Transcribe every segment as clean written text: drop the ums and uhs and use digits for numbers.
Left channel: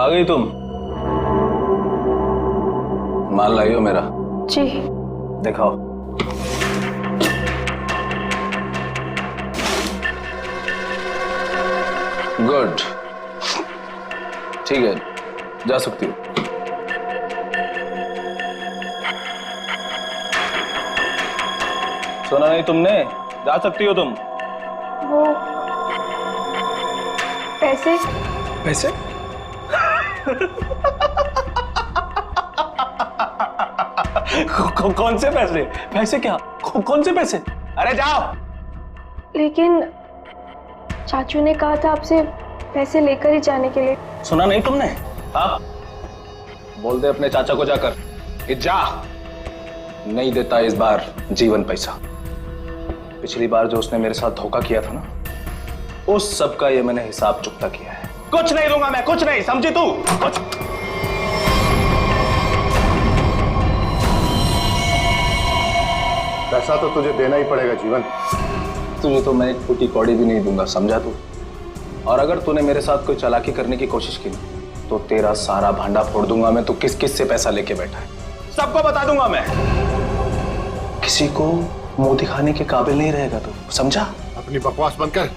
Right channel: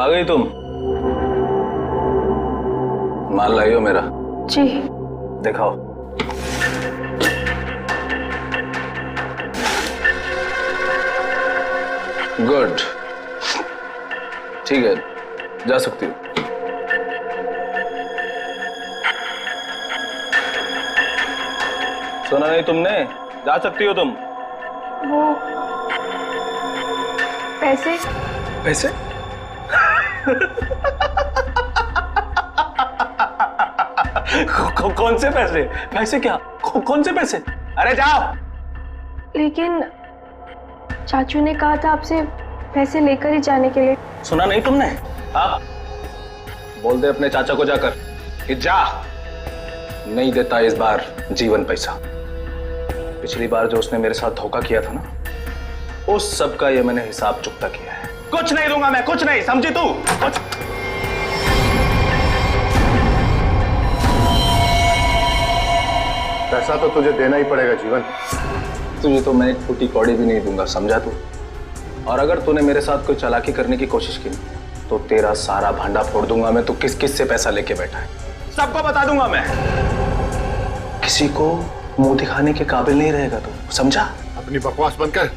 आ गई तुम? माल लाई हो मेरा? जी। दिखाओ। गुड, ठीक है, जा सकती हो। सुना नहीं तुमने? जा सकती हो तुम। वो पैसे? पैसे? कौन से पैसे? पैसे क्या? कौन से पैसे? अरे जाओ। लेकिन चाचू ने कहा था आपसे पैसे लेकर ही जाने के लिए। सुना नहीं तुमने? हाँ, बोल दे अपने चाचा को जाकर कि जा, नहीं देता इस बार जीवन पैसा। पिछली बार जो उसने मेरे साथ धोखा किया था ना, उस सब का ये मैंने हिसाब चुकता किया है। कुछ नहीं दूंगा मैं, कुछ नहीं, समझी तू? कुछ पैसा तो तुझे देना ही पड़ेगा जीवन। तुझे तो मैं एक फूटी कौड़ी भी नहीं दूंगा, समझा तू? और अगर तूने मेरे साथ कोई चालाकी करने की कोशिश की ना, तो तेरा सारा भांडा फोड़ दूंगा मैं। तू किस किस से पैसा लेके बैठा है सबको बता दूंगा मैं। किसी को मुंह दिखाने के काबिल नहीं रहेगा तू, समझा? अपनी बकवास बंद कर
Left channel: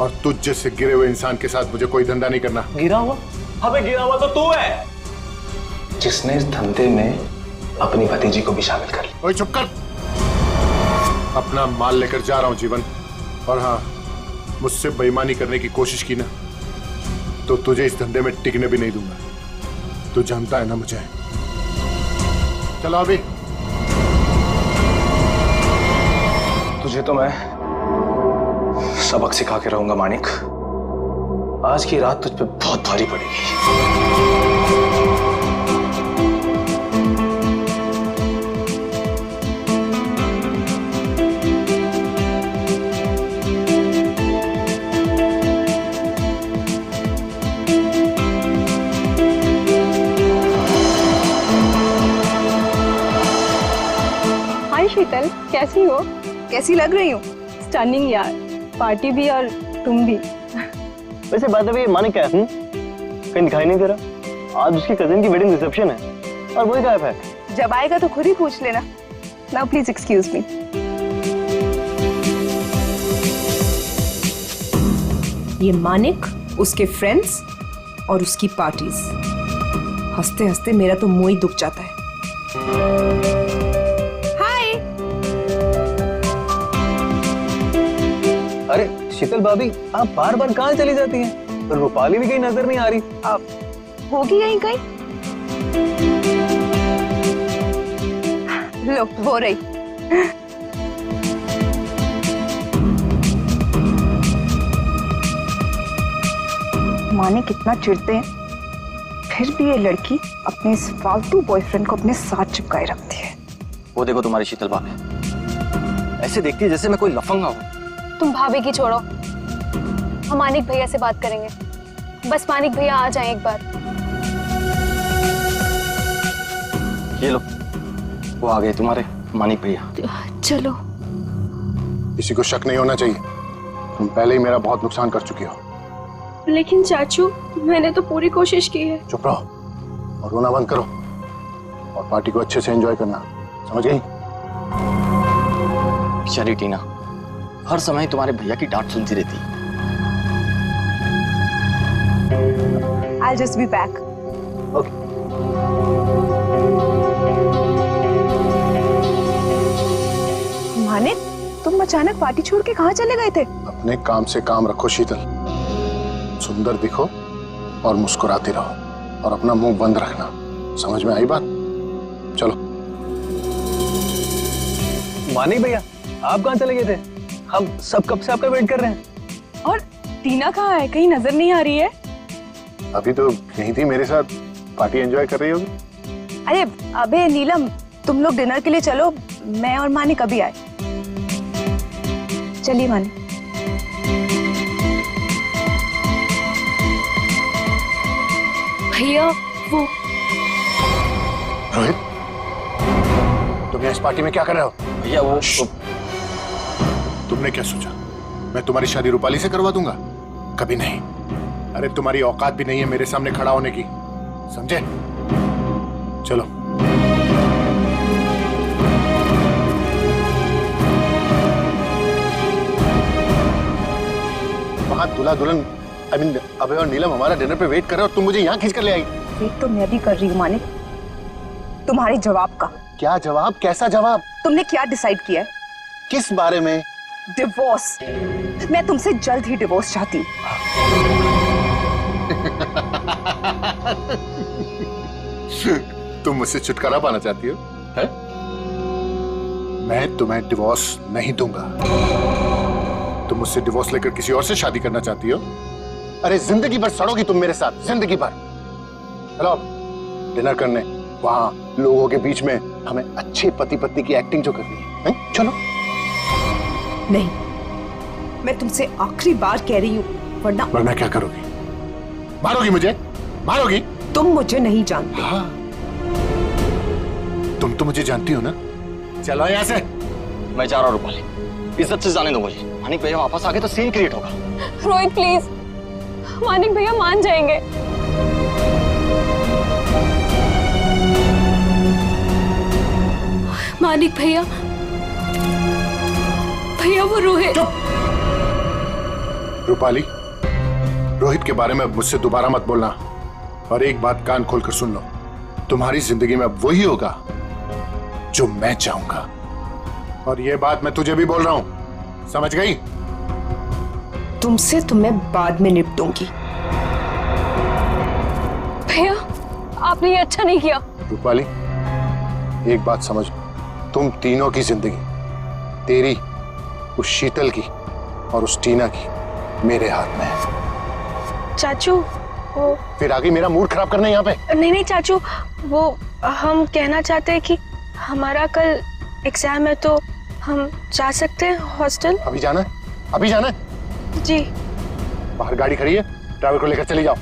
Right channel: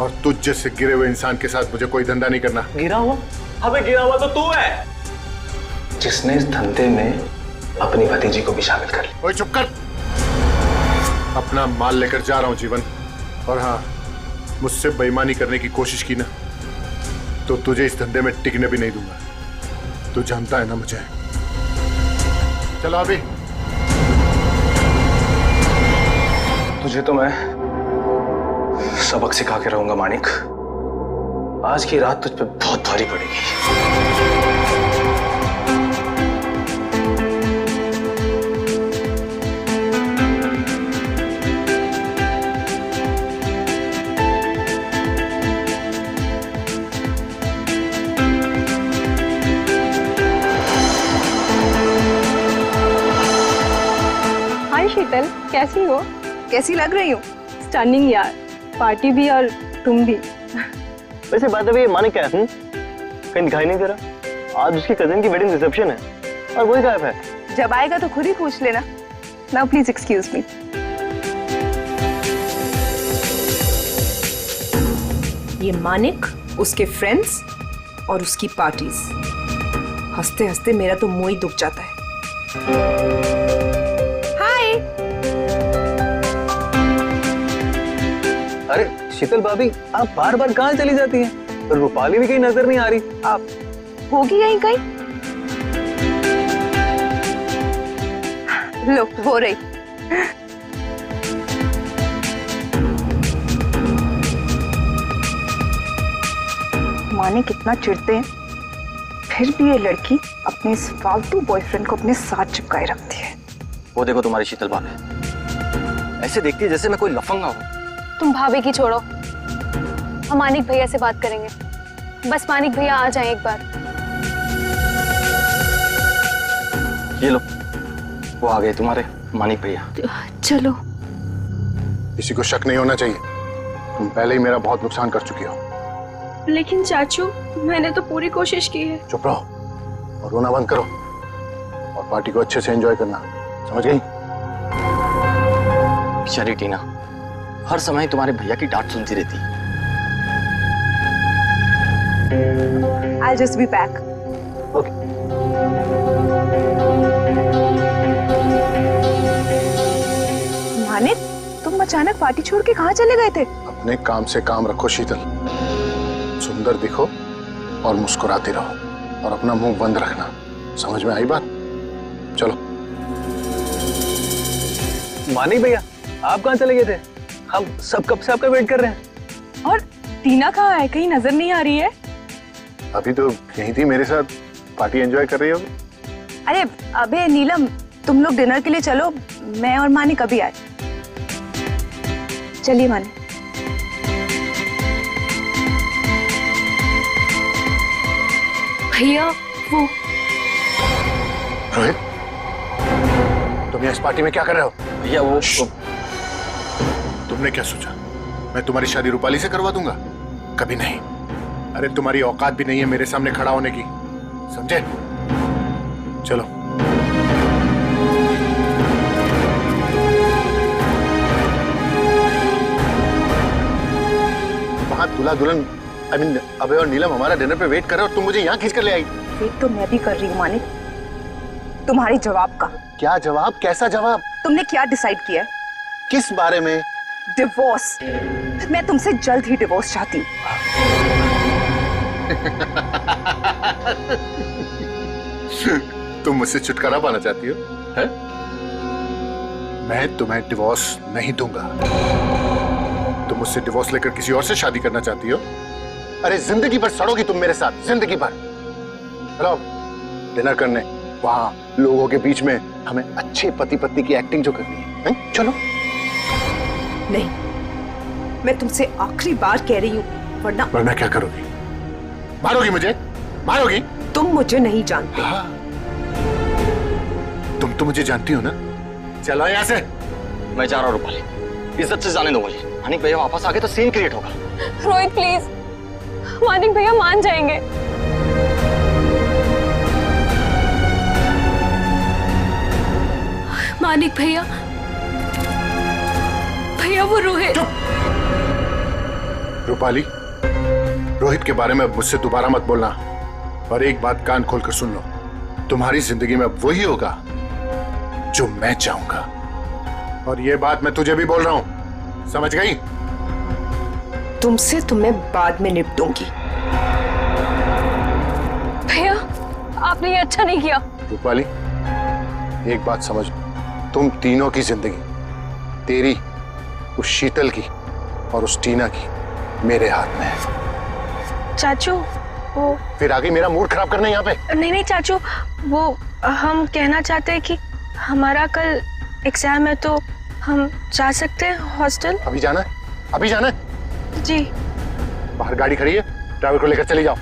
और तुझ जैसे गिरे हुए इंसान के साथ मुझे कोई धंधा नहीं करना। गिरा हुआ? अबे गिरा हुआ तो तू है, जिसने इस धंधे में अपनी भतीजी को भी शामिल कर लिया। ओए चुप कर। अपना माल लेकर जा रहा हूं जीवन, और हाँ, मुझसे बेईमानी करने की कोशिश की ना, तो तुझे इस धंधे में टिकने भी नहीं दूंगा। तू जानता है ना मुझे। चलो अभी। तुझे तो मैं सबक सिखा के रहूंगा मानिक। आज की रात तुझ पे बहुत भारी पड़ेगी। हाय शीतल, कैसी हो? कैसी लग रही हूँ? स्टनिंग यार, पार्टी भी और तुम भी। वैसे बात है, मानिक क्या है? कहीं दिखाई नहीं दे रहा। आज उसकी कजिन की वेडिंग रिसेप्शन है और वही गायब है। जब आएगा तो खुद ही पूछ लेना। Now please excuse me. ये मानिक, उसके फ्रेंड्स और उसकी पार्टीज। हंसते हंसते मेरा तो मुंह ही दुख जाता है। हाय। अरे शीतल भाभी, आप बार बार कहाँ चली जाती हैं? रूपाली भी कहीं नजर नहीं आ रही। आप होगी यहीं कहीं? लो, हो रही। माने कितना चिढ़ते हैं, फिर भी ये लड़की अपने इस फालतू बॉयफ्रेंड को अपने साथ चिपकाए रखती है। वो देखो तुम्हारी शीतल भाभी, ऐसे देखती है जैसे मैं कोई लफंगा हूँ। तुम भाभी की छोड़ो, हम मानिक भैया से बात करेंगे। बस मानिक भैया आ जाएं एक बार। ये लो, वो आ गए तुम्हारे मानिक भैया। चलो। किसी को शक नहीं होना चाहिए, तुम पहले ही मेरा बहुत नुकसान कर चुकी हो। लेकिन चाचू, मैंने तो पूरी कोशिश की है। चुप रहो और रोना बंद करो, और पार्टी को अच्छे से एंजॉय करना, समझ गई? बेचारी टीना हर समय तुम्हारे भैया की डांट सुनती रहती। I'll just be back. Okay. Manik, तुम अचानक पार्टी छोड़ के कहाँ चले गए थे? अपने काम से काम रखो शीतल, सुंदर दिखो और मुस्कुराती रहो, और अपना मुंह बंद रखना। समझ में आई बात? चलो। मानिक भैया, आप कहाँ चले गए थे? हम सब कब से आपका वेट कर रहे हैं। और टीना कहाँ है? कहीं नजर नहीं आ रही है। अभी तो यहीं थी मेरे साथ, पार्टी एंजॉय कर रही होगी। अरे अबे नीलम, तुम लोग डिनर के लिए चलो, मैं और मानिक अभी आए। चलिए मानिक। भैया वो रोहित, तुम यहाँ इस पार्टी में क्या कर रहे हो? भैया वो तुमने क्या सोचा मैं तुम्हारी शादी रूपाली से करवा दूंगा? कभी नहीं। अरे तुम्हारी औकात भी नहीं है मेरे सामने खड़ा होने की, समझे? चलो। वहां दूल्हा दुल्हन अभय और नीलम हमारा डिनर पे वेट कर रहे हो और तुम मुझे यहाँ खींच कर ले आई। वेट तो मैं भी कर रही हूँ मानिक, तुम्हारे जवाब का। क्या जवाब? कैसा जवाब? तुमने क्या डिसाइड किया है? किस बारे में? डिवोर्स। मैं तुमसे जल्द ही डिवोर्स चाहती हूँ। तुम मुझसे छुटकारा पाना चाहती हो? है? मैं तुम्हें डिवोर्स नहीं दूंगा। तुम मुझसे डिवोर्स लेकर किसी और से शादी करना चाहती हो? अरे जिंदगी भर सड़ोगी तुम मेरे साथ, जिंदगी भर। चलो डिनर करने, वहां लोगों के बीच में हमें अच्छे पति पत्नी की एक्टिंग जो करनी है, चलो। नहीं, मैं तुमसे आखिरी बार कह रही हूँ, वरना क्या करोगी? मारोगी मुझे? मारोगी? तुम मुझे नहीं जानते। हाँ, तुम तो मुझे जानती हो ना। चलो यहाँ से। मैं जा रहा हूँ रूपाली, इज्जत से जाने दो मुझे। मानिक भैया वापस आ गए तो सीन क्रिएट होगा। रोहित प्लीज, मानिक भैया मान जाएंगे। मानिक भैया, भैया वो रोहित। रूपाली, रोहित के बारे में मुझसे दोबारा मत बोलना। और एक बात कान खोलकर सुन लो, तुम्हारी जिंदगी में वही होगा जो मैं चाहूंगा। और ये बात मैं तुझे भी बोल रहा हूं, समझ गई? तुमसे तो मैं बाद में निपटूंगी। भैया आपने ये अच्छा नहीं किया। रूपाली, एक बात समझ, तुम तीनों की जिंदगी, तेरी, उस शीतल की और उस टीना की, मेरे हाथ में है। चाचू वो फिर आगे मेरा मूड खराब करना है यहाँ पे? नहीं चाचू, वो हम कहना चाहते हैं कि हमारा कल एग्जाम है तो हम जा सकते हैं हॉस्टल। अभी जाना है? अभी जाना है? जी। बाहर गाड़ी खड़ी है, ड्राइवर को लेकर चली जाओ।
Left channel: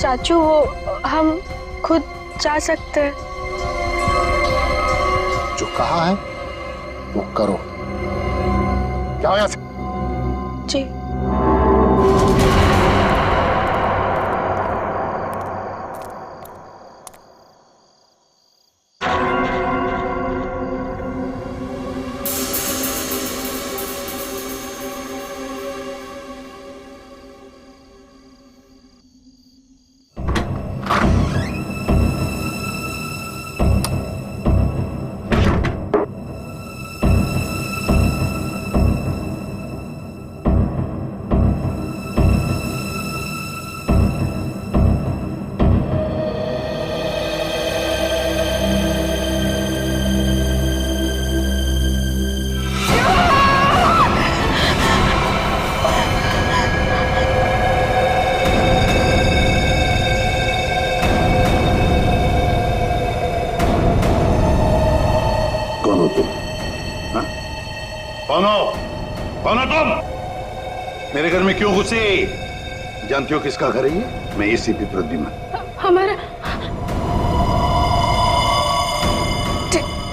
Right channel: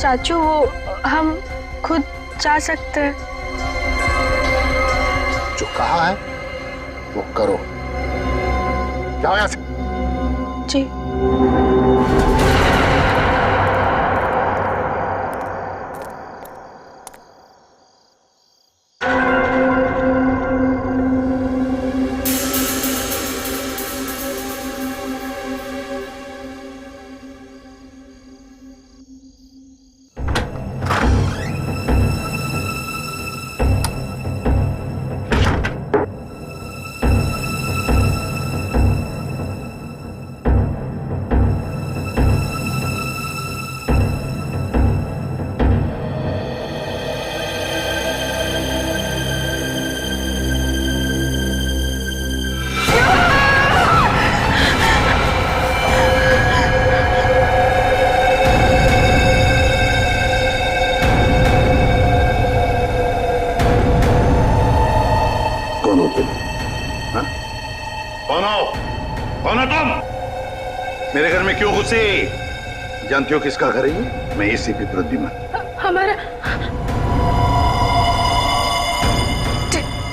चाचू वो हम खुद जा सकते हैं। जो कहा है वो करो। जाओ यहाँ से। जी। कौन हो तुम? हाँ? कौन हो? कौन हो तुम? मेरे घर में क्यों घुसे? जानती हो किसका घर है ये? मैं एसीपी प्रद्युमन। हमारा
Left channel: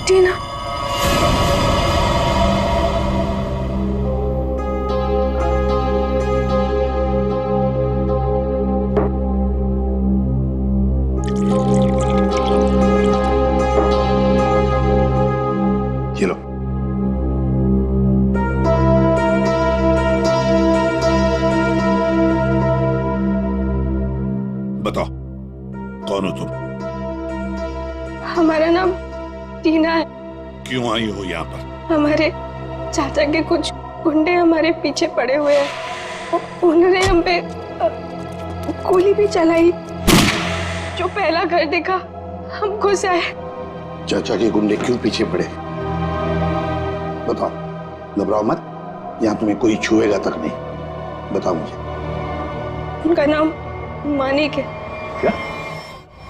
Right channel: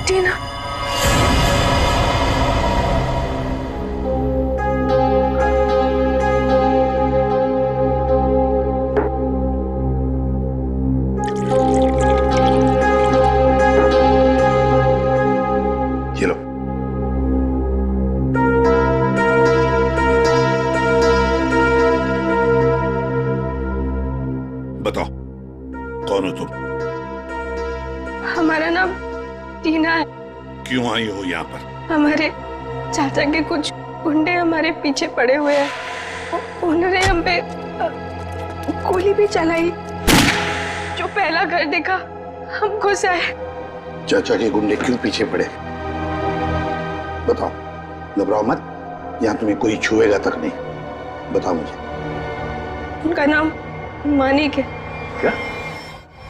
टीना। ये लो। बताओ कौन हो तुम? हमारा नाम टीना है। क्यों आई हो यहाँ पर? हमारे चाचा के कुछ गुंडे हमारे पीछे पड़े हुए हैं। उन्होंने हम पे गोली भी चलाई। जो पहला घर देखा हम घुस आए। चाचा के गुंडे क्यों पीछे पड़े? बताओ, घबराओ मत, यहाँ तुम्हें कोई छुएगा तक नहीं। बताओ मुझे। उनका नाम मानिक है। क्या?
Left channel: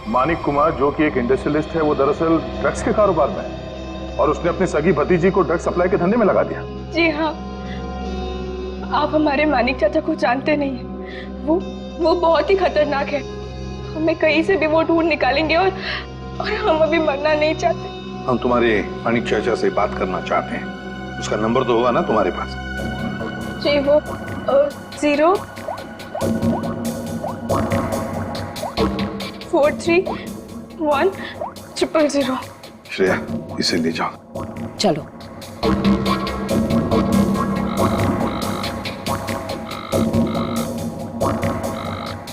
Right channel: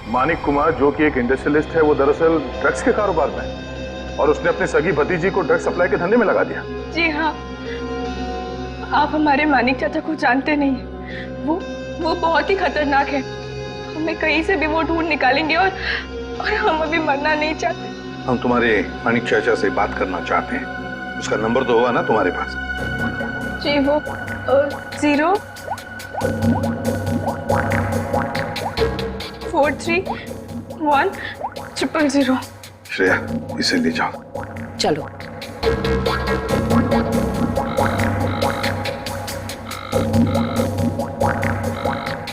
मानिक कुमार जो कि एक इंडस्ट्रियलिस्ट है, वो दरअसल ड्रग्स के कारोबार में है और उसने अपनी सगी भतीजी को ड्रग्स सप्लाई के धंधे में लगा दिया। जी हाँ, आप हमारे मानिक चाचा को जानते नहीं हैं। वो बहुत ही खतरनाक है। हमें कहीं से भी वो ढूंढ निकालेंगे और हम अभी मरना नहीं चाहते। हम तुम्हारे मानिक चाचा से बात करना चाहते हैं। उसका नंबर तो होगा ना तुम्हारे पास? जी, वो 0 431000। श्रेया, इसे ले जाओ। चलो।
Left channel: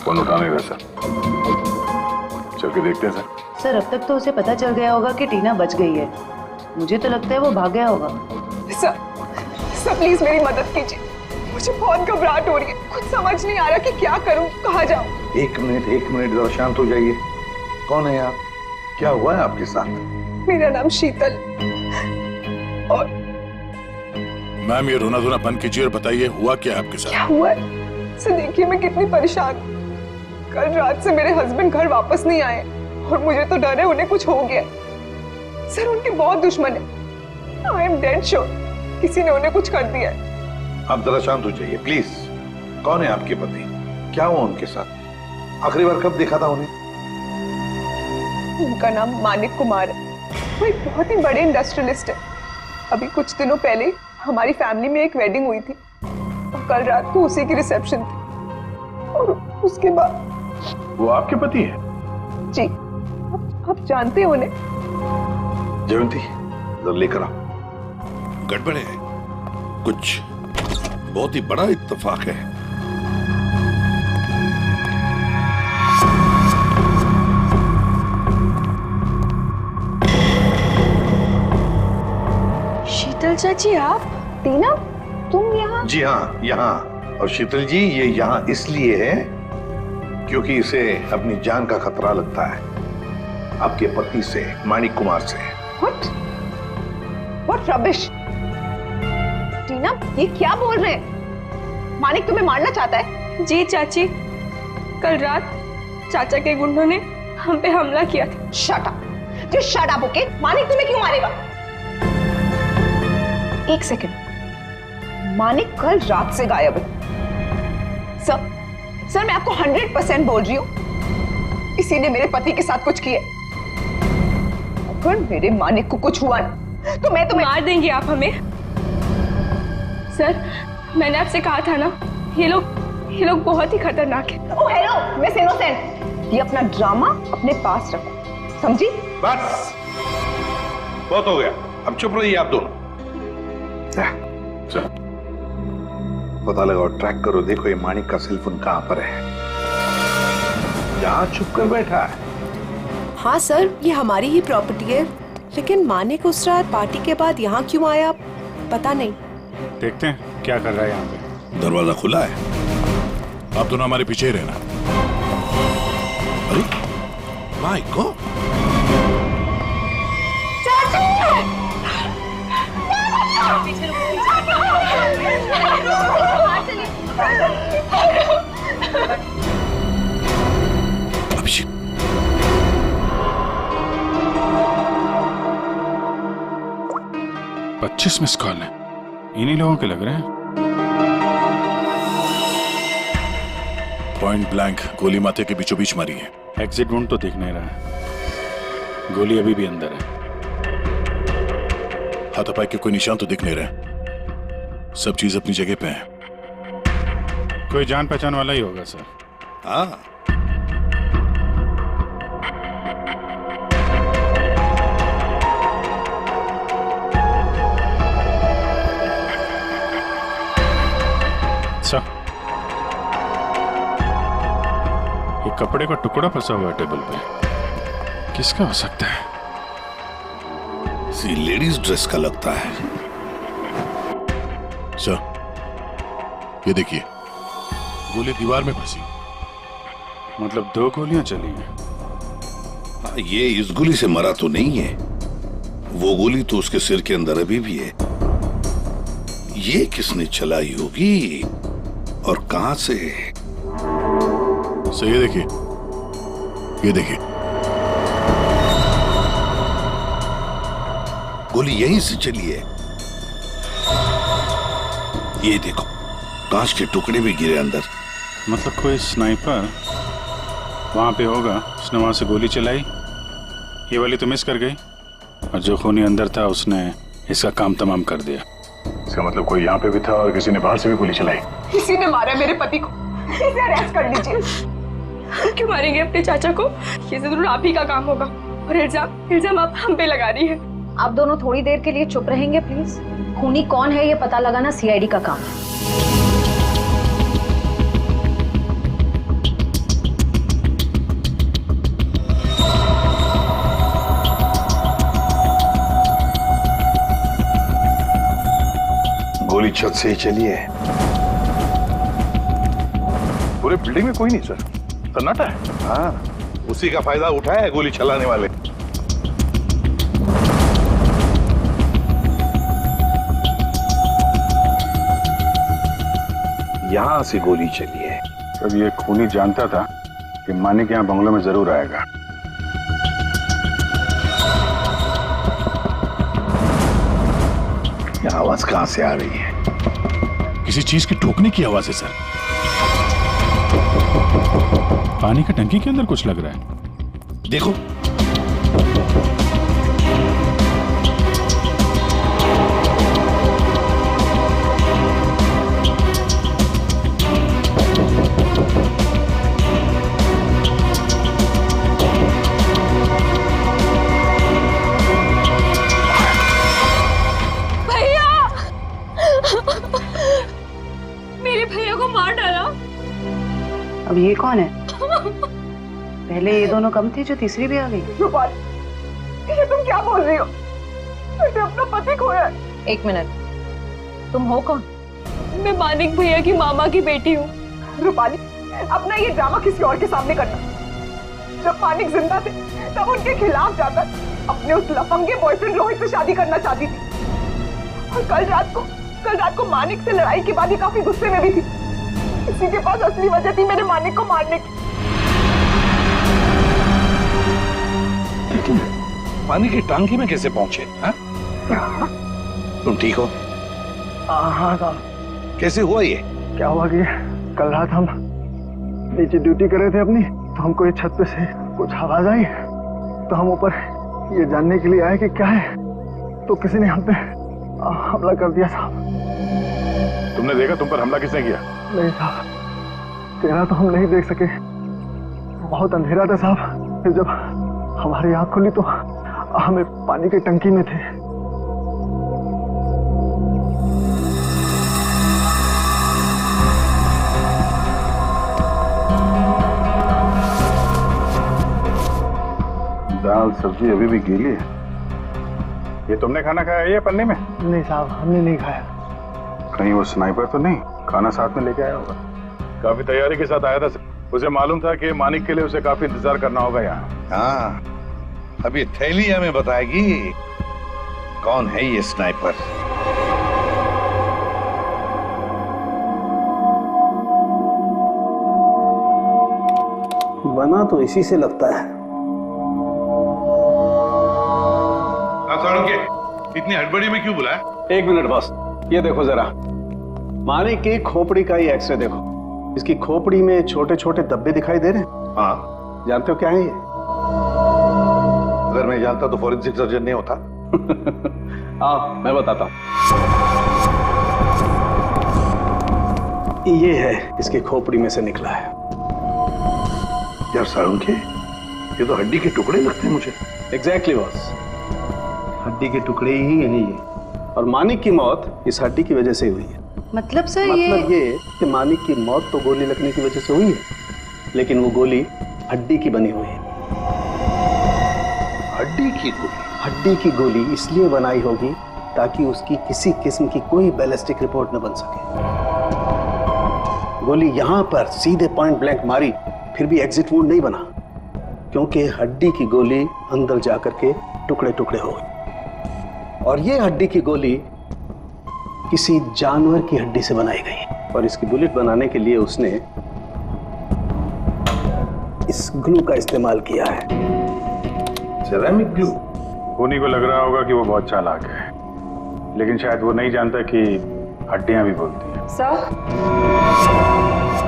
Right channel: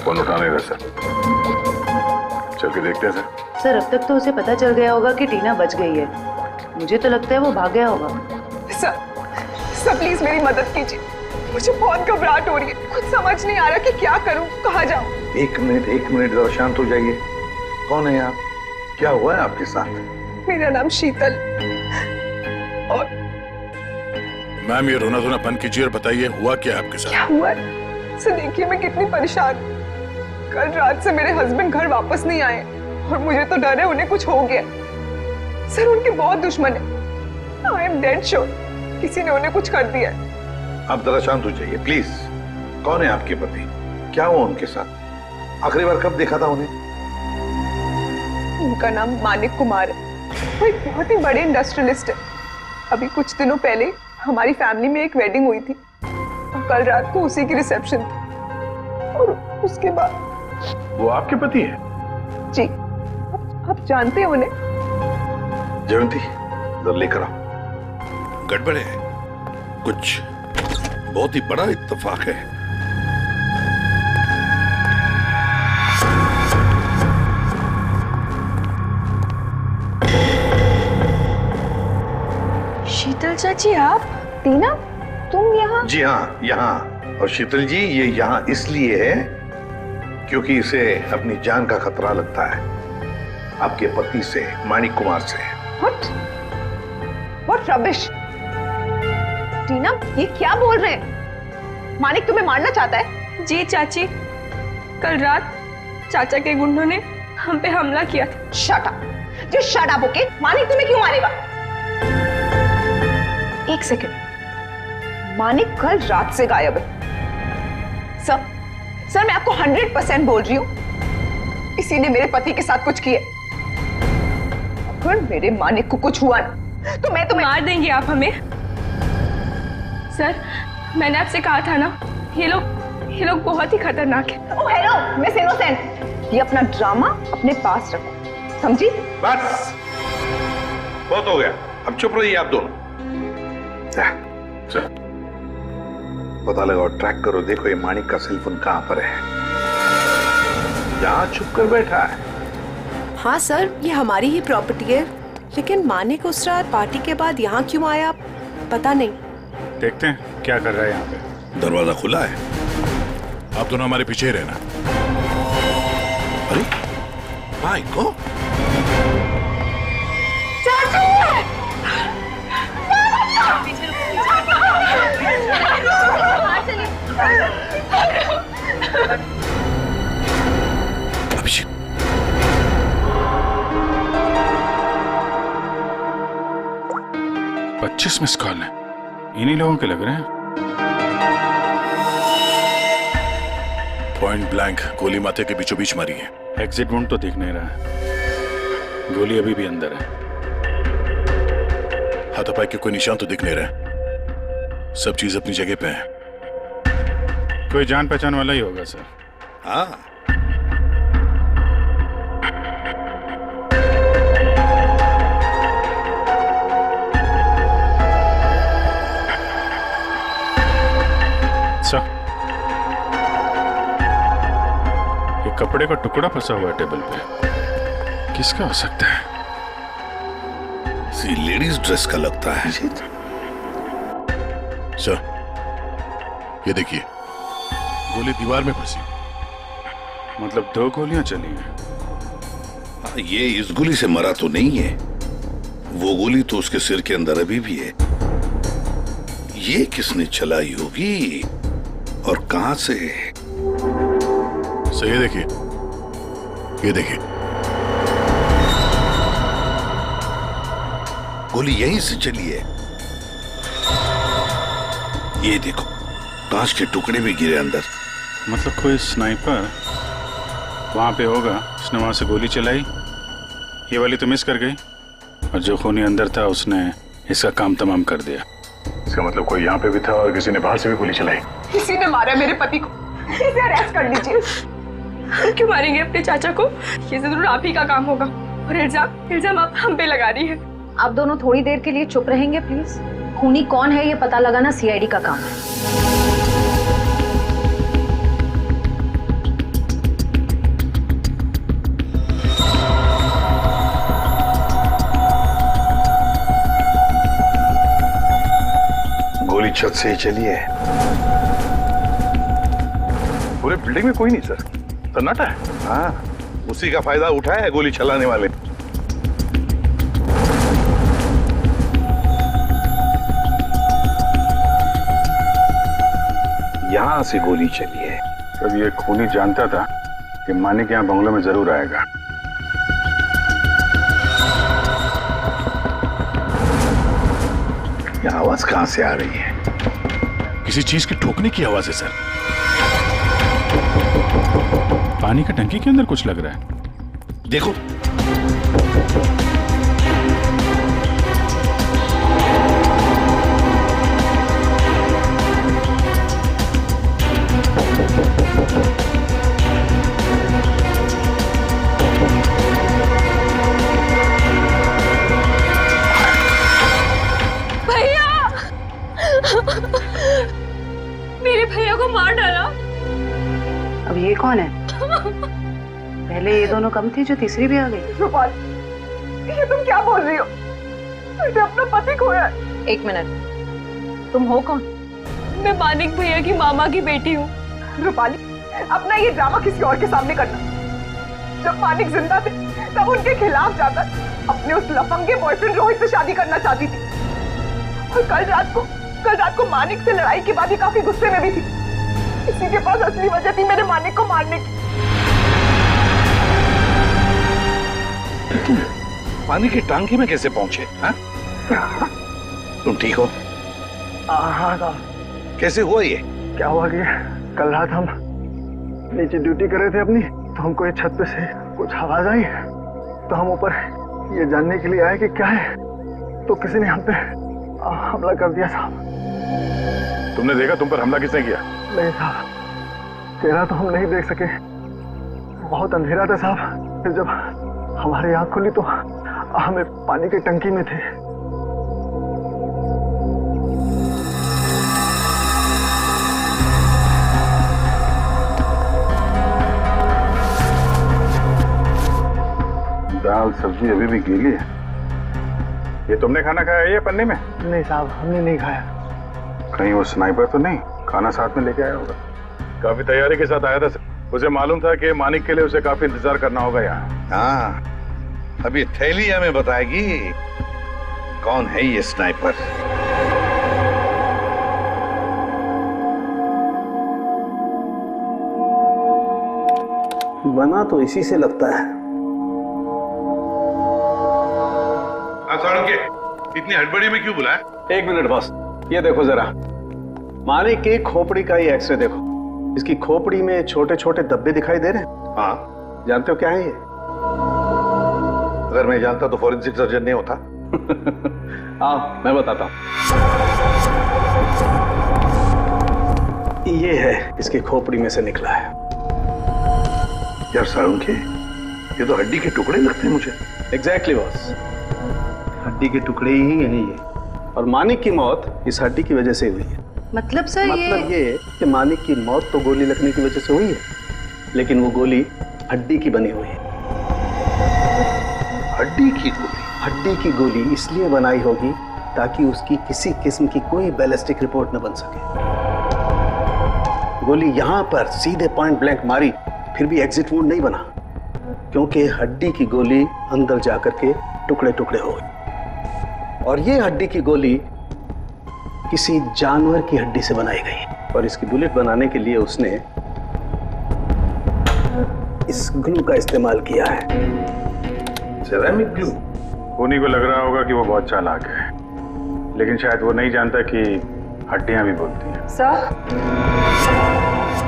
फोन उठा नहीं रहा सर। चल के देखते हैं सर। सर अब तक तो उसे पता चल गया होगा कि टीना बच गई है। मुझे तो लगता है वो भाग गया होगा। सर प्लीज मेरी मदद कीजिए, मुझे बहुत घबराहट हो रही है, कुछ समझ नहीं आ रहा कि क्या करूं, कहाँ जाऊं। एक मिनट जरा शांत हो जाइए। कौन है आप? क्या हुआ है आपके साथ? मेरा नाम शीतल और मैम ये रोना धोना बंद कीजिए और बताइए हुआ क्या है आपके साथ? क्या हुआ है? सर देखिए मैं कितनी परेशान हूं। कल रात से मेरे हस्बैंड घर वापस नहीं आए और मुझे तो डर है उन्हें कुछ हो गया। सर उनके बहुत दुश्मन है। आई एम डेड श्योर किसी ने उन्हें कुछ कर दिया है। आप जरा शांत हो जाइए प्लीज। कौन है आपके पति? क्या हुआ उनके साथ? आखिरी बार कब देखा था उन्हें? उनका नाम मानिक कुमार है, वो एक बहुत ही बड़े इंडस्ट्रियलिस्ट है। अभी कुछ दिनों पहले हमारी फैमिली में एक वेडिंग हुई थी और कल रात को उसी की रिसेप्शन थी और उसके बाद। वो आपके पति है? जी, आप जानते हो उन्हें? जयंती जरा लेकर आओ। गड़बड़ है, कुछ बहुत ही बड़ा इत्तेफाक है। शीतल चाची आप? टीना तुम यहाँ? जी हाँ, यहाँ। और शीतल जी ये यहाँ इसलिए है क्योंकि इसे अपनी जान का खतरा लगता है आपके पति से, मानिक कुमार से। What rubbish! टीना ये क्या बोल रहे हैं? मानिक तुम्हें मारना चाहता है? जी चाची, कल रात चाचा के गुंडों ने हम पे हमला किया था। Shut up! Just shut up, okay? Manik तुम्हें क्यों मारेगा? एक सेकंड, मानिक कल रात से गायब है। सर मैं आपको 100% बोल रही हूं, इसी ने मेरे पति के साथ कुछ किया। अगर मेरे मानिक को कुछ हुआ ना तो मैं तुम्हें मार देंगे आप हमें। सर मैंने आपसे कहा था ना, ये लोग बहुत ही खतरनाक है। ओह हेलो मिस इनोसेंट, ये अपना ड्रामा अपने पास रखो, समझी? बस बहुत हो गया, अब चुप रहिए आप दोनों। सर पता लगाओ, ट्रैक करो, देखो ये मानिक का सेलफोन कहां पर है। यहां छुप कर बैठा है। हाँ सर, ये हमारी ही प्रॉपर्टी है, लेकिन मानिक उस रात पार्टी के बाद यहाँ क्यों आया पता नहीं। देखते हैं क्या कर रहा है यहाँ पे। दरवाजा खुला है। आप दोनों हमारे पीछे ही रहना। अरे my God, Abhishek $25 miss call है, इन्हीं लोगों के लग रहे हैं। पॉइंट ब्लैंक गोली माथे के बीचों बीच मारी है। एग्जिट वुंड तो दिख नहीं रहा है, गोली अभी भी अंदर है। हाथापाई के कोई निशान तो दिख नहीं रहे, सब चीज अपनी जगह पे है। कोई जान पहचान वाला ही होगा सर। हाँ, सर एक कपड़े का टुकड़ा फंसा हुआ है टेबल पे, किसका हो सकता है? सी लेडीज ड्रेस का लगता है। सर ये देखिए, गोली दीवार में फंसी। मतलब 2 गोलियां चली हैं। हाँ, ये इस गोली से मरा तो नहीं है, वो गोली तो उसके सिर के अंदर अभी भी है। ये किसने चलाई होगी और कहां से? सर ये देखिए, ये देखिए, गोली यहीं से चली है। ये देखो, कांच के टुकड़े भी गिरे अंदर। मतलब कोई स्नाइपर वहां पे होगा, उसने वहां से गोली चलाई। ये वाली तो मिस कर गई और जो खूनी अंदर था उसने इसका काम तमाम कर दिया। इसका मतलब कोई यहाँ पे भी था और किसी ने बाहर से भी गोली चलाई। किसी ने मारा मेरे पति को, इसे अरेस्ट कर लीजिए। क्यों मारेंगे अपने चाचा को? ये जरूर आप ही का काम होगा। और इल्जाम आप हम पे लगा रही है। आप दोनों थोड़ी देर के लिए चुप रहेंगे प्लीज। खूनी कौन है ये पता लगाना सीआईडी का काम है। गोली छत से ही चली है। पूरे बिल्डिंग में कोई नहीं सर, सन्नाटा है। हाँ, उसी का फायदा उठाया है गोली चलाने वाले। यहां से गोली चली है। तब ये खूनी जानता था कि मानिक यहाँ बंगलों में जरूर आएगा। ये आवाज कहां से आ रही है? किसी चीज के ठोकने की आवाज है सर। पानी का टंकी के अंदर कुछ लग रहा है। देखो, मेरे भैया को मार डाला। अब ये कौन है? पहले ये दोनों कम थे, जो तीसरी भी आ गई। रूपाली, ये तुम क्या बोल रही हो? मैंने अपना पति खोया है। एक मिनट, तुम हो कौन? मैं मानिक भैया की मामा की बेटी हूँ। रूपाली, अपना ये ड्रामा किसी और के सामने करना। जब मानिक जिंदा थे तब उनके खिलाफ जाकर अपने उस लफंगे बॉयफ्रेंड रोहित से शादी करना चाहती थी। और कल रात को मानिक से लड़ाई के बाद ही काफी गुस्से में भी थी। इसी के पास असली वजह थी मेरे मानिक को मारने की। तुम पानी की टांकी में कैसे पहुंचे? हाँ? तुम ठीक हो? हाँ साहब। कैसे हुआ ये? क्या हुआ कि कल रात हम नीचे ड्यूटी कर रहे थे अपनी, तो हमको ये छत पे से कुछ आवाज आई, तो हम ऊपर ये जानने के लिए आए कि क्या है, तो किसी ने हम पे हमला कर दिया साहब। तुमने देखा तुम पर हमला किसने किया? नहीं साहब, चेहरा तो हम नहीं देख सके, बहुत अंधेरा था साहब। फिर जब हमारी आंख खुली तो हमें पानी की टंकी में थे। दाल सब्जी अभी भी गीली है। ये तुमने खाना खाया है ये पन्ने में? नहीं साहब, हमने नहीं खाया। कहीं वो स्नाइपर तो नहीं खाना साथ में लेके आया होगा? काफी तैयारी के साथ आया था सर। उसे मालूम था कि मानिक के लिए उसे काफी इंतजार करना होगा यहाँ। हाँ, अभी थैली हमें बताएगी कौन है ये स्नाइपर। बना तो इसी से लगता है। इतनी हड़बड़ी में क्यों बुलाया? एक मिनट बॉस, ये देखो जरा, मानिक की खोपड़ी का ही एक्सरे देखो। इसकी खोपड़ी में छोटे छोटे धब्बे दिखाई दे रहे हैं। हाँ, जानते हो क्या है ये? अगर मैं जानता तो फॉरेंसिक सर्जन नहीं होता। आओ मैं बताता हूं। ये है इसकी खोपड़ी में से निकला है। यार साळुंखे, ये तो हड्डी के टुकड़े लगते हैं मुझे। एग्जैक्टली बॉस, हड्डी के टुकड़े ही है ये। और मानिक की मौत इस हड्डी की वजह से हुई है। मतलब सर मतलब ये कि मानिक की मौत तो गोली लगने की वजह से हुई है, लेकिन वो गोली हड्डी की बनी हुई है। हड्डी की गोली? हड्डी की गोली इसलिए बनाई होगी ताकि उसकी किसी किस्म की कोई बैलिस्टिक रिपोर्ट न बन सके। गोली यहां पर सीधे पॉइंट ब्लैंक मारी, फिर भी एग्जिट वुंड नहीं बना, क्योंकि हड्डी की गोली अंदर जाकर के टुकड़े टुकड़े हो गए। और ये हड्डी की गोली किसी जानवर की हड्डी से बनाई गई, और इसकी बुलेट बनाने के लिए उसने इस ग्लू का इस्तेमाल किया है। Ceramic glue? खूनी को लग रहा होगा कि वो बहुत चालाक है, लेकिन शायद वो नहीं जानता कि हड्डियां भी बोलती हैं। सर,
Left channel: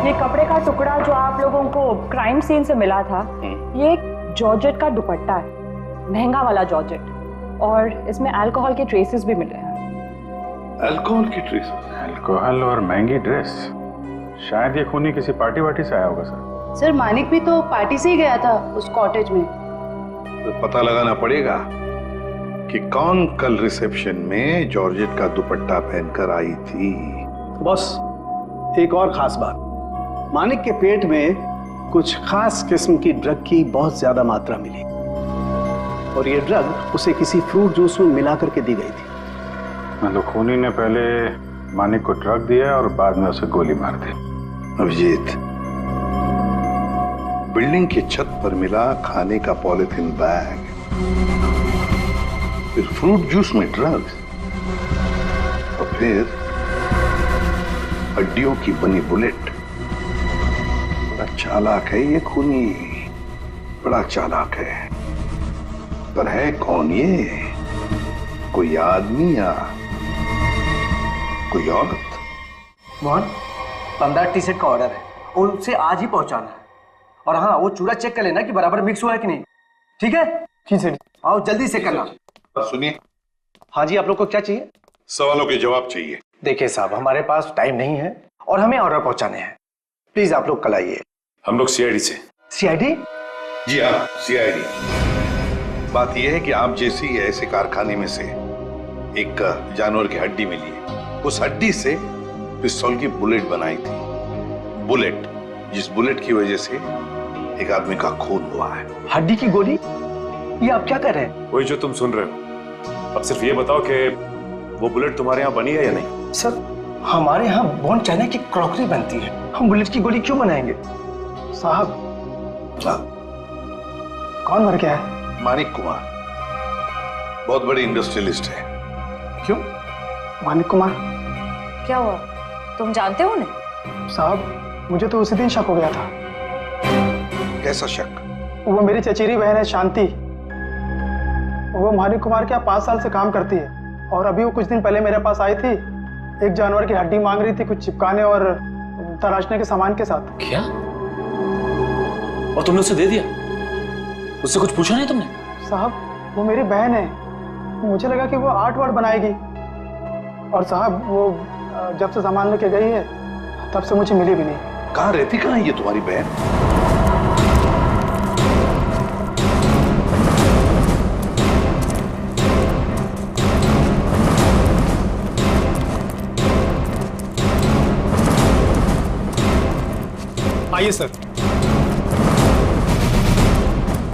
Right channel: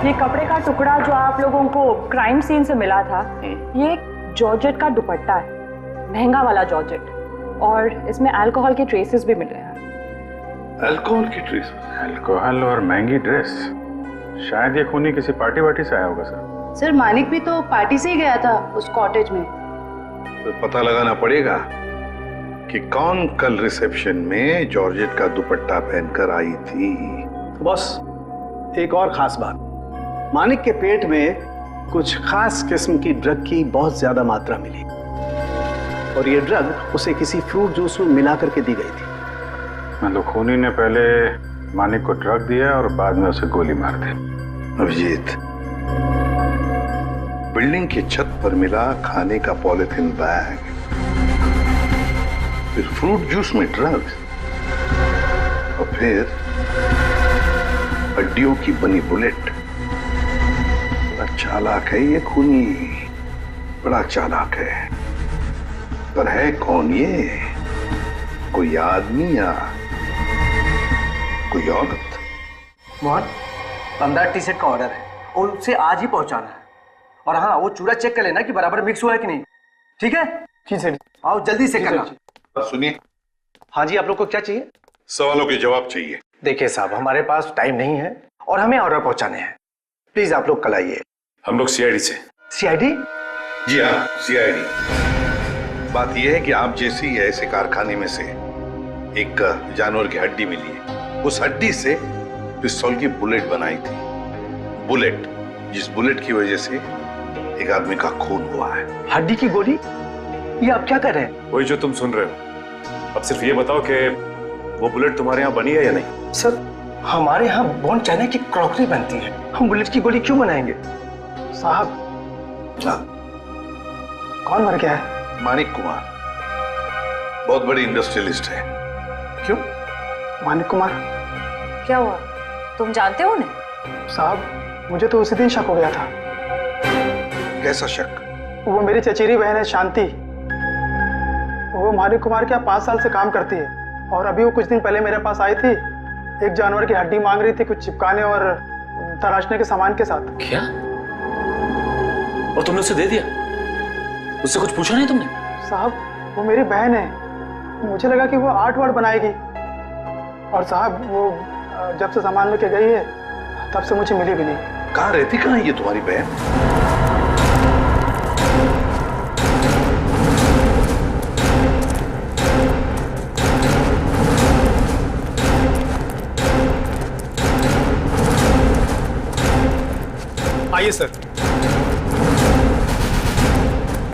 ये कपड़े का टुकड़ा जो आप लोगों को क्राइम सीन से मिला था, ये एक जॉर्जेट का दुपट्टा है, महंगा वाला जॉर्जेट, और इसमें अल्कोहल के ट्रेसेस भी मिले हैं। अल्कोहल की ट्रेसेस? अल्कोहल और महंगी ड्रेस? शायद ये खूनी किसी पार्टी वार्टी से आया होगा सर। सर मानिक भी तो पार्टी से ही गया था उस कॉटेज में। तो पता लगाना पड़ेगा कि कौन कल रिसेप्शन में जॉर्जेट का दुपट्टा पहनकर आई थी। बॉस, एक और खास बात, मानिक के पेट में कुछ खास किस्म की ड्रग की बहुत ज्यादा मात्रा मिली और ये ड्रग उसे किसी फ्रूट जूस में मिला करके दी गई थी। मतलब खूनी ने पहले मानिक को ड्रग दिया और बाद में उसे गोली मार दी। अभिजीत, बिल्डिंग की छत पर मिला खाने का पॉलिथीन बैग, फिर फ्रूट जूस में ड्रग्स और फिर हड्डियों की बनी बुलेट। बड़ा चालाक है ये खूनी, बड़ा चालाक है। पर है कौन ये? कोई आदमी या कोई औरत? मोहन, 15 टी शर्ट का ऑर्डर है और उसे आज ही पहुंचाना है। और हाँ, वो चूड़ा चेक कर लेना कि बराबर मिक्स हुआ है कि नहीं। ठीक है? जी सर। आओ जल्दी से करना। सुनिए। हाँ जी, आप लोग को क्या चाहिए? सवालों के जवाब चाहिए। देखिए साहब, हमारे पास टाइम नहीं है और हमें ऑर्डर पहुंचाने हैं। प्लीज आप लोग कल आइए। हम लोग सीआईडी से। सीआईडी? जी हाँ, सीआईडी। बात यह है कि आप जैसी ऐसे कारखाने में से एक जानवर की हड्डी मिली है। उस हड्डी से पिस्तौल की बुलेट बनाई थी। बुलेट, जिस बुलेट की वजह से एक आदमी का खून हुआ है। हड्डी की गोली? ये आप क्या कर रहे हैं? वही जो तुम सुन रहे हो। अब सिर्फ ये बताओ कि वो बुलेट तुम्हारे यहाँ बनी है या नहीं? सर, हमारे यहाँ बोन चाइना की क्रॉकरी बनती है, हम बुलेट की गोली क्यों बनाएंगे? साहब, कौन मर गया है? मानिक कुमार, बहुत बड़ी इंडस्ट्रियलिस्ट है। क्यों? मानिक कुमार? क्या हुआ, तुम जानते हो उन्हें? साहब, मुझे तो उसी दिन शक हो गया था। कैसा शक? वो मेरी चचेरी बहन है शांति। वो मानिक कुमार के यहाँ 5 साल से काम करती है और अभी वो कुछ दिन पहले मेरे पास आई थी। एक जानवर की हड्डी मांग रही थी, कुछ चिपकाने और तराशने के सामान के साथ। क्या? और तुमने उसे दे दिया? उससे कुछ पूछा नहीं तुमने? साहब, वो मेरी बहन है, मुझे लगा कि वो आर्ट वार्ट बनाएगी। और साहब, वो जब से सामान लेके गई है तब से मुझे मिली भी नहीं। कहाँ रहती, कहाँ है ये तुम्हारी बहन? आइए सर।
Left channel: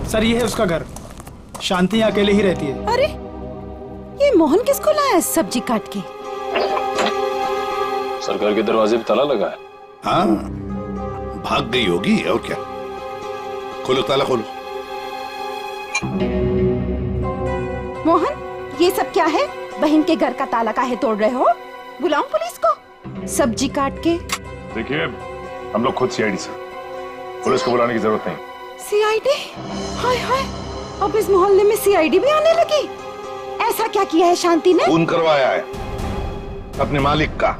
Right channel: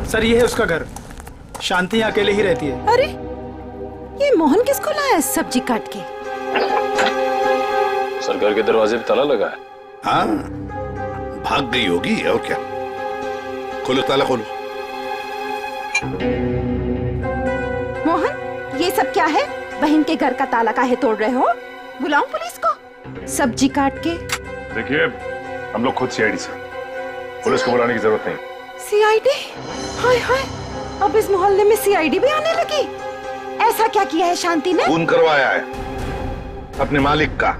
सर, ये है उसका घर। शांति अकेले ही रहती है। अरे, ये मोहन किसको लाया है सब्जी काट के? सर, घर के दरवाजे पे ताला लगा है। हाँ, भाग गई होगी और क्या। खोलो, ताला खोलो। मोहन, ये सब क्या है? बहन के घर का ताला काहे तोड़ रहे हो? बुलाऊं पुलिस को? सब्जी काट के। देखिए, हम लोग खुद सीआईडी से, पुलिस को बुलाने की जरूरत नहीं। सीआईडी? हाय हाय, अब इस मोहल्ले में सीआईडी भी आने लगी। ऐसा क्या किया है शांति ने? खून करवाया है अपने मालिक का।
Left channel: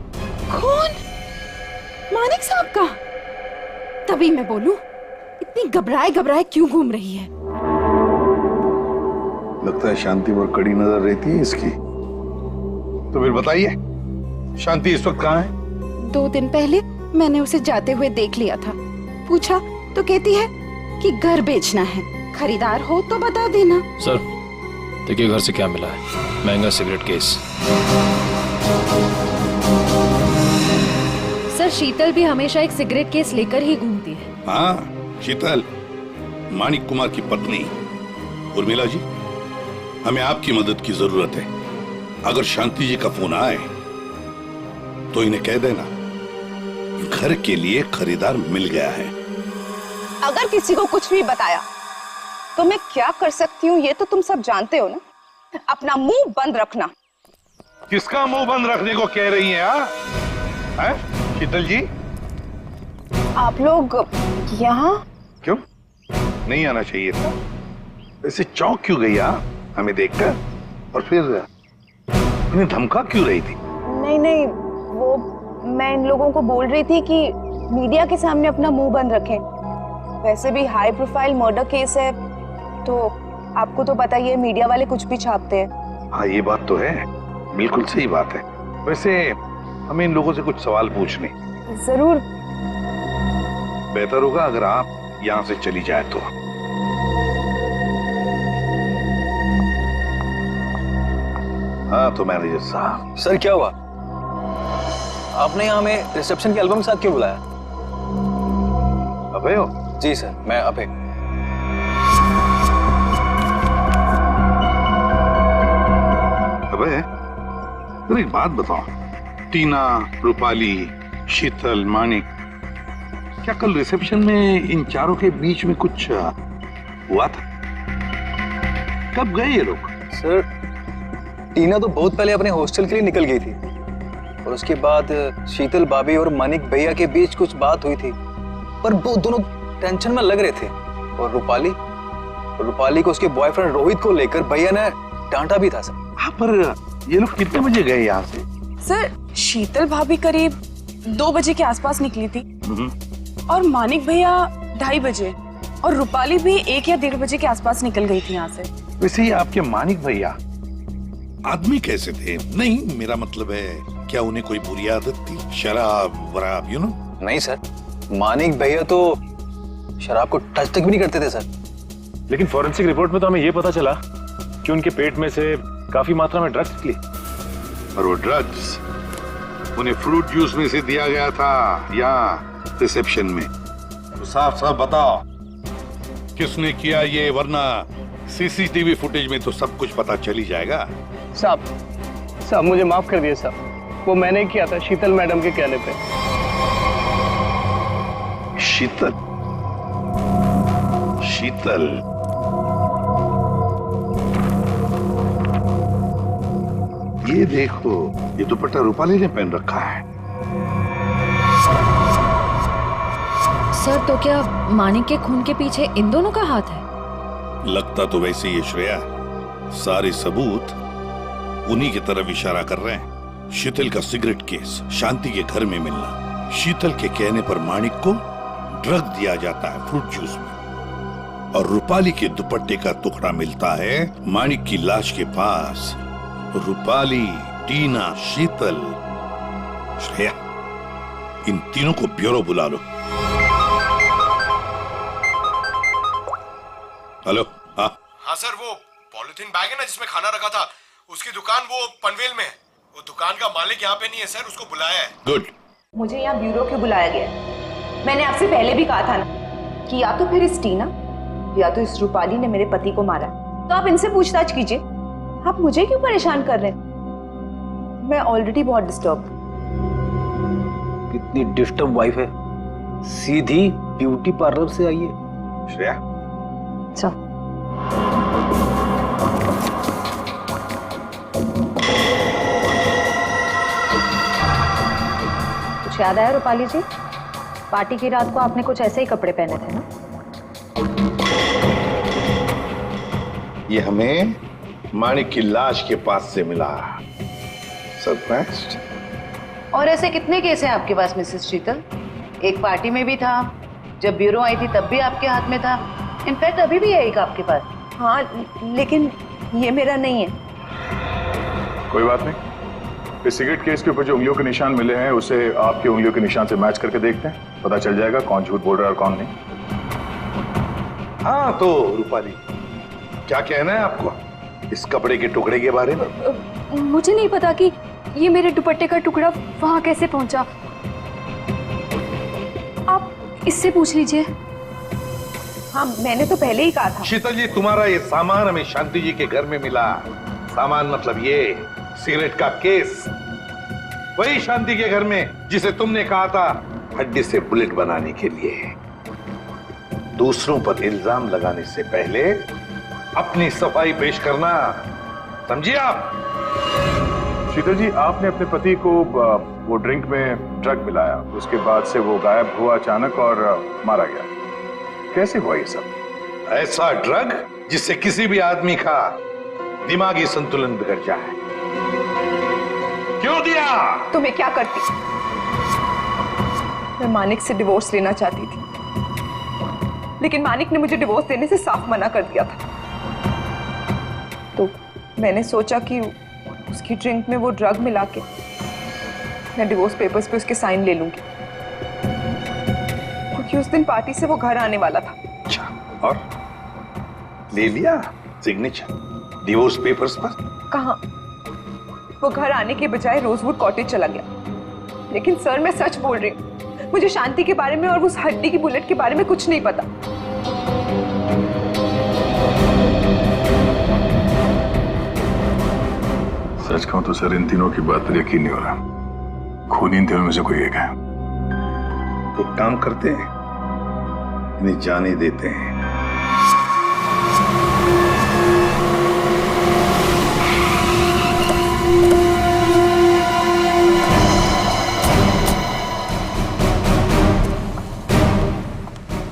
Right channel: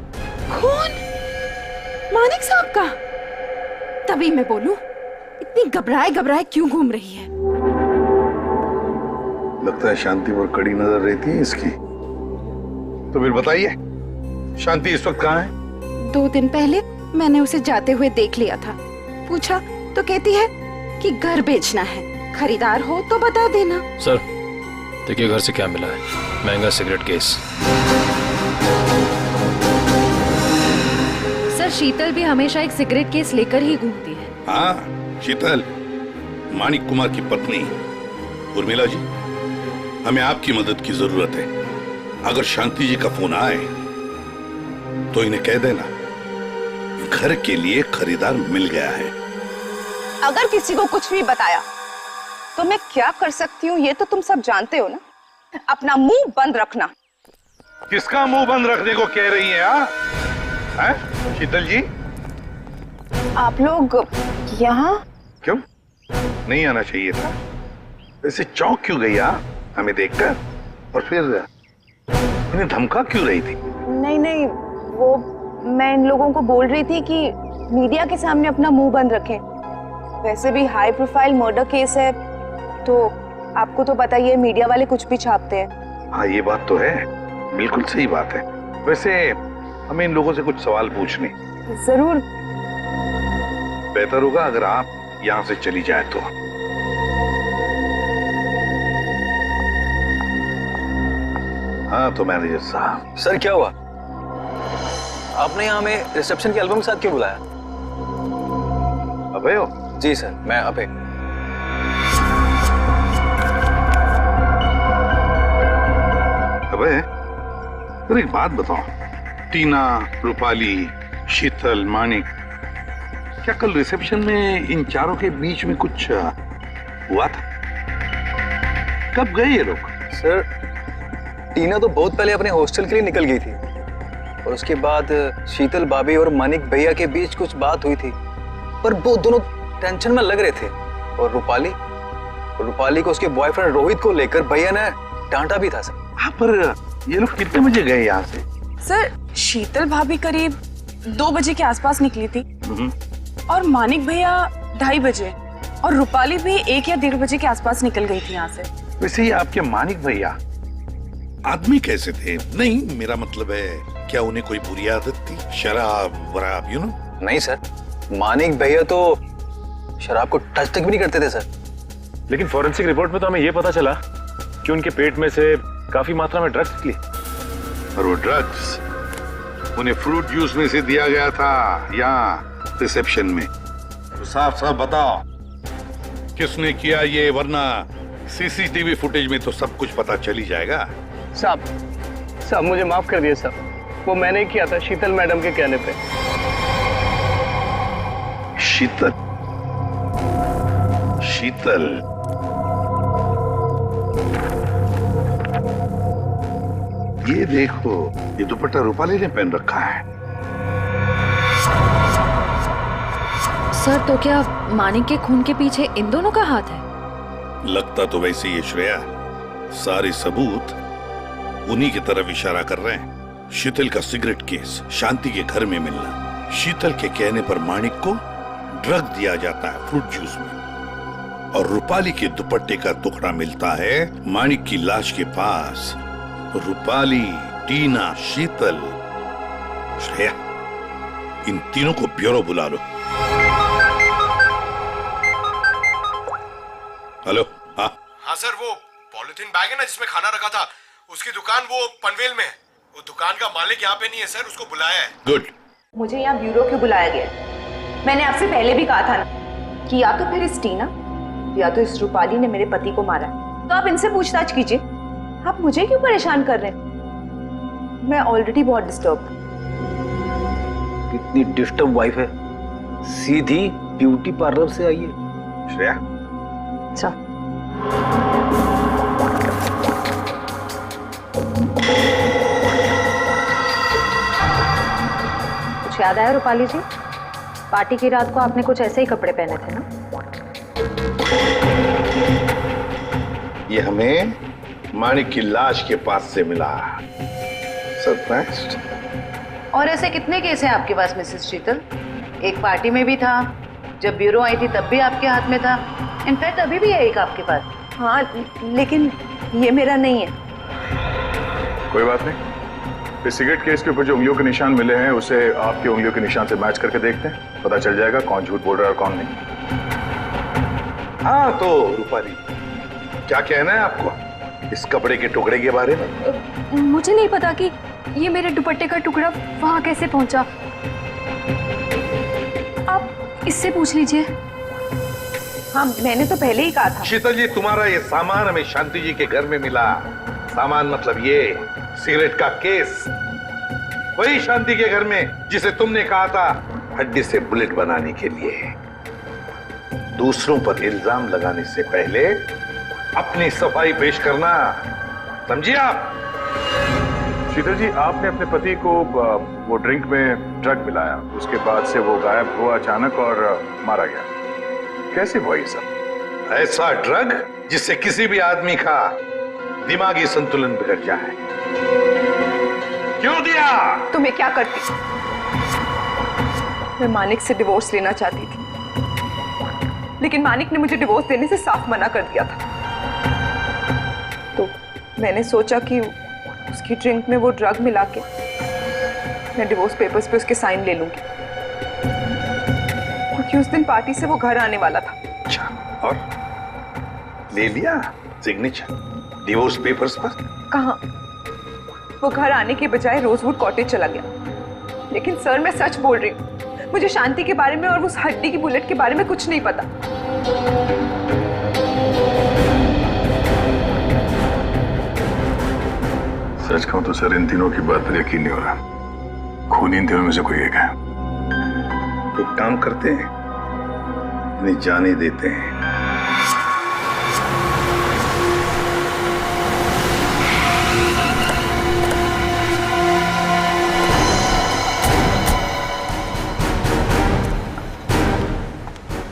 खून? मानिक साहब का? तभी मैं बोलूं, इतनी घबराए घबराए क्यों घूम रही है? लगता है शांति पर कड़ी नजर रहती है इसकी। तो फिर बताइए, शांति इस वक्त कहाँ है? 2 दिन पहले मैंने उसे जाते हुए देख लिया था। पूछा तो कहती है कि घर बेचना है, खरीदार हो तो बता देना। सर, देखिए घर से क्या मिला है। महंगा सिगरेट केस। सर, शीतल भी हमेशा एक सिगरेट केस लेकर ही घूमती है। हाँ, शीतल, मानिक कुमार की पत्नी। उर्मिला जी, हमें आपकी मदद की जरूरत है। अगर शांति जी का फोन आए तो इन्हें कह देना घर के लिए खरीदार मिल गया है। अगर किसी को कुछ भी बताया तो मैं क्या कर सकती हूँ ये तो तुम सब जानते हो ना। अपना मुंह बंद रखना। किसका मुंह बंद रखने को कह रही हैं? हैं? शीतल जी, आप लोग यहाँ क्यों नहीं आना चाहिए था? वैसे चौंक क्यों गई हमें देखकर? और फिर इन्हें धमका क्यों रही थी? नहीं नहीं, वो मैं इन लोगों को बोल रही थी कि मीडिया के सामने अपना मुंह बंद रखें। वैसे भी हाई प्रोफाइल मर्डर केस है तो आपको तो पता ही है, मीडिया वाले कुछ भी छापते हैं। हाँ, ये बात तो है, बिल्कुल सही बात है। वैसे हमें इन लोगों से कुछ सवाल पूछने। जरूर, बेहतर होगा अगर आप यहां से चली जाए तो। हाँ तो मैनेजर साहब। सर क्या हुआ? आपने यहाँ हमें रिसेप्शन के एल्बम के साथ क्यों बुलाया? अभय हो? जी सर, मैं अभय। अभय, अरे एक बात बताओ, टीना, रूपाली, शीतल, मानिक, क्या कल रिसेप्शन में इन चारों के बीच में कुछ हुआ था? कब गए ये लोग? सर टीना तो बहुत पहले अपने हॉस्टल के लिए निकल गई थी और उसके बाद शीतल भाभी और मानिक भैया के बीच कुछ बात हुई थी, पर वो दोनों टेंशन में लग रहे थे। और रूपाली को उसके बॉयफ्रेंड रोहित को लेकर भैया ने डांटा भी था सर। हाँ, पर ये लोग कितने बजे गए यहाँ से? सर शीतल भाभी करीब 2 बजे के आसपास निकली थी और मानिक भैया 2:30 बजे और रूपाली भी 1 या 1:30 बजे के आसपास निकल गई थी यहाँ से। वैसे ही आपके मानिक भैया आदमी कैसे थे? नहीं, मेरा मतलब है क्या उन्हें कोई बुरी आदत थी? शराब वराब, यू नो? नहीं सर, मानिक भैया तो शराब को टच तक भी नहीं करते थे सर। लेकिन फॉरेंसिक रिपोर्ट में तो हमें यह पता चला कि उनके पेट में से काफी मात्रा में ड्रग्स निकली। और वो ड्रग्स उन्हें फ्रूट जूस में से दिया गया था यहाँ रिसेप्शन में। तो साफ साफ बताओ किसने किया ये, वरना सीसीटीवी फुटेज में तो सब कुछ पता चल ही जाएगा। साहब मुझे माफ कर दिए साहब, वो मैंने किया था शीतल मैडम के कहने पे। शीतल? ये देखो, ये दुपट्टा रूपाली ने पहन रखा है। सर तो क्या मानिक के खून के पीछे इन दोनों का हाथ है? लगता तो वैसे ही श्रेया, सारे सबूत उन्हीं की तरफ इशारा कर रहे हैं। शीतल का सिगरेट केस, शांति के घर में मिलना, शीतल के कहने पर मानिक को ड्रग दिया जाता है फ्रूट जूस में, और रूपाली के दुपट्टे का टुकड़ा मिलता है मानिक की लाश के पास। रूपाली, टीना, शीतल, श्रेया, इन तीनों को ब्यूरो बुला लो। हेलो? हाँ सर, वो पॉलिथीन बैग है ना जिसमें खाना रखा था, उसकी दुकान वो पनवेल में है। वो दुकान का मालिक यहाँ पे नहीं है सर, उसको बुलाया है। गुड। मुझे यहाँ ब्यूरो क्यों बुलाया गया? मैंने आपसे पहले भी कहा था ना कि या तो फिर इस टीना या तो इस रूपाली ने मेरे पति को मारा, तो आप इनसे पूछताछ कीजिए। आप मुझे क्यों परेशान कर रहे हैं? मैं ऑलरेडी बहुत डिस्टर्ब। कितनी डिस्टर्ब वाइफ है, सीधी ब्यूटी पार्लर से आई है। श्रेया, अच्छा कुछ याद आया रूपाली जी? पार्टी की रात को आपने कुछ ऐसे ही कपड़े पहने थे ना? ये हमें मानिक की लाश के पास से मिला। सरप्राइज्ड। और ऐसे कितने केस हैं आपके पास मिसेस शीतल? एक पार्टी में भी था, जब ब्यूरो आई थी तब भी आपके हाथ में था, इनफैक्ट अभी भी है एक आपके पास। हाँ लेकिन ये मेरा नहीं है। कोई बात नहीं, इस सिगरेट केस के ऊपर जो उंगलियों के निशान मिले हैं उसे आपके उंगलियों के निशान से मैच करके देखते हैं, पता चल जाएगा कौन झूठ बोल रहा है और कौन नहीं। हाँ तो रूपाली, क्या कहना है आपको इस कपड़े के टुकड़े के बारे में? मुझे नहीं पता कि ये मेरे दुपट्टे का टुकड़ा वहां कैसे पहुंचा। आप इससे पूछ लीजिए। हाँ मैंने तो पहले ही कहा था। शीतल जी, तुम्हारा ये सामान हमें शांति जी के घर में मिला। सामान मतलब ये सिगरेट का केस, वही शांति के घर में जिसे तुमने कहा था हड्डी से बुलेट बनाने के लिए। दूसरों पर इल्जाम लगाने से पहले अपनी सफाई पेश करना, समझिए आप? शीतल जी, आपने अपने पति को वो ड्रिंक में ड्रग मिलाया, उसके बाद से वो गायब हुआ अचानक और मारा गया। कैसे हुआ ये सब? ऐसा ड्रग जिससे किसी भी आदमी का दिमागी संतुलन बिगड़ जाए। क्यों दिया? तो मैं क्या करती? मैं मानिक से डिवोर्स लेना चाहती थी, लेकिन मानिक ने मुझे डिवोर्स देने से साफ मना कर दिया था। तो मैंने सोचा कि उसकी ड्रिंक में वो ड्रग मिला के मैं डिवोर्स पेपर्स पे उसके साइन ले लूंगी। क्योंकि उस दिन पार्टी से वो घर आने वाला था। अच्छा, और ले लिया सिग्नेचर डिवोर्स पेपर्स पर? कहाँ, वो घर आने के बजाय रोजवुड कॉटेज चला गया। लेकिन सर मैं सच बोल रही हूँ, मुझे शांति के बारे में और उस हड्डी की बुलेट के बारे में कुछ नहीं पता। सच कहूं तो सर इन तीनों की बात पर यकीन नहीं हो रहा। खून इन तीनों में से कोई एक है। एक काम करते हैं, इन्हें जाने देते हैं।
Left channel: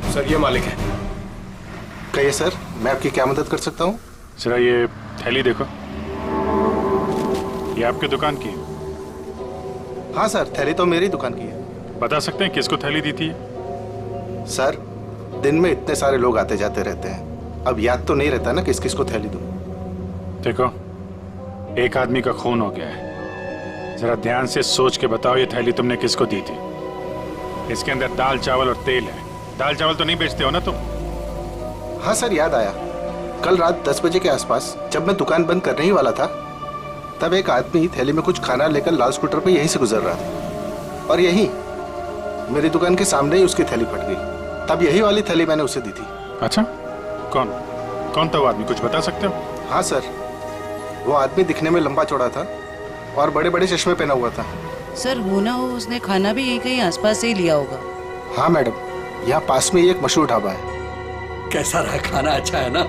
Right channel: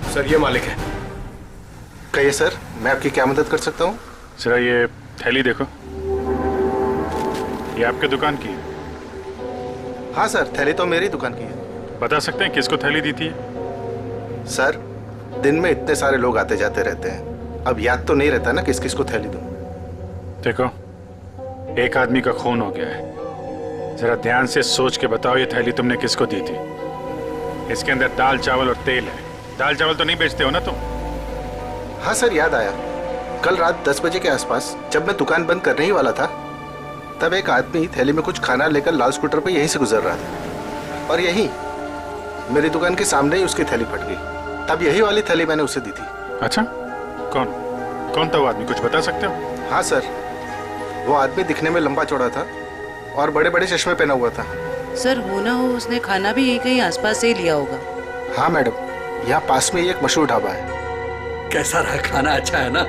सर ये मालिक है। कहिए सर, मैं आपकी क्या मदद कर सकता हूँ? जरा ये थैली देखो, ये आपके दुकान की है? हाँ सर, थैली तो मेरी दुकान की है। बता सकते हैं किसको थैली दी थी? सर दिन में इतने सारे लोग आते जाते रहते हैं, अब याद तो नहीं रहता ना किस किस को थैली दूं। देखो, एक आदमी का खून हो गया है, जरा ध्यान से सोच के बताओ ये थैली तुमने किसको दी थी? इसके अंदर दाल चावल और तेल है। दाल चावल तो नहीं बेचते हो ना तुम? हाँ सर, याद आया। कल रात 10 बजे के आसपास जब मैं दुकान बंद करने ही वाला था, तब एक आदमी थैली में कुछ खाना लेकर लाल स्कूटर पे यहीं से गुजर रहा था, और यहीं मेरी दुकान के सामने ही उसकी थैली फट गई। तब यही वाली थैली मैंने उसे दी थी। अच्छा, कौन कौन था वो आदमी, कुछ बता सकते हो? हाँ सर, वो आदमी दिखने में लंबा चौड़ा था और बड़े बड़े चश्मे पहना हुआ था। सर होना हो उसने खाना भी यहीं कहीं आसपास से ही लिया होगा। हाँ मैडम, यहाँ पास में ही एक मशहूर ढाबा है। कैसा रहा खाना? अच्छा है ना?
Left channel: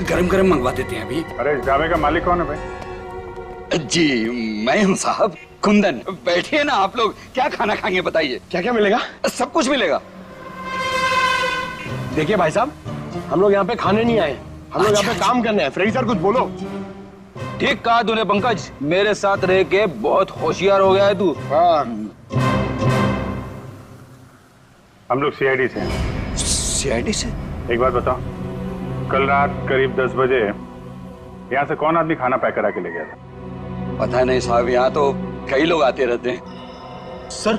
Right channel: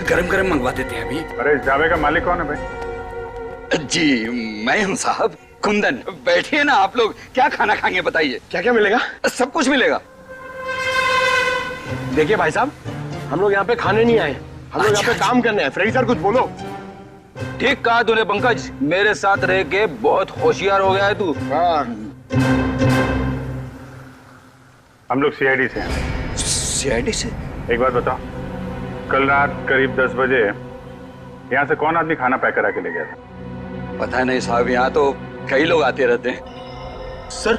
गरम गरम मंगवा देते हैं अभी। अरे इस ढाबे का मालिक कौन है भाई? जी मैं हूँ साहब, कुंदन। बैठिए ना आप लोग, क्या खाना खाएंगे बताइए? क्या क्या मिलेगा? सब कुछ मिलेगा। देखिए भाई साहब, हम लोग यहाँ पे खाने नहीं आए, हम लोग यहाँ पे काम करने आए। फ्रेडी सर कुछ बोलो। ठीक कहा तूने पंकज, मेरे साथ रह के बहुत होशियार हो गया है तू। हम लोग सीआईडी से हैं। सीआईडी से? एक बात बताओ, कल रात करीब 10 बजे यहाँ से कौन आदमी खाना पैक करा के ले गया था? पता नहीं साहब, यहाँ तो कई लोग आते रहते हैं। सर,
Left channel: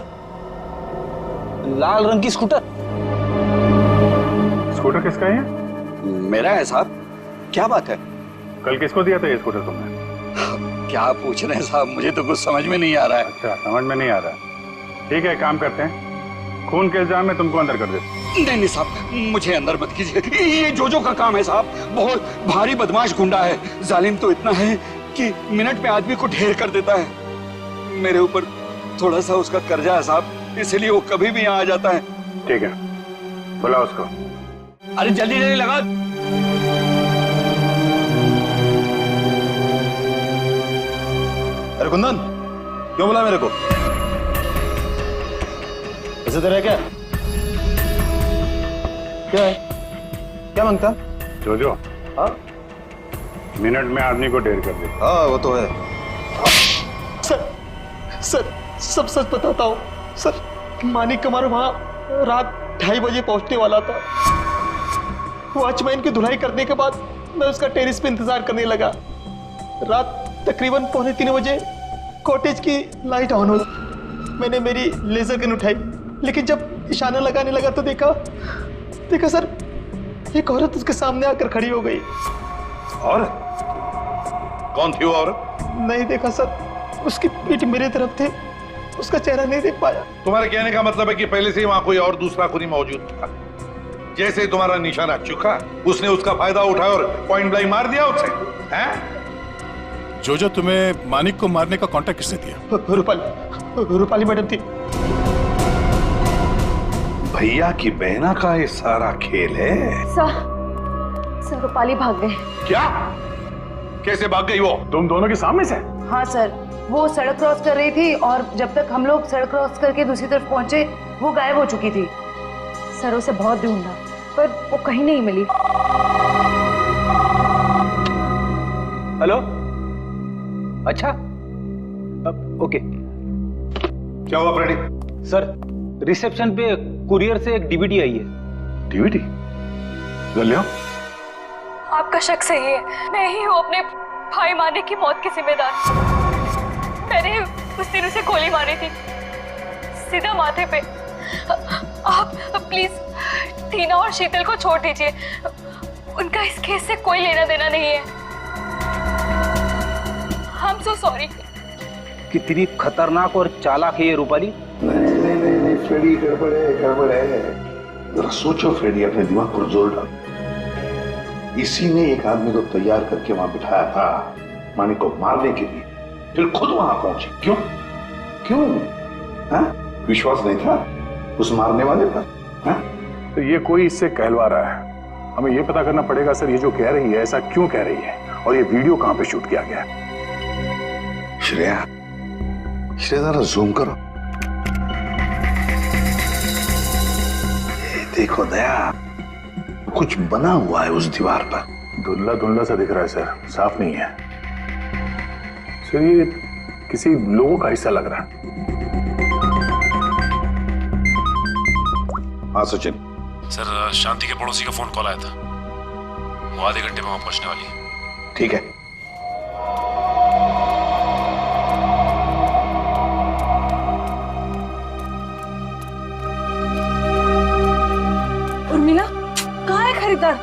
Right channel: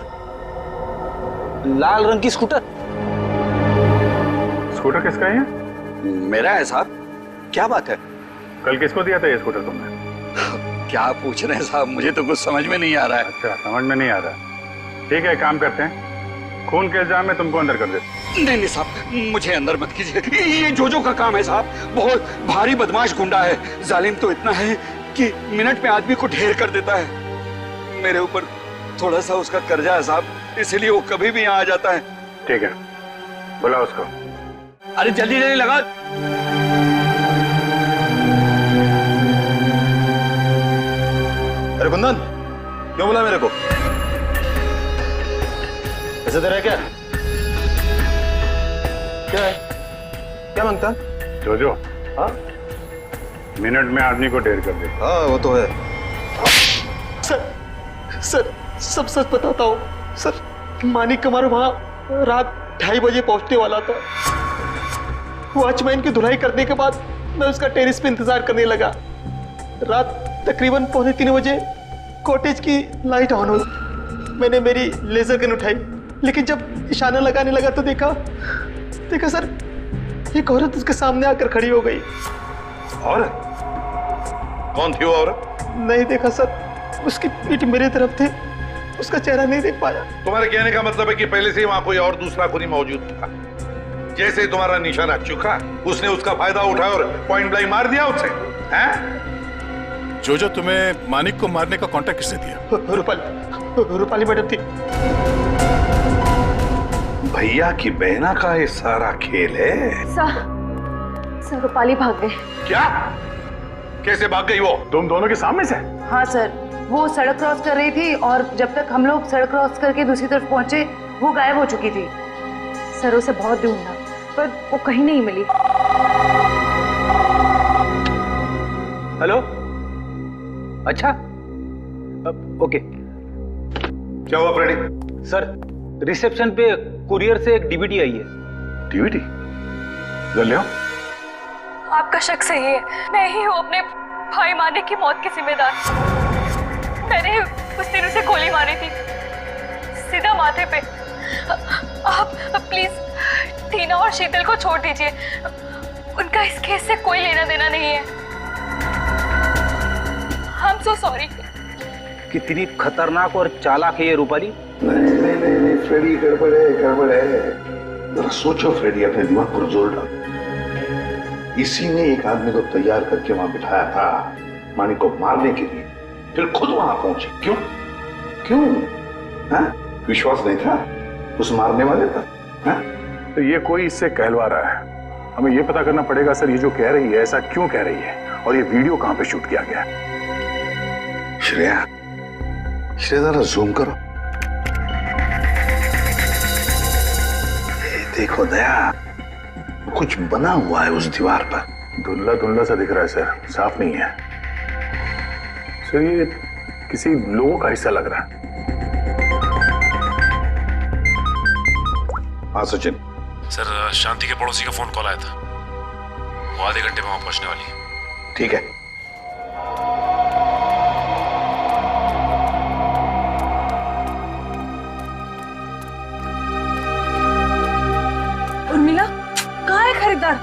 लाल रंग की स्कूटर। स्कूटर किसका है? मेरा है साहब। क्या बात है? कल किसको दिया था ये स्कूटर तुमने? क्या पूछ रहे हैं साहब, मुझे तो कुछ समझ में नहीं आ रहा है। अच्छा, समझ में नहीं आ रहा। ठीक है, काम करते हैं, खून के इल्जाम में तुमको अंदर कर देते। नहीं नहीं साहब, मुझे अंदर मत कीजिए। ये जोजो का काम है साहब, बहुत भारी बदमाश गुंडा है। जालिम तो इतना है कि मिनट में आदमी को ढेर कर देता है। मेरे ऊपर थोड़ा सा उसका कर्जा है साहब, इसलिए वो कभी भी यहाँ आ जाता है। ठीक है, बुला उसको। अरे जल्दी जल्दी लगा। अरे कुंदन, क्यों बुला मेरे को? ऐसे तेरा क्या क्या है? क्या मांगता? जोजो, हाँ मिनट में आदमी को ढेर कर दे। हाँ वो तो है। सर सब सच बताता हूँ सर। मानिक कुमार वहाँ रात 2:30 बजे पहुंचने वाला था। वॉचमैन की धुलाई करने के बाद मैं उसका टेरिस पे इंतजार करने लगा। रात तकरीबन 2:45 बजे कॉटेज की लाइट ऑन हुई। मैंने मेरी लेजर गन उठाई, लेकिन जब इशारा लगाने लगा तो देखा सर, एक औरत उसके सामने आकर खड़ी हो गई। औरत? कौन थी वो औरत? नहीं देखा सर, उसकी पीठ मेरे तरफ थे, उसका चेहरा नहीं देख पाया। तुम्हारे कहने का मतलब है कि पहले से ही वहां कोई और दूसरा खूनी मौजूद था। जैसे ही तुम्हारा निशाना चुका, उसने उसका फायदा उठाया और पॉइंट ब्लैंक मार दिया उसे, हैं? जो तुम्हें मानिक को मारने का कॉन्ट्रैक्ट किसने दिया? रूपाली मैडम थी। भैया की बहना का ये सारा खेल है। सर रूपाली भाग गए। क्या? कैसे भाग गई वो? तुम दोनों के सामने से? हाँ सर, वो सड़क क्रॉस कर रही थी और जब तक हम लोग सड़क क्रॉस करके दूसरी तरफ पहुंचे वो गायब हो चुकी थी। सर उसे बहुत ढूंढा पर वो कहीं नहीं मिली। हेलो, अच्छा, ओके। क्या हुआ फ्रेडी? सर, रिसेप्शन पे कुरियर से एक डीवीडी आई है। डीवीडी? ले आओ। आपका शक सही है, मैं ही हूँ अपने भाई मानिक की मौत की जिम्मेदार। मैंने उस दिन उसे गोली मारी थी, सीधा माथे पे। आप प्लीज टीना और शीतल को छोड़ दीजिए, उनका इस केस से कोई लेना देना नहीं है। I'm so sorry। कितनी खतरनाक और चालाक है ये रूपाली। नहीं फ्रेडी, गड़बड़ है। जरा सोचो फ्रेडी, अपने दिमाग पर जोर डालो। इसी ने एक आदमी को तैयार करके वहां बिठाया था मानिक को मारने के लिए, फिर खुद वहां पहुंचे। क्यों? हाँ? विश्वास नहीं था उस मारने वाले पर? हाँ? तो ये कोई इससे कहलवा रहा है। हमें ये पता करना पड़ेगा सर, ये जो कह रही है ऐसा क्यों कह रही है, और ये वीडियो कहां पे शूट किया गया है। श्रेया जरा जूम करो। देखो दया, कुछ बना हुआ है उस दीवार पर। धुंधला सा दिख रहा है सर, साफ नहीं है सर। ये किसी लोगों का हिस्सा लग रहा है। हाँ सचिन सर, शांति के पड़ोसी का फोन कॉल आया था, वो आधे घंटे में वहां पहुंचने वाली है। ठीक है। उर्मिला, कहाँ है खरीदार?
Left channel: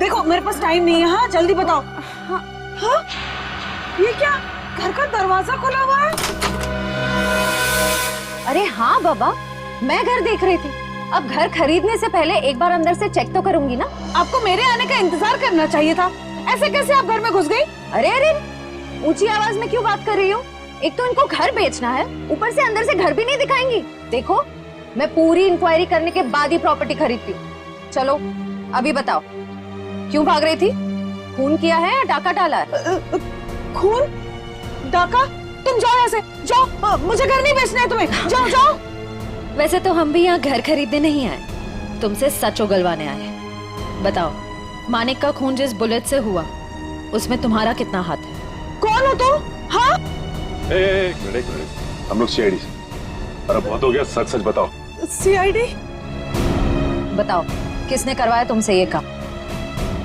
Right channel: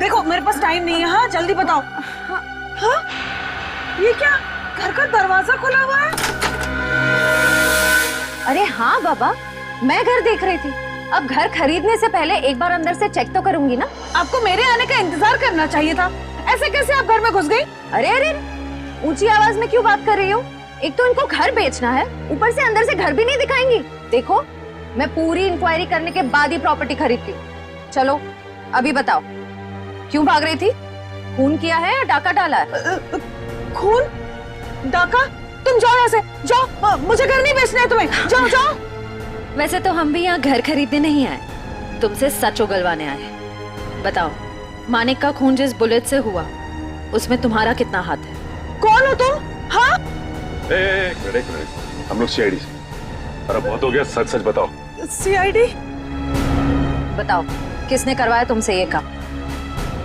देखो मेरे पास टाइम नहीं है। हाँ जल्दी बताओ। हाँ ये क्या, घर का दरवाजा खुला हुआ है? अरे हाँ बाबा, मैं घर देख रही थी। अब घर खरीदने से पहले एक बार अंदर से चेक तो करूंगी ना। आपको मेरे आने का इंतजार करना चाहिए था। ऐसे कैसे आप घर में घुस गई? अरे ऊंची आवाज में क्यों बात कर रही हो? एक तो इनको घर बेचना है, ऊपर से अंदर से घर भी नहीं दिखाएंगी। देखो, मैं पूरी इंक्वायरी करने के बाद ही प्रॉपर्टी खरीदती हूँ। चलो अभी बताओ, क्यों भाग रही थी? खून किया है या डाका डाला है? खून? डाका? तुम जाओ यहाँ से, जाओ। मुझे घर नहीं बेचना है तुम्हें, जाओ। वैसे तो हम भी यहाँ घर खरीदने नहीं आए, तुमसे सच उगलवाने आए। बताओ, मानिक का खून जिस बुलेट से हुआ उसमें तुम्हारा कितना हाथ है? कौन हो तुम? हाँ? एक मिनट, हम लोग सीआईडी से। अरे बहुत हो गया, सच बताओ। सीआईडी? बताओ, किसने करवाया तुमसे ये काम?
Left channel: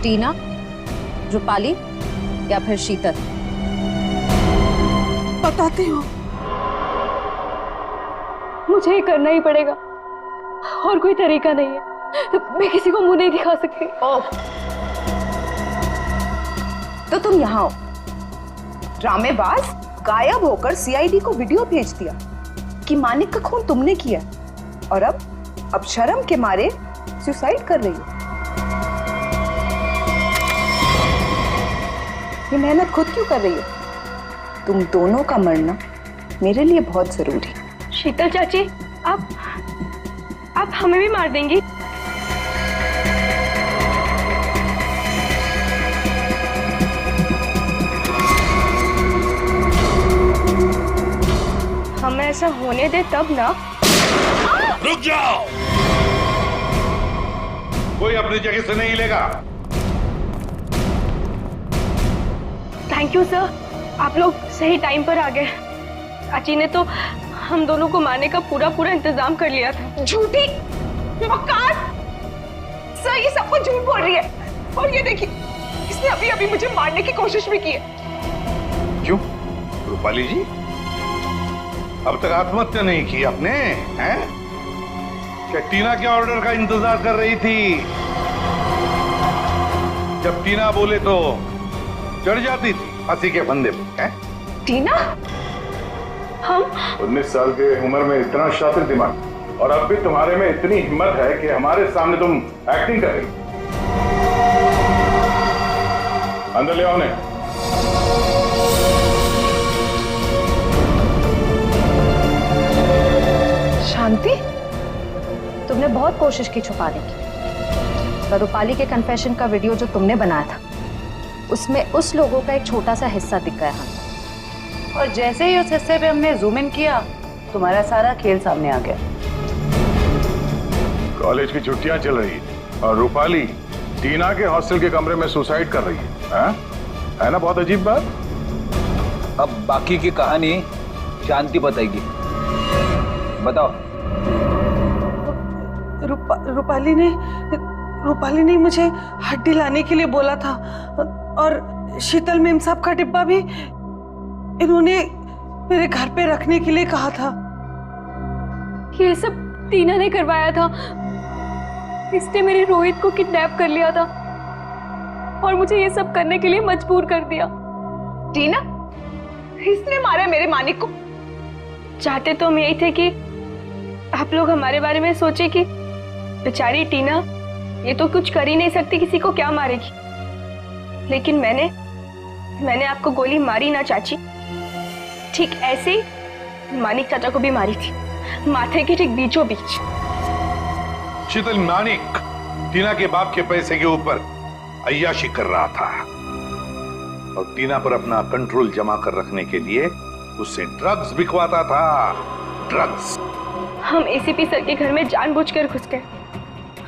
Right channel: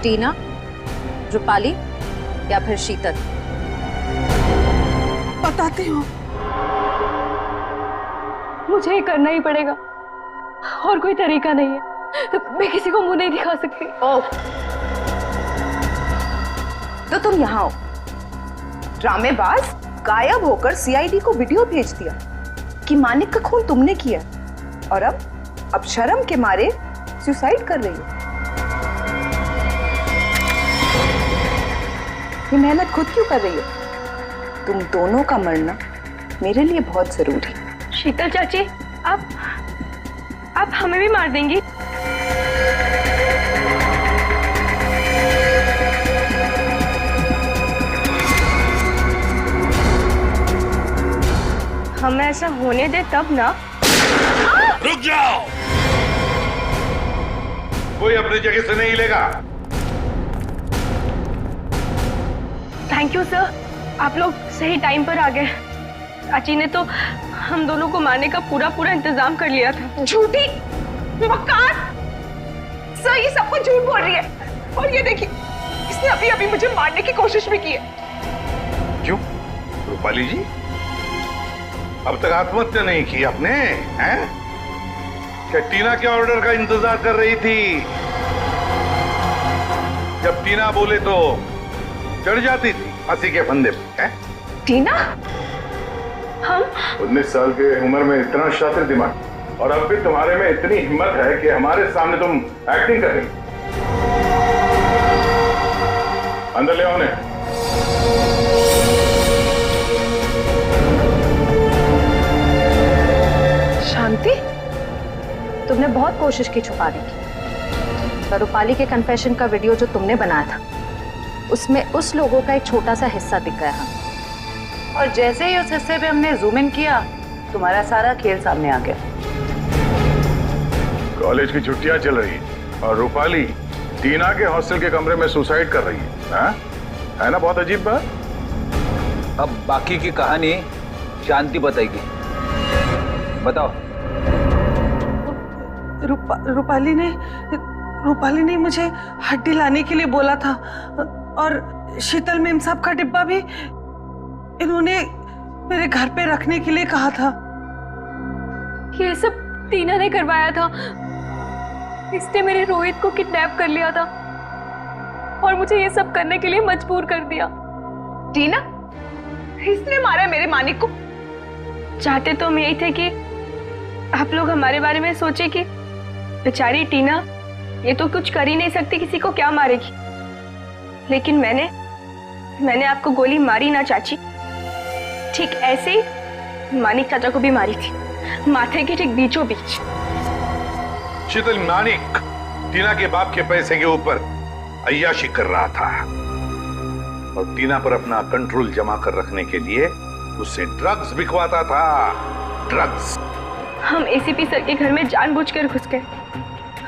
टीना, रूपाली या फिर शीतल? बताती हूँ। मुझे ये करना ही पड़ेगा, और कोई तरीका नहीं है। मैं किसी को मुंह नहीं दिखा सकती। तो तुम यहाँ हो, ड्रामेबाज, गायब होकर सीआईडी को वीडियो भेज दिया कि मानिक का खून तुमने किया, और अब शर्म के मारे सुसाइड कर रही हो। ये मेहनत खुद क्यों कर रही हो? तुम दोनों का मरना मेरे लिए बहुत जरूरी है। शीतल चाची, आप हमें भी मार देंगी? हमें ऐसा होने दे तब ना। रुक जाओ, कोई अपनी जगह से नहीं हिलेगा। थैंक यू सर, आप लोग सही टाइम पर आ गए। चाची ने तो हम दोनों को मारने का पूरा इंतजाम कर लिया था। झूठी मक्कार! सर ये सब कुछ झूठ बोल रही है, और ये देखिए, इसने अभी मुझे मारने की कोशिश भी की है। क्यों रूपाली जी, अब तक आत्महत्या नहीं की आपने? हैं? क्या टीना के ऑर्डर का इंतजार कर रही थी? जब टीना बोले तो चढ़ जाती थी फांसी के फंदे पे। टीना? हम 19 साल के उम्र में इतना शातिर दिमाग, और अब भी तुम्हारे में इतनी हिम्मत है कि हमारे सामने तुम एक्टिंग कर रही। अंदर ले आओ उन्हें। शांति, तुमने बहुत कोशिश की छुपाने की, पर रूपाली के कन्फेशन का वीडियो जो तुमने बनाया था उसमें उस लोगों का एक छोटा सा हिस्सा दिख गया हमें। और जैसे ही उस हिस्से पे हमने जूम इन किया, तुम्हारा सारा खेल सामने आ गया। कॉलेज की छुट्टियां चल रही है और रूपाली टीना के हॉस्टल के कमरे में सुसाइड कर रही है। है ना बहुत अजीब बात? अब बाकी की कहानी शांति बताएगी। बताओ। रूपाली ने मुझे हड्डी लाने के लिए बोला था, और शीतल मेम साहब का डिब्बा भी इन्होंने मेरे घर पे रखने के लिए कहा था। ये सब टीना ने करवाया था। इसने मेरे रोहित को किडनैप कर लिया था और मुझे ये सब करने के लिए मजबूर कर दिया। टीना, इसने मारा मेरे मानिक को? चाहते तो हम यही थे कि आप लोग हमारे बारे में सोचे कि बेचारी टीना ये तो कुछ कर ही नहीं सकती, किसी को क्या मारेगी। लेकिन मैंने आपको गोली मारी ना चाची, ठीक ऐसे ही मानिक चाचा को भी मारी थी, माथे के ठीक बीचों बीच। शीतल, मानिक टीना के बाप के पैसे के ऊपर अय्याशी कर रहा था और टीना पर अपना कंट्रोल जमा कर रखने के लिए उससे ड्रग्स बिकवाता था। ड्रग्स। हम एसीपी सर के घर में जानबूझकर घुस गए।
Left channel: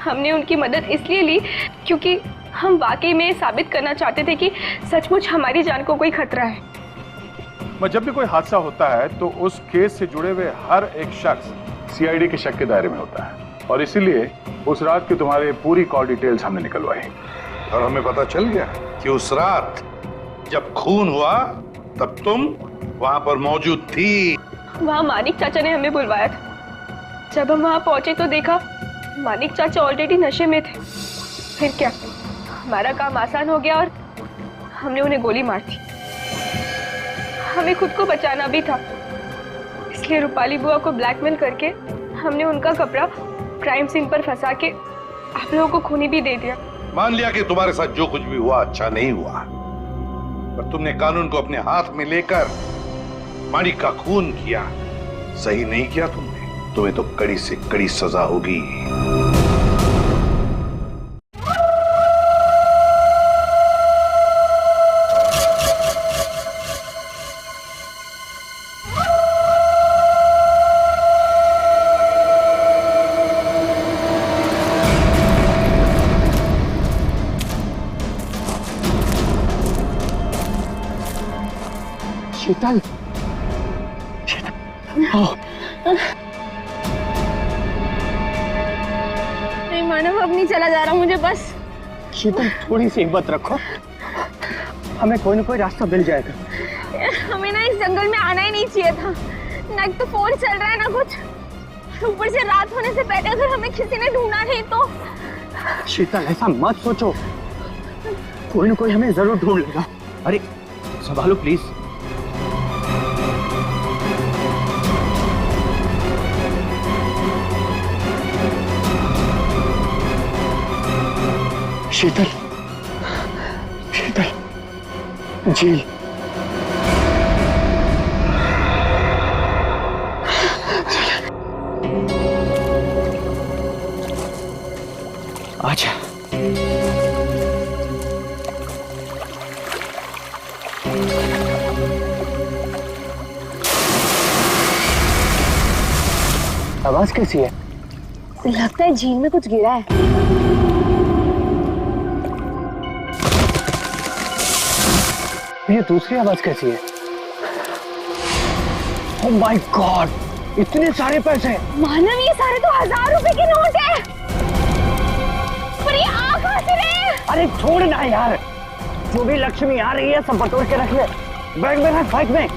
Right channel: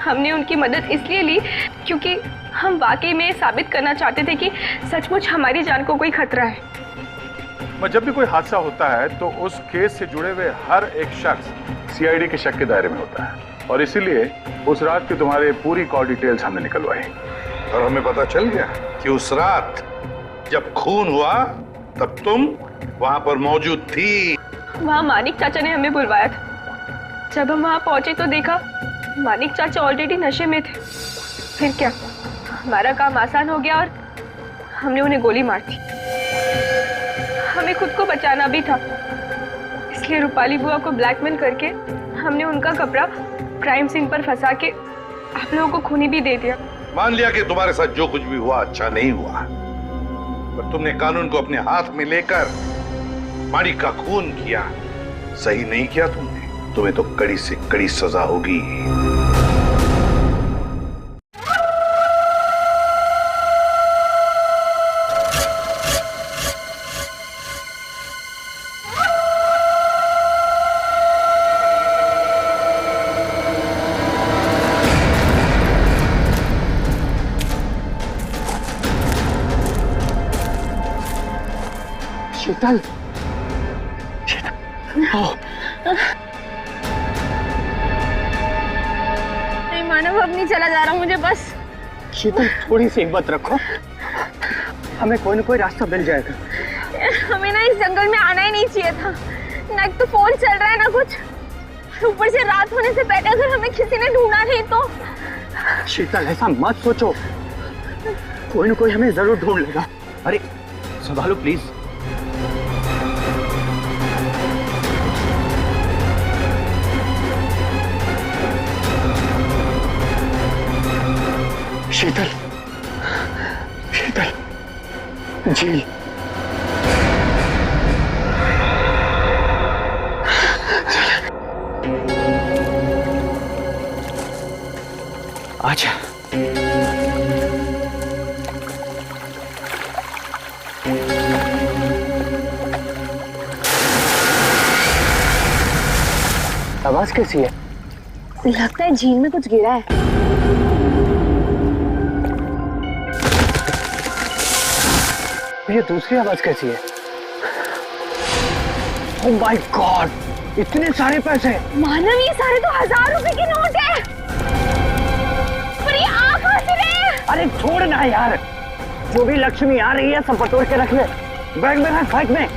हमने उनकी मदद इसलिए ली क्योंकि हम वाकई में साबित करना चाहते थे कि सचमुच हमारी जान को कोई खतरा है। जब भी कोई हादसा होता है तो उस केस से जुड़े हुए हर एक शख्स सीआईडी के शक के दायरे में होता है और इसीलिए उस रात की तुम्हारे पूरी कॉल डिटेल्स हमने निकलवाई और हमें पता चल गया कि उस रात जब खून हुआ तब तुम वहां पर मौजूद थी। वहां मानिक चाचा ने हमें बुलवाया था। जब हम वहां पहुंचे तो देखा मानिक चाचा ऑलरेडी नशे में थे। फिर क्या, हमारा काम आसान हो गया और हमने उन्हें गोली मार दी। हमें खुद को बचाना भी था, इसलिए रूपाली बुआ को ब्लैकमेल करके हमने उनका कपड़ा क्राइम सीन पर फंसा के आप लोगों को खूनी भी दे दिया। मान लिया कि तुम्हारे साथ जो कुछ भी हुआ अच्छा नहीं हुआ, पर तुमने कानून को अपने हाथ में लेकर मानिक का खून किया। सही नहीं किया तुमने। तुम्हें तो कड़ी से कड़ी सजा होगी। शीतल, नहीं मानव, अब नहीं चला जा रहा मुझे बस। शीतल, थोड़ी सी हिम्मत रखो, हमें कोई ना कोई रास्ता मिल जाएगा। हमें ना इस जंगल में आना ही नहीं चाहिए था। ना एक तो फोन चल रहा है ना कुछ, ऊपर से रात होने से पहले अगर हमें किसी ने ढूंढा नहीं तो। शीतल, ऐसा मत सोचो, कोई ना कोई हमें जरूर ढूंढ लेगा। अरे संभालो प्लीज। शीतल, शीतल, झील। आजा। आवाज कैसी है? लगता है झील में कुछ गिरा है। ये दूसरी आवाज कैसी है? ओह माय गॉड, इतने सारे पैसे! मानव, ये सारे तो 1000 रुपए के नोट है। पर ये आ कहां से रहे? अरे छोड़ ना यार, जो भी लक्ष्मी आ रही है सब बटोर के रख ले। बैग में रख, बैग में।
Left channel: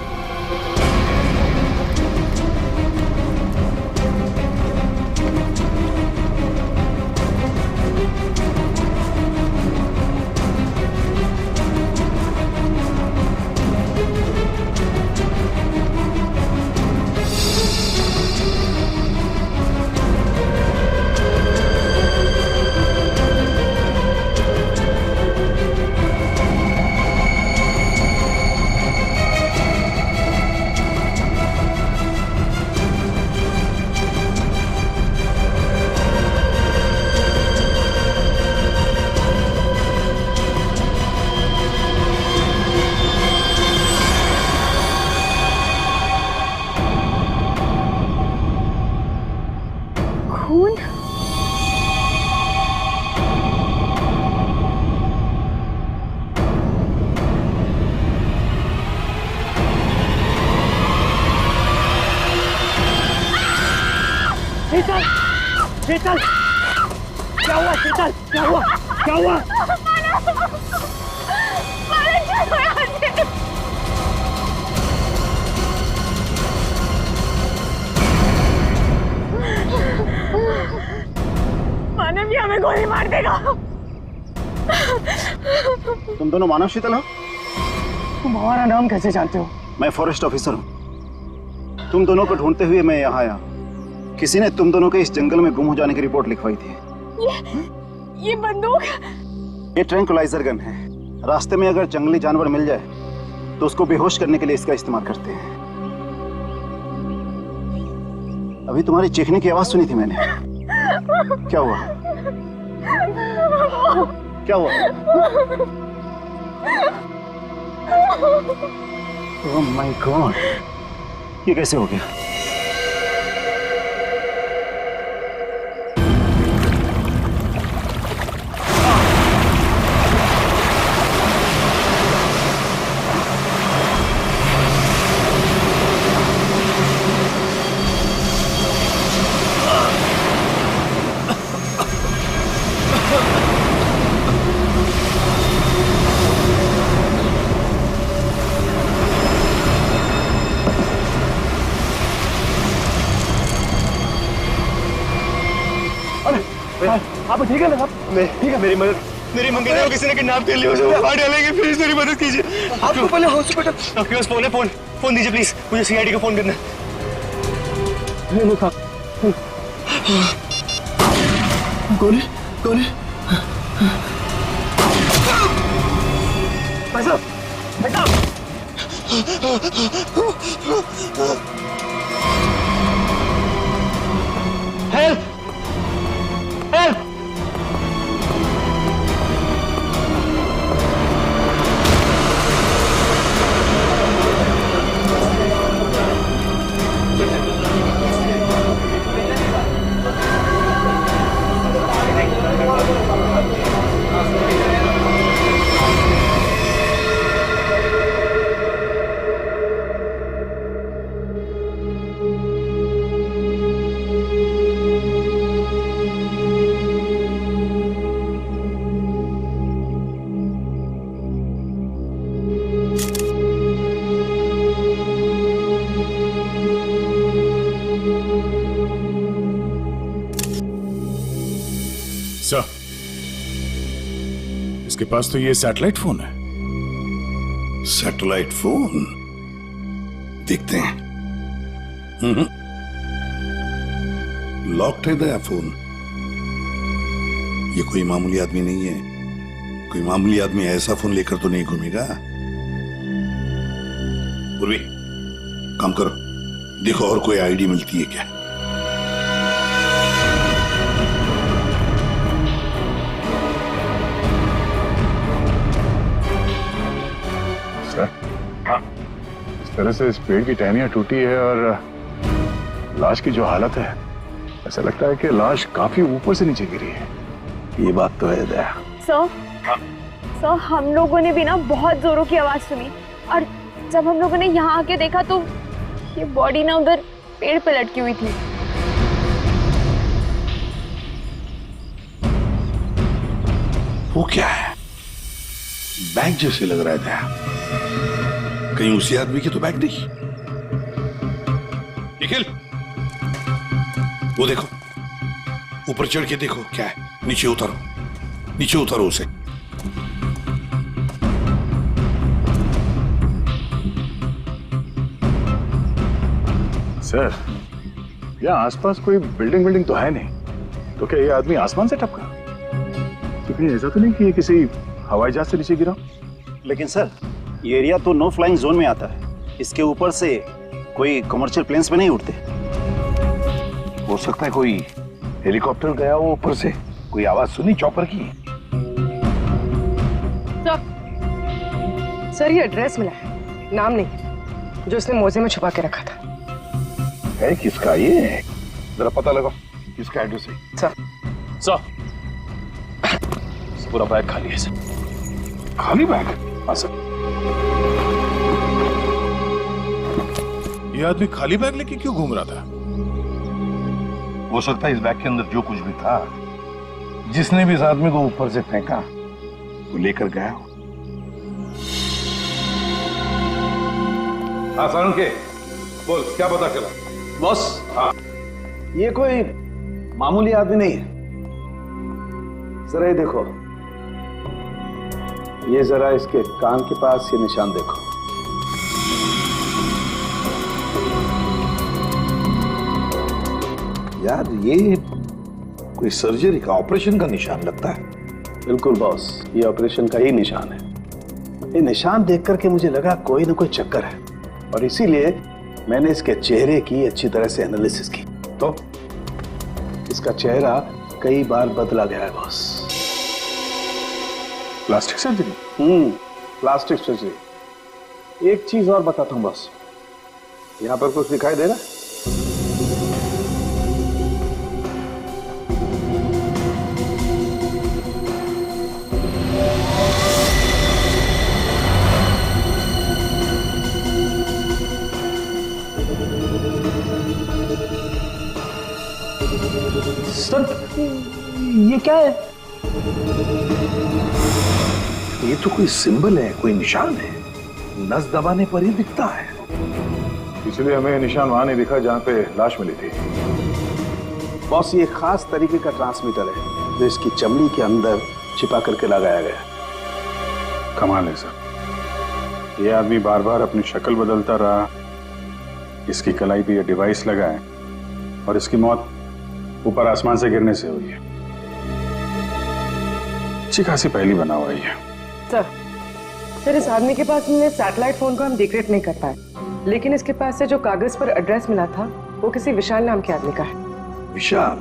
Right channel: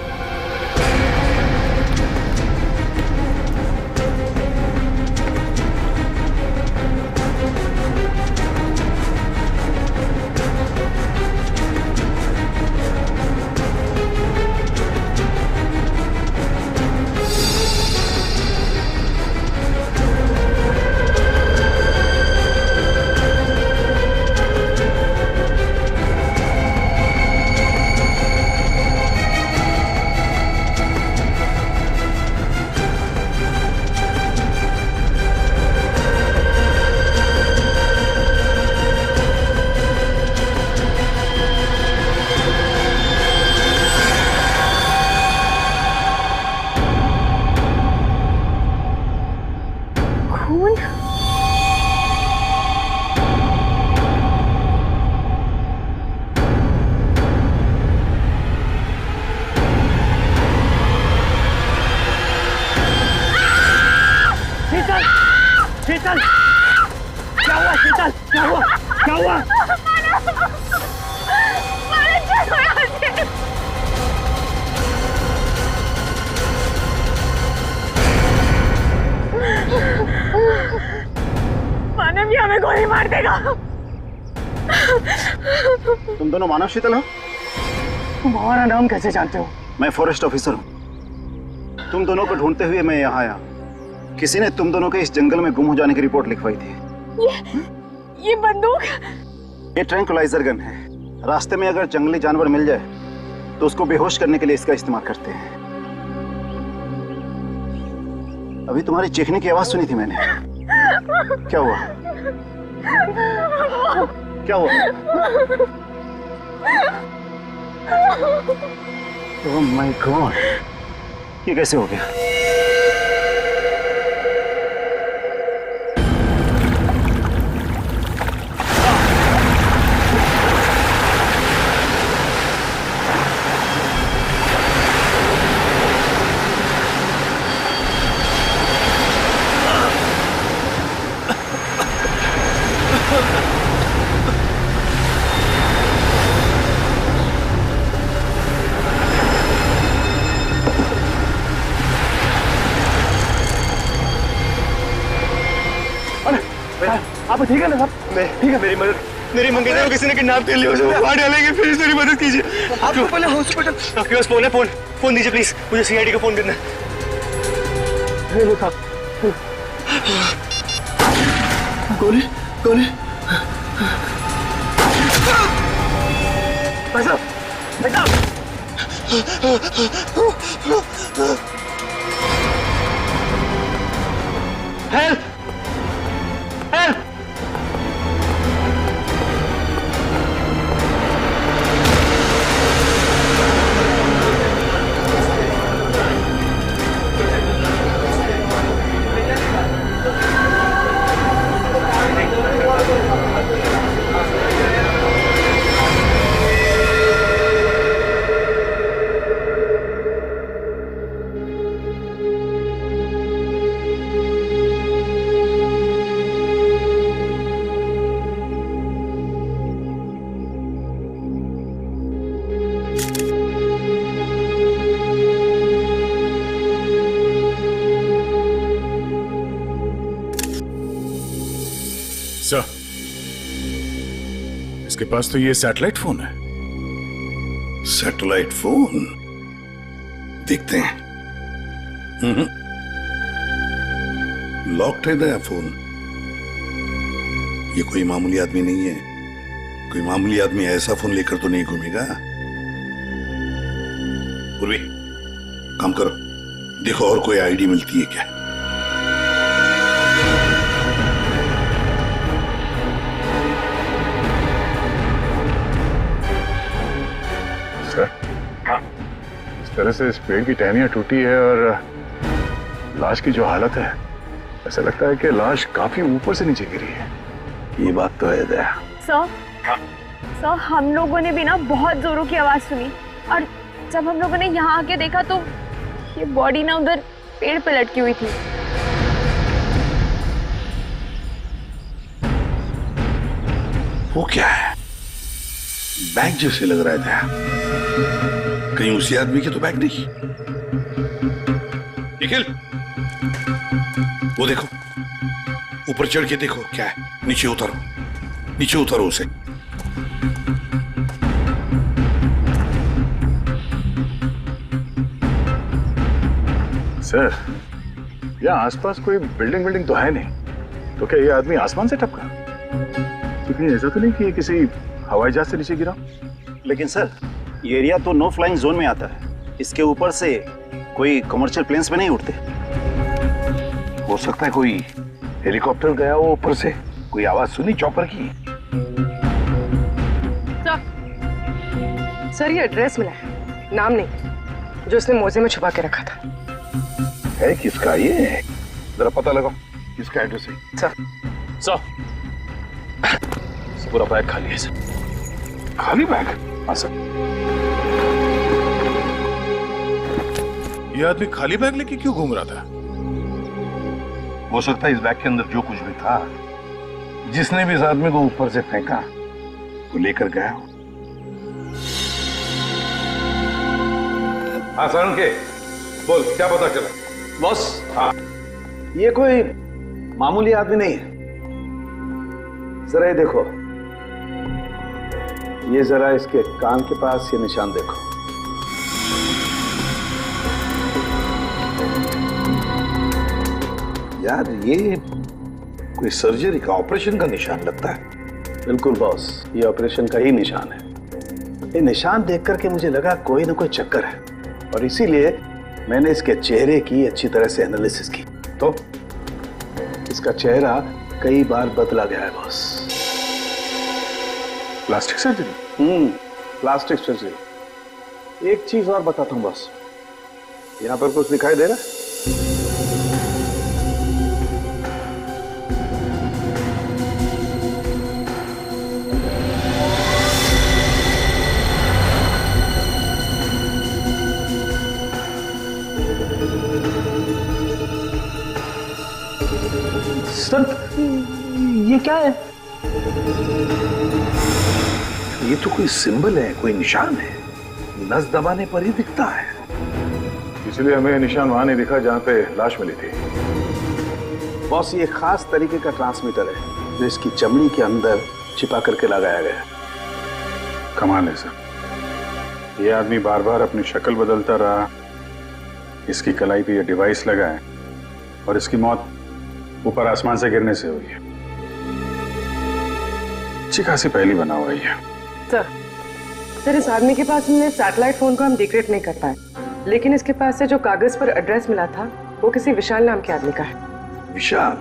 खून? शीतल, शीतल, क्या हुआ? शीतल, क्या हुआ? क्या हुआ? मानव, हमें गोली मार देगा। तुम दोनों मानव शीतल हो? तुम हमारा नाम कैसे जानते हो? मैं फॉरेस्ट ऑफिसर हूँ। तुम दोनों को ढूंढते हुए मैं यहाँ आया। किसी ने तुम दोनों के इस जंगल में गुम हो जाने की रिपोर्ट लिखवाई थी। ये बंदूक? ये ट्रैंकुलाइजर गन है। रास्ते में अगर जंगली जानवर मिल जाए तो उसको बेहोश करने के लिए इसका इस्तेमाल करते हैं। अभी तुम्हारी चीखने की आवाज सुनी थी मैंने। क्या हुआ? क्या हुआ? ओह माय गॉड, ये कैसे हो गया? आप ठीक है ना साहब? ठीक है। मेरी मंगेतर को किसी ने किडनैप कर लिया, उसे मार डालेंगे, प्लीज मेरी मदद कीजिए। आपको पहले हॉस्पिटल, आपके पास फोन है? फोन दीजिए प्लीज, मुझे सीआईडी को फोन करना है। गोली गोली। भाई साहब, भाई साहब। Help, help. सर, इसके पास तो ये सैटेलाइट फोन है। Satellite phone? देखते हैं। लॉक्ड है नया फोन। ये कोई मामूली आदमी नहीं है। कोई मामूली आदमी ऐसा फोन लेकर तो नहीं घूमेगा। पूर्वी, काम करो, देखो और कोई आईडी मिलती है क्या। इस तरह से इस पेड़ की टहनियां टूटी है और लाश की जो हालत है, ऐसा लगता है कि लाश काफी ऊपर से नीचे गिरी है। ये बात तो है दया। सर, हम लोगों ने भी ना बहुत जोरों की आवाज सुनी और जब हम लोगों ने यहाँ आके देखा तो ये बॉडी ना उधर पेड़ पे लटकी हुई थी। वो क्या है? बैग जैसे लग रहा है दया। कहीं उसी आदमी के तो बैग नहीं। निखिल, वो देखो, ऊपर चढ़ के देखो क्या है। नीचे उतारो, नीचे उतारो उसे। सर, यहाँ आसपास कोई बिल्डिंग तो है नहीं, तो क्या ये आदमी आसमान से टपका? तो कहीं ऐसा तो नहीं कि ये किसी हवाई जहाज से नीचे गिरा? लेकिन सर, ये एरिया तो नो फ्लाइंग जोन में आता है। इसके ऊपर से कोई कमर्शियल प्लेन्स पे नहीं उड़ते। हो सकता है कोई हेलीकॉप्टर गया हो ऊपर से। कोई आवाज सुनी चॉपर की? सर, ये एड्रेस मिला है, नाम नहीं, जो इसने मोजे में छुपा के रखा था। है किसका ये? जरा पता लगाओ किसका एड्रेस है। सर, पूरा बैग खाली है सर। खाली बैग? हाँ सर। ये आदमी खाली बैग लेके क्यों घूम रहा था? हो सकता है इस बैग के अंदर जो कुछ भी था, जिसने भी इस आदमी को ऊपर से फेंका, वो लेकर गया हो। हाँ सारुण के, बोल क्या पता चला? बॉस, हाँ, ये कोई मामूली आदमी नहीं है। जरा ये देखो, ये जरा इसके कान के पास ये निशान देखो। यार ये कोई सर्जरी का, ऑपरेशन का निशान लगता है। बिल्कुल बॉस, ये ऑपरेशन का ही निशान है। ये निशान देख करके मुझे लगा कोई ना कोई चक्कर है, और इसीलिए मैंने इसके चेहरे की अच्छी तरह से एनालिसिस की, तो इसका चेहरा कई बार बदला गया है boss. Plastic surgery? Plastic surgery. एक चीज और बताता हूं बॉस, यहां पर कुछ दिखाई दे रहा है? सर ये क्या है? ये तो कोई सिंबल है, कोई निशान है, नस दबाने पर ही दिखता है। इसलिए हमें निशान वहां नहीं दिखा जहां पे लाश मिली थी। बॉस ये खास तरीके का ट्रांसमीटर है जो इसकी चमड़ी के अंदर छिपा करके लगाया गया। कमाल है सर, ये आदमी बार बार अपनी शक्ल बदलता रहा, इसकी कलाई पे ये डिवाइस लगा है, और इसकी मौत ऊपर आसमान से गिरने से हुई है। अच्छी खासी पहली बना हुआ है। सर इस आदमी के पास मिले सैटेलाइट फोन को हम डिक्रिप्ट नहीं कर पाए, लेकिन इसके पास से जो कागज पर एड्रेस मिला था वो किसी विशाल नाम के आदमी का है। विशाल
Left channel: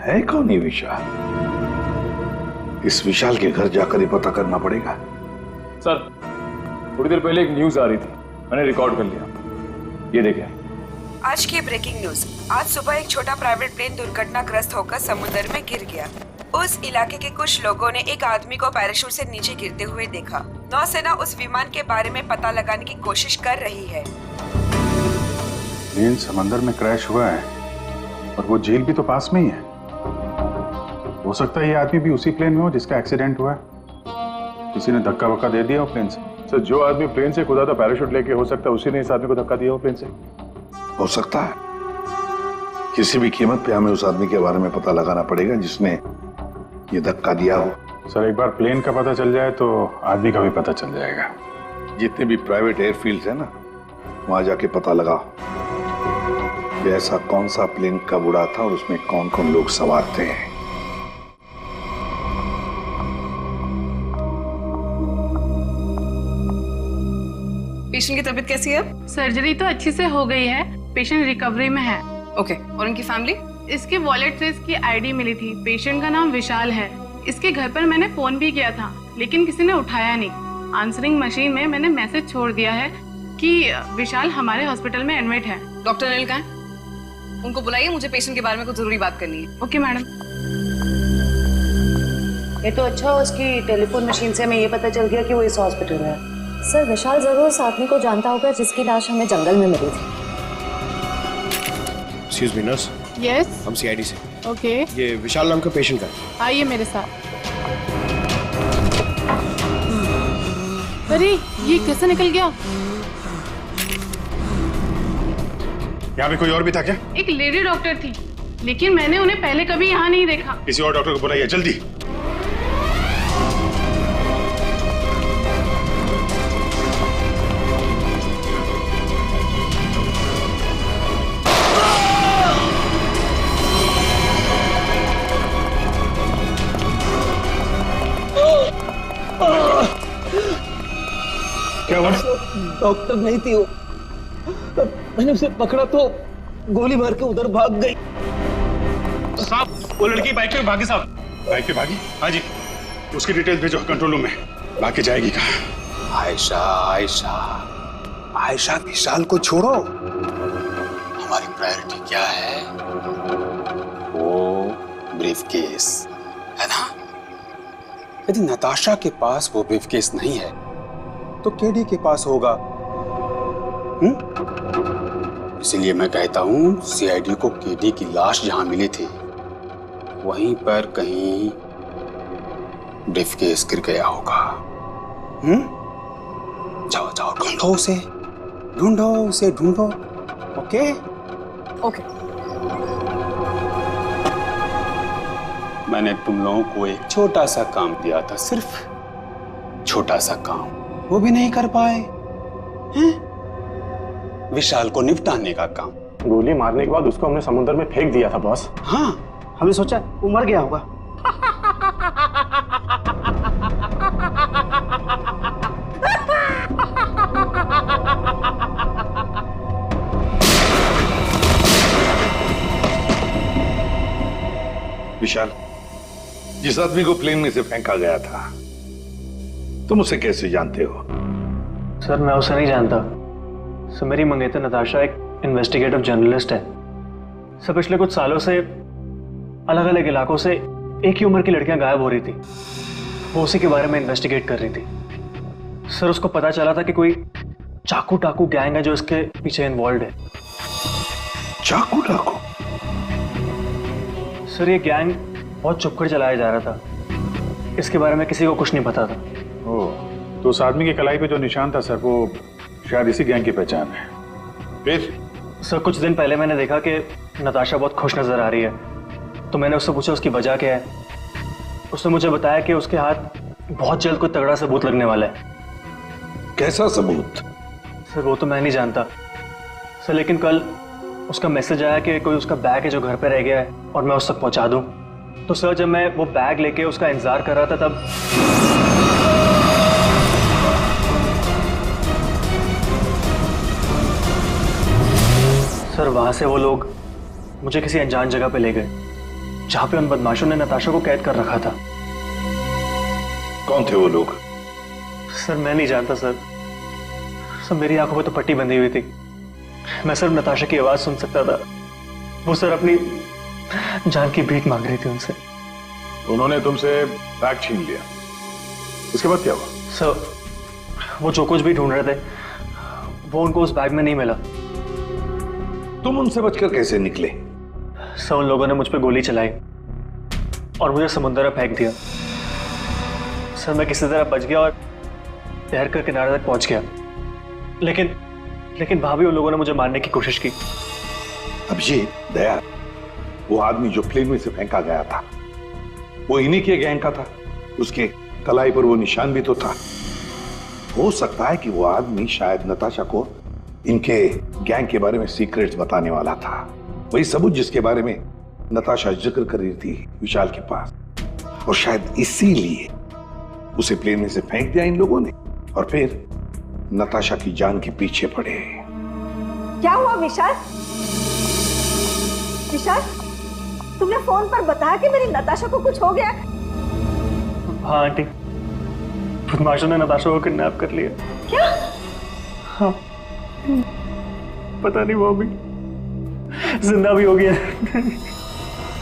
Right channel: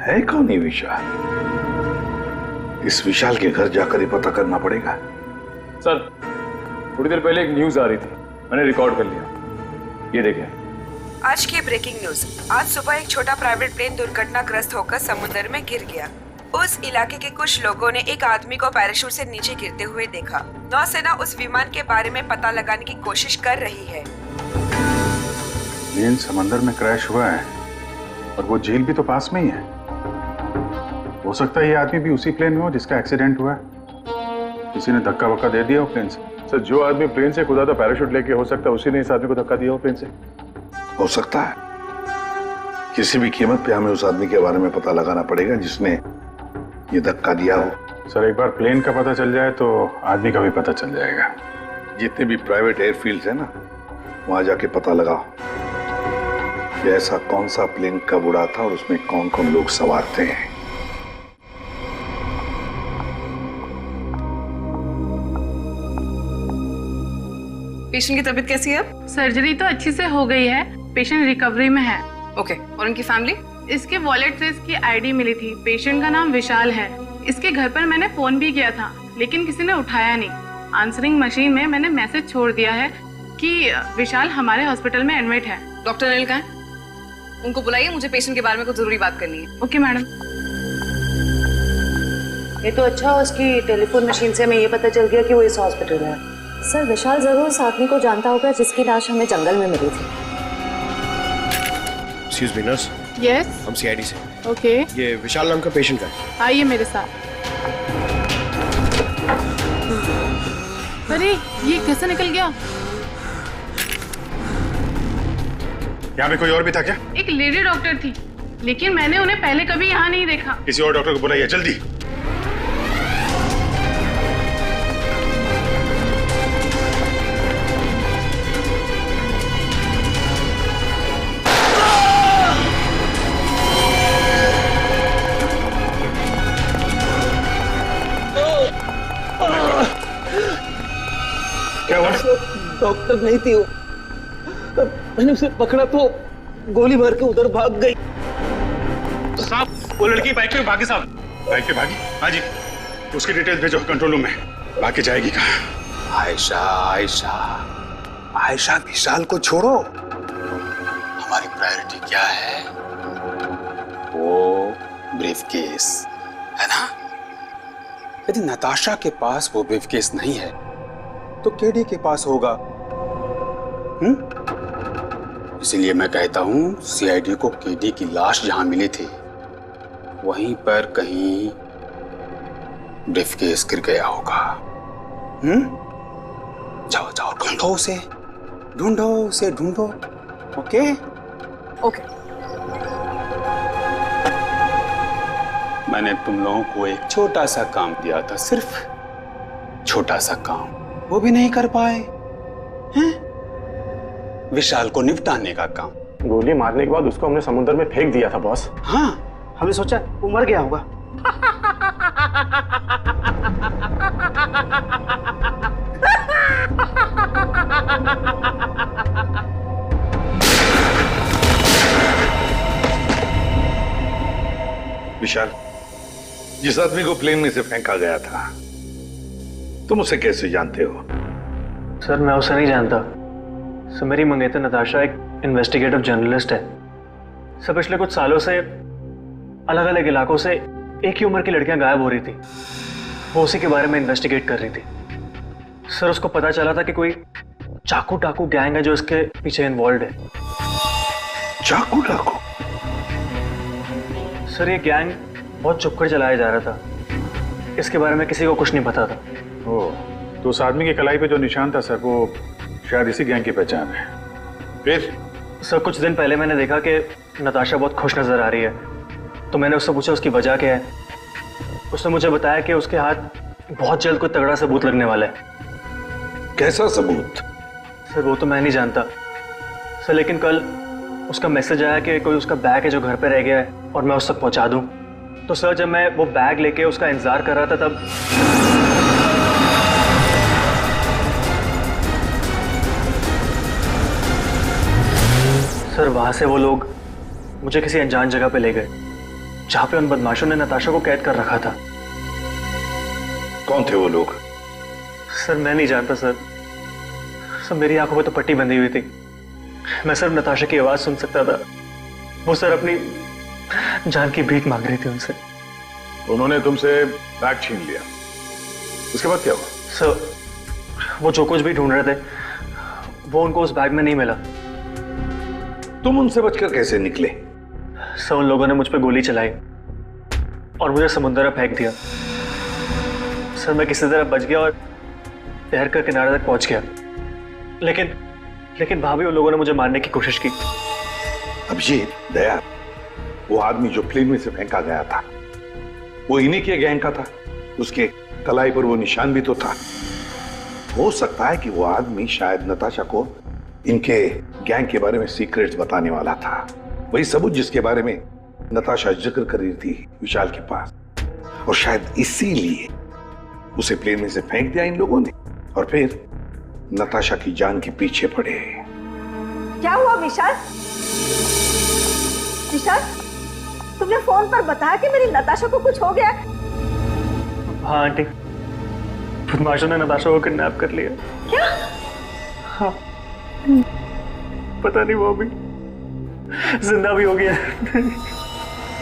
है? कौन है विशाल? इस विशाल के घर जाकर ही पता करना पड़ेगा। सर थोड़ी देर पहले एक न्यूज आ रही थी, मैंने रिकॉर्ड कर लिया, ये देखें। आज की ब्रेकिंग न्यूज। आज सुबह एक छोटा प्राइवेट प्लेन दुर्घटनाग्रस्त होकर समुद्र में गिर गया। उस इलाके के कुछ लोगों ने एक आदमी को पैराशूट से नीचे गिरते हुए देखा। नौसेना उस विमान के बारे में पता लगाने की कोशिश कर रही है। प्लेन समंदर में क्रैश हुआ है और वो झील भी तो पास में ही है। हो सकता है ये आदमी भी उसी प्लेन में हो जिसका एक्सीडेंट हुआ है। किसी ने धक्का वक्का दे दिया हो प्लेन से। सर जो आदमी प्लेन से कूदा था पैराशूट लेके, हो सकता है उसी ने इस आदमी को धक्का दिया हो प्लेन से। हो सकता है। किसी भी कीमत पे हमें उस आदमी के बारे में पता लगाना पड़ेगा जिसने ये धक्का दिया हो। सर एक बार प्लेन का पता चल जाए तो आदमी का भी पता चल जाएगा। जितने भी प्राइवेट एयरफील्ड है ना, वहां जाके पता लगाओ कि ऐसा कौन सा प्लेन कब उड़ा था और उसमें कौन कौन लोग सवार थे। पेशेंट की तबीयत कैसी है? सर्जरी तो अच्छी से हो गई है, पेशेंट रिकवरी में है। ओके, और उनकी फैमिली? इसके वॉलेट से इसकी आईडी मिली थी। पेशेंट का नाम विशाल है। इसके घर पर मैंने फोन भी किया था लेकिन किसी ने उठाया नहीं। आंसरिंग मशीन में मैंने मैसेज छोड़ दिया है कि विशाल हमारे हॉस्पिटल में एडमिट है। डॉक्टर अनिल कहाँ है? उनको बुलाइए, मुझे पेशेंट के बारे में कुछ जरूरी बात करनी है। Okay madam. ये तो अच्छा हो, उसकी टेलीफोन मशीन से हमें ये पता चल गया कि वो इस हॉस्पिटल में है। सर विशाल जरूर उस आदमी को जानता होगा जिसकी लाश हमें जंगल में मिली थी। Excuse me nurse. यस, हम सीआईडी से। ओके। ये विशाल नाम का पेशेंट का है। आइए मेरे साथ। अरे ये कैसे निकल गया? यहाँ पे कोई और भी था क्या? एक लेडी डॉक्टर थी लेकिन मैंने उन्हें पहले कभी यहाँ नहीं देखा। किसी और डॉक्टर को बुलाइए जल्दी। क्या हुआ? डॉक्टर नहीं थी वो, मैंने उसे पकड़ा तो गोली मार के उधर भाग गई। साहब वो लड़की बाइक पे भागी साहब। बाइक पे भागी? हाँ जी। उसकी डिटेल्स भेजो कंट्रोल रूम में। बाकी जाएगी कहाँ? आयशा आयशा आयशा, विशाल को छोड़ो, हमारी प्रायोरिटी क्या है? वो ब्रीफकेस है ना? यदि नताशा के पास वो ब्रीफकेस नहीं है तो केडी के पास होगा। इसीलिए मैं कहता हूं सीआईडी को केडी की लाश जहां मिली थी वहीं पर कहीं ब्रीफकेस गिर गया होगा। जाओ जाओ ढूंढो उसे, ढूंढो उसे, ढूंढो। Okay okay. मैंने तुम लोगों को एक छोटा सा काम दिया था, सिर्फ छोटा सा काम, वो भी नहीं कर पाए हैं? विशाल को निपटाने का काम। गोली मारने के बाद उसको हमने समुद्र में फेंक दिया था बॉस। हाँ, हमने सोचा वो मर गया होगा। विशाल, जिस आदमी को प्लेन में से फेंका गया था, तुम उसे कैसे जानते हो? सर मैं उसे नहीं जानता। सर मेरी मंगेतर नताशा एक इन्वेस्टिगेटिव जर्नलिस्ट है। सर पिछले कुछ सालों से अलग अलग इलाकों से एक ही उम्र की लड़कियां गायब हो रही थी। वो उसी के बारे में इन्वेस्टिगेट कर रही थी। सर उसको पता चला था कि कोई चाकू टाकू गैंग है जो इसके पीछे इन्वॉल्व है। चाकू टाकू? सर ये गैंग बहुत चुपकर चलाया जा रहा था। इसके बारे में किसी को कुछ नहीं पता था। ओह, तो उस आदमी के कलाई पे जो निशान था सर, वो शायद इसी गैंग की पहचान है। फिर? सर कुछ दिन पहले मैंने देखा कि नताशा बहुत खुश नजर आ रही है, तो मैंने उससे पूछा उसकी वजह क्या है। उसने मुझे बताया कि उसके हाथ बहुत जल्द कोई तगड़ा सबूत लगने वाला है। कैसा सबूत? सर वो तो मैं नहीं जानता सर, लेकिन कल उसका मैसेज आया कि कोई उसका बैग है जो घर पे रह गया है और मैं उस तक पहुंचा दूं। तो सर जब मैं वो बैग लेके उसका इंतजार कर रहा था तब सर वहां से वो लोग मुझे किसी अनजान जगह पे ले गए जहां पे उन बदमाशों ने नताशा को कैद कर रखा था। कौन थे वो लोग? सर मैं नहीं जानता सर। सर मेरी आंखों पे तो पट्टी बंधी हुई थी। मैं सिर्फ नताशा की आवाज सुन सकता था। वो सर अपनी जान की भीख मांग रही थी उनसे। उन्होंने तुमसे बैग छीन लिया, उसके बाद क्या हुआ? सर वो जो कुछ भी ढूंढ रहे थे वो उनको उस बैग में नहीं मिला। तुम उनसे बचकर कैसे निकले? सर उन लोगों ने मुझ पर गोली चलाई और मुझे समुद्र में फेंक दिया। सर मैं किसी तरह बच गया और तैरकर किनारे तक पहुंच गया, लेकिन वहां भी उन लोगों ने मुझे मारने की कोशिश की। अभिजीत, दया, वो आदमी जो प्लेन में से फेंका गया था वो इन्हीं के गैंग का था। उसके कलाई पर वो निशान भी तो था। हो सकता है कि वो आदमी शायद नताशा को इनके गैंग के बारे में सीक्रेट्स बताने वाला था। वही सबूत जिसके बारे में नताशा जिक्र कर रही थी विशाल के पास, और शायद इसीलिए उसे प्लेन में से फेंक दिया इन लोगों ने और फिर नताशा की जान के पीछे पड़े। क्या हुआ विशाल? विशाल, तुमने फोन पर बताया कि मेरी नताशा को कुछ हो गया? हाँ आंटी, बदमाशों ने नताशा को किडनैप कर लिया। क्या? हाँ, पता नहीं वो अभी जिंदा भी हो गया।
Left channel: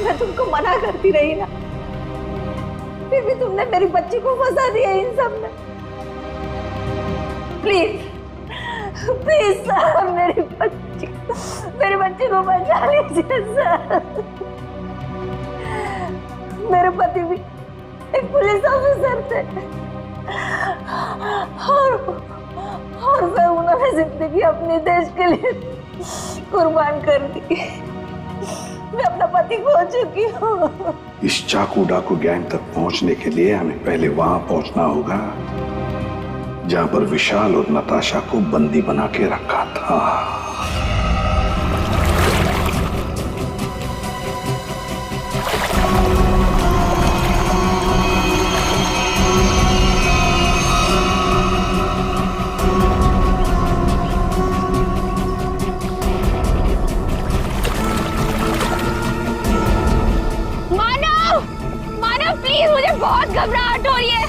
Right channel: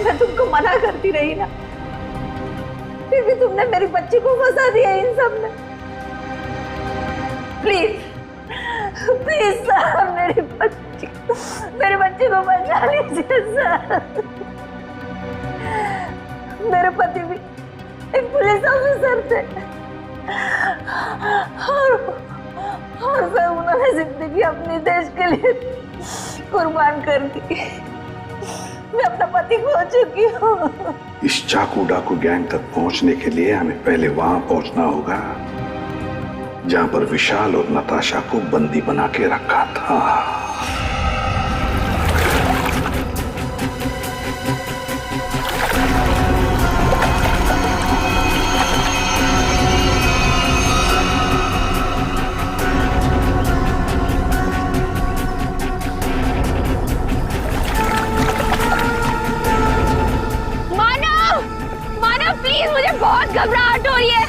मैं तुमको मना करती रही ना, फिर भी तुमने मेरी बच्ची को फंसा दिया इन सब में। प्लीज प्लीज सर, मेरी बच्ची को बचा लीजिए सर। मेरे पति भी एक पुलिस ऑफिसर थे और सर उन्होंने जिंदगी अपने देश के लिए कुर्बान कर दी। मैं अपना पति खो चुकी हूँ। इस चाकू डाकू गैंग तक पहुंचने के लिए हमें पहले वहां पहुंचना होगा जहां पर विशाल और नताशा को बंदी बना के रखा था। प्लीज, मुझे बहुत घबराहट हो रही है।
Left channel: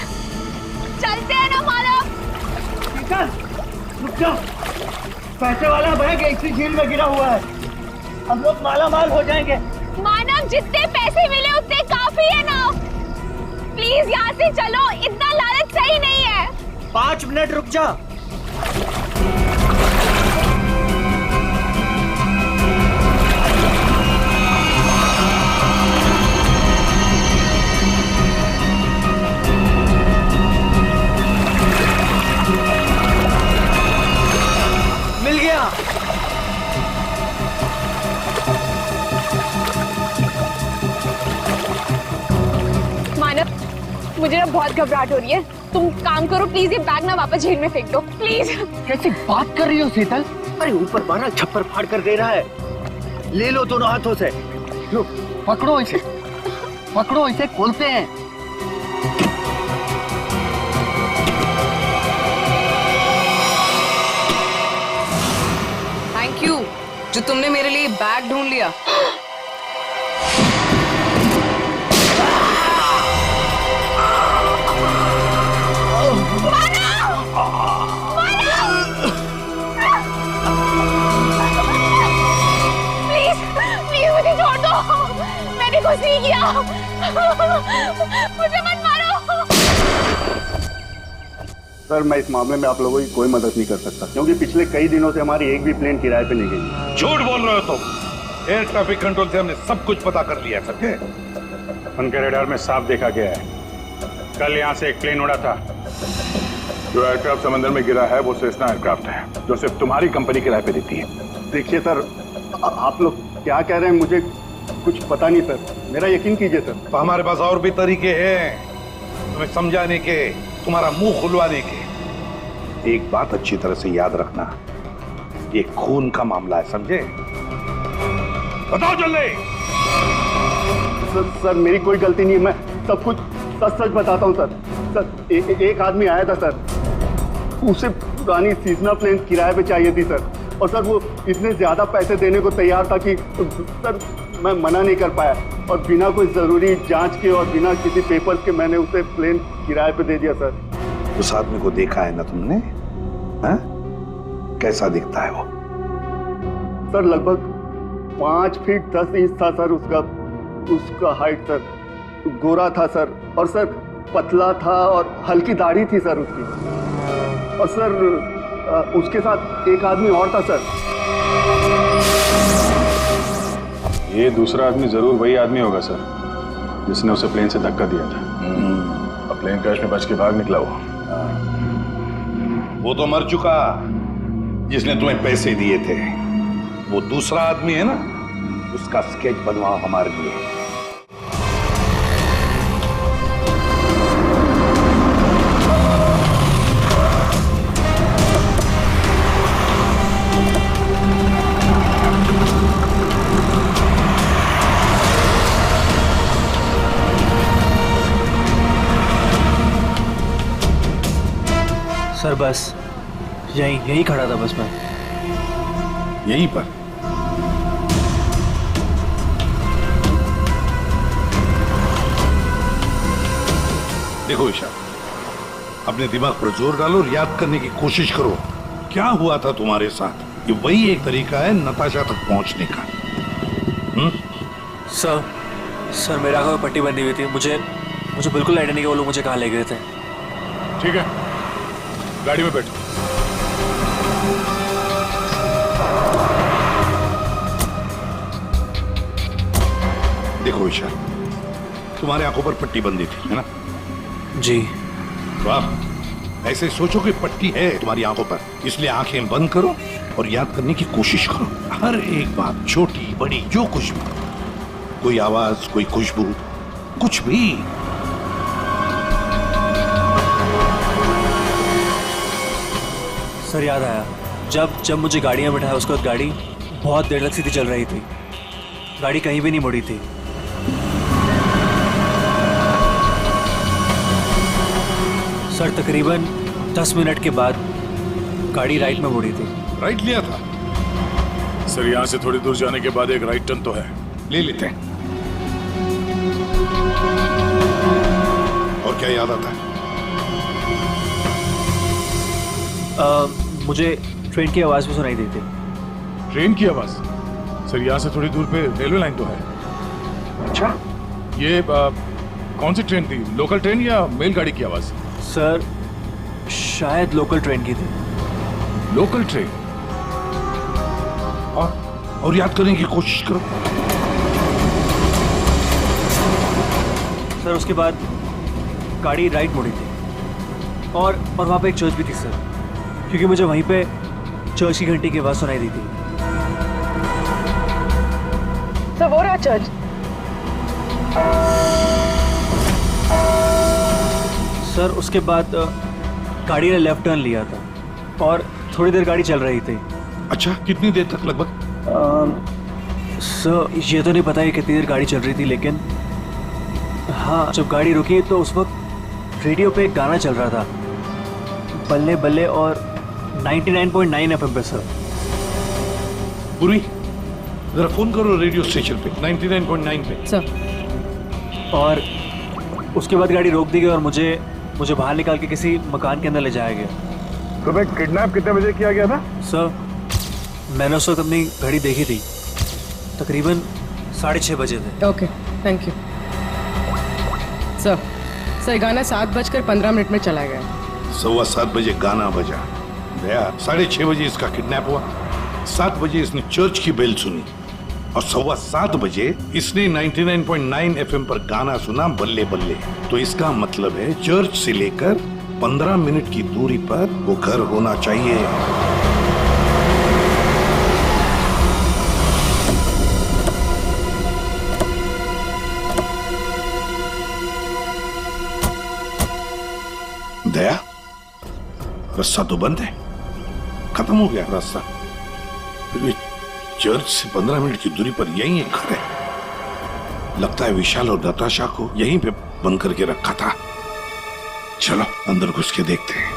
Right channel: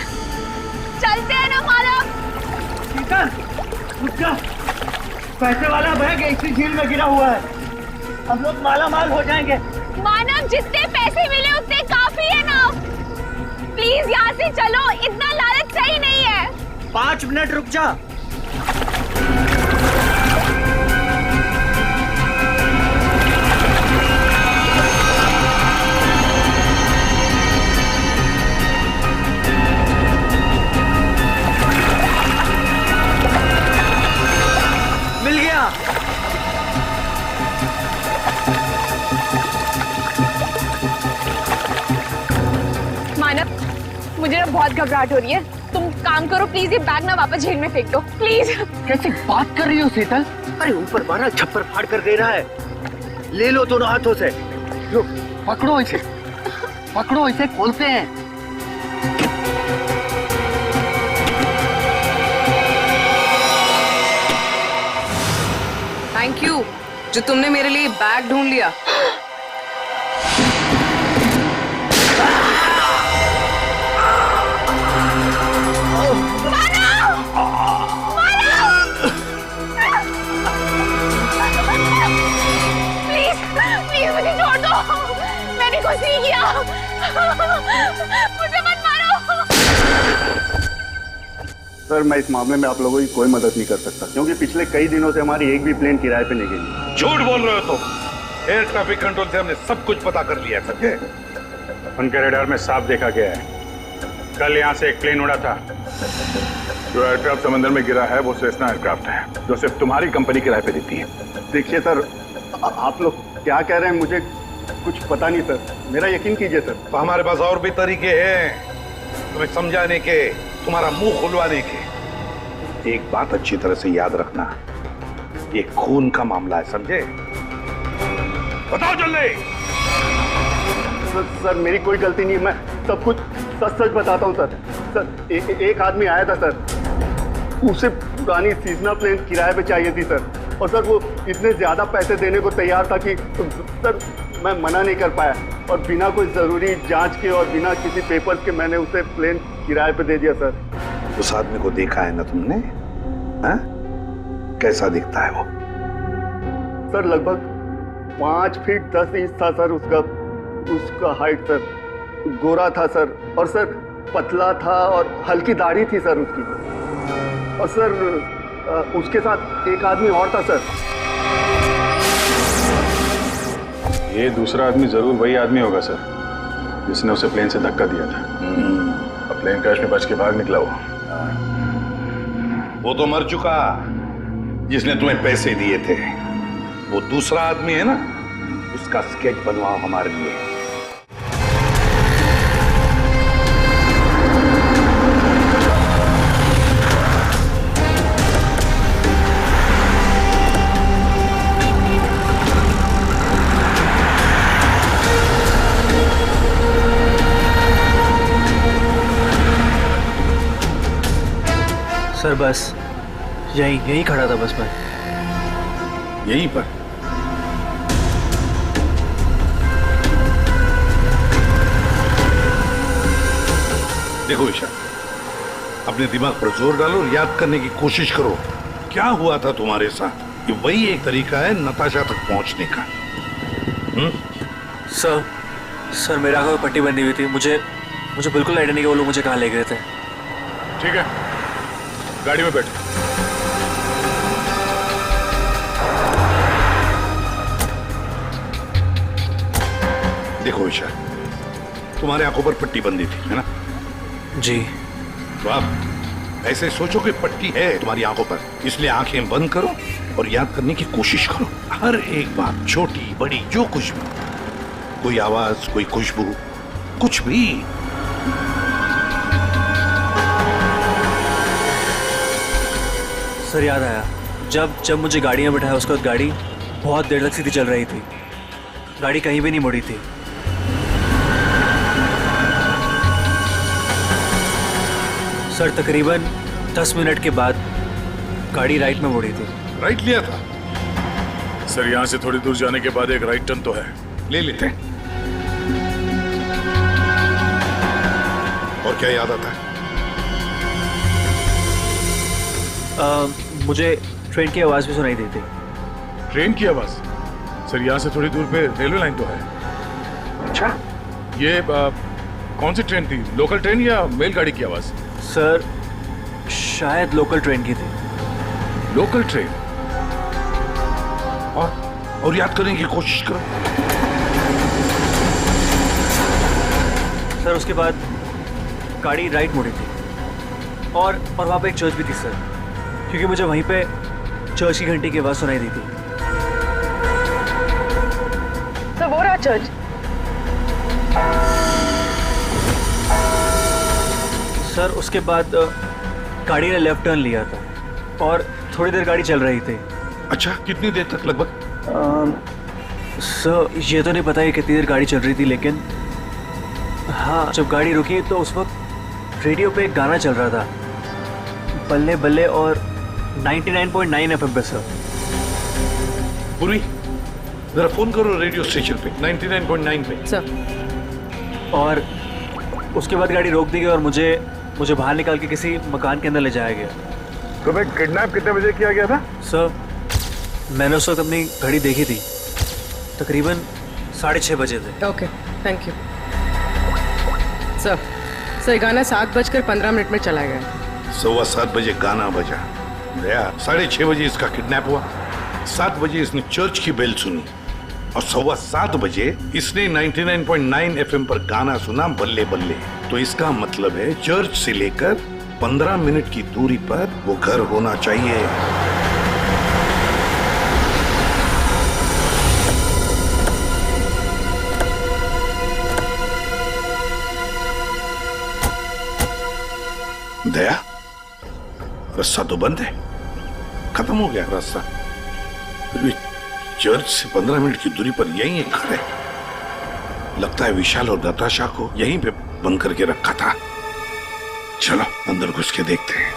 चलते हैं ना मानव। शीतल, रुक जा। पैसे वाला बैग इसी झील में गिरा हुआ है। हम लोग माला माल हो जाएंगे। मानव, जितने पैसे मिले उतने काफी है ना। प्लीज यहाँ से चलो, इतना लालच सही नहीं है। 5 मिनट रुक जा। मिल गया। मुझे ना बहुत घबराहट हो रही है। तुम काम करो प्लीज, ये बैग ना वापस झील में फेंक दो प्लीज। कैसी बात कर रही हो शीतल? अरे ऊपर मारा छप्पर फाड़ कर दे रहा है। ले लो दोनों हाथों से, लो पकड़ो इसे, पकड़ो इसे, खोलते हैं। थैंक यू जो तुमने मेरे लिए बैग ढूंढ लिया। प्लीज मुझे छोड़ दो, मैंने कुछ नहीं किया, मुझे मत मारो। सर मैं इस मामले में आप लोगों की कोई मदद नहीं कर सकता, क्योंकि पिछले कई दिनों से हमारी एक भी प्लेन किराए पे नहीं गई। झूठ बोल रहे हो तुम। एयर ट्रैफिक कंट्रोल से हमने सब कुछ पता कर लिया है, समझे? उनके रडार में साफ देखा गया है, कल यहाँ से एक प्लेन उड़ा था। जो एयरक्राफ्ट समंदर में गिरा है वो सेस्ना एयरक्राफ्ट है, जो सिर्फ तुम्हारी कंपनी किराए पे देती है। देखिए सर, आप लोग क्या कह रहे हैं मुझे कुछ पता नहीं सर, मेरा यकीन कीजिए सर। तो हमारे पास और भी तरीके हैं तुम्हें समझाने के, तुम्हारा मुंह खुलवाने के। एक बात अच्छी तरह से याद रखना, ये खून का मामला है, समझे? बताओ जल्दी। सर मेरी कोई गलती नहीं है, मैं सब कुछ सच सच बताता हूँ सर। सर एक आदमी आया था सर, उसे पुरानी सीजनल प्लेन किराए पे चाहिए थी सर, और सर वो इतने ज्यादा पैसे देने को तैयार था कि सर मैं मना नहीं कर पाया, और बिना कोई जरूरी जांच के और बिना किसी पेपर्स के मैंने उसे प्लेन किराए पे दे दिया सर। उस आदमी को देखा है ना तुमने? हाँ? कैसा दिखता है वो? सर लगभग 5 फीट 10 इंच था सर उसका हाइट सर, गोरा था सर, और सर पतला था और हल्की दाढ़ी थी सर उसकी, और सर उसके साथ एक आदमी और था सर। ये दूसरा आदमी जरूर वही आदमी होगा सर, जिसने उसे प्लेन से धक्का दिया था। अब प्लेन क्रैश में बच के भाग निकला वो तो मर चुका, जिसने तुम्हें पैसे दिए थे। वो दूसरा आदमी है ना, उसका स्केच बनवाओ हमारे लिए। सर बस यहीं खड़ा था बस मैं। यहीं पर? देखो ईशा, अपने दिमाग पर जोर डालो और याद करने की कोशिश करो, क्या हुआ था तुम्हारे साथ। ये वही एक तरीका है नताशा तक पहुंचने का। सर मेरे आंखों में पट्टी बंधी हुई थी, मुझे बिल्कुल आइडिया नहीं कि वो लोग मुझे कहाँ ले गए थे। ठीक है, गाड़ी में बैठो। देखो ईशा, तुम्हारे आंखों पर पट्टी बंधी थी, है ना? जी। तो आप ऐसे सोचो कि पट्टी है तुम्हारी आंखों पर, इसलिए आंखें बंद करो और याद करने की कोशिश करो। हर एक बात, छोटी बड़ी, जो कुछ भी, कोई आवाज, कोई खुशबू, कुछ भी। सर याद आया, जब मुझे गाड़ी में बिठाया उसके बाद गाड़ी बहुत देर तक सीधी चल रही थी, गाड़ी कहीं भी नहीं मुड़ी थी। सर तकरीबन 10 मिनट के बाद गाड़ी राइट में मुड़ी थी। राइट लिया था? सर यहाँ से थोड़ी दूर जाने के बाद एक राइट टर्न तो है, ले लेते हैं। और क्या याद आता है? मुझे ट्रेन की आवाज भी सुनाई दी थी। ट्रेन की आवाज? सर यहाँ से थोड़ी दूर पे रेलवे लाइन तो है। अच्छा, ये कौन सी ट्रेन थी, लोकल ट्रेन या मेलगाड़ी की आवाज? सर शायद लोकल ट्रेन की थी। Local train? और याद करने की कोशिश करो। सर उसके बाद गाड़ी राइट मुड़ी थी, और वहां पे एक चर्च भी थी सर, क्योंकि मुझे वहीं पे चर्च की घंटी की आवाज सुनाई दी थी। सर वो रहा चर्च। सर उसके बाद गाड़ी ने लेफ्ट टर्न लिया था और थोड़ी देर गाड़ी चल रही थी। अच्छा, कितनी देर तक लगभग? सर ये तो नहीं पता है कितनी देर गाड़ी चल रही थी, लेकिन हाँ जब गाड़ी रुकी तो उस वक्त रेडियो पे एक गाना चल रहा था, बल्ले बल्ले, और 99.9 FM पे सर। पूरी जरा फोन करो रेडियो स्टेशन पे 99.9 पे। सर और उसके बाद गाड़ी रोक दी गई और मुझे बाहर निकाल के किसी मकान के अंदर ले जाया गया। तुम्हें किडनैप कितने बजे किया गया था? सर मैंने उस वक्त अपनी घड़ी देखी थी, तकरीबन 6:30 बजे थे। Okay, thank you sir. गाना 7:15 में चला गया। 7:15 बजे गाना बजा, दया 6:30 बजे इसका किडनैप हुआ, 7 बजे इसने चर्च की बेल सुनी और 7:15 बजे इसने 99.9 FM पर गाना सुना, बल्ले बल्ले। तो इसका मतलब है चर्च से लेकर 15 मिनट की दूरी पर वो घर होना चाहिए। दया, रास्ता तो बंद है, खत्म हो गया रास्ता। फिर भी चर्च से 15 मिनट की दूरी पर यही एक घर है। लगता है विशाल और नताशा को यहीं पे बंद करके रखा था। चलो अंदर घुस के देखते हैं।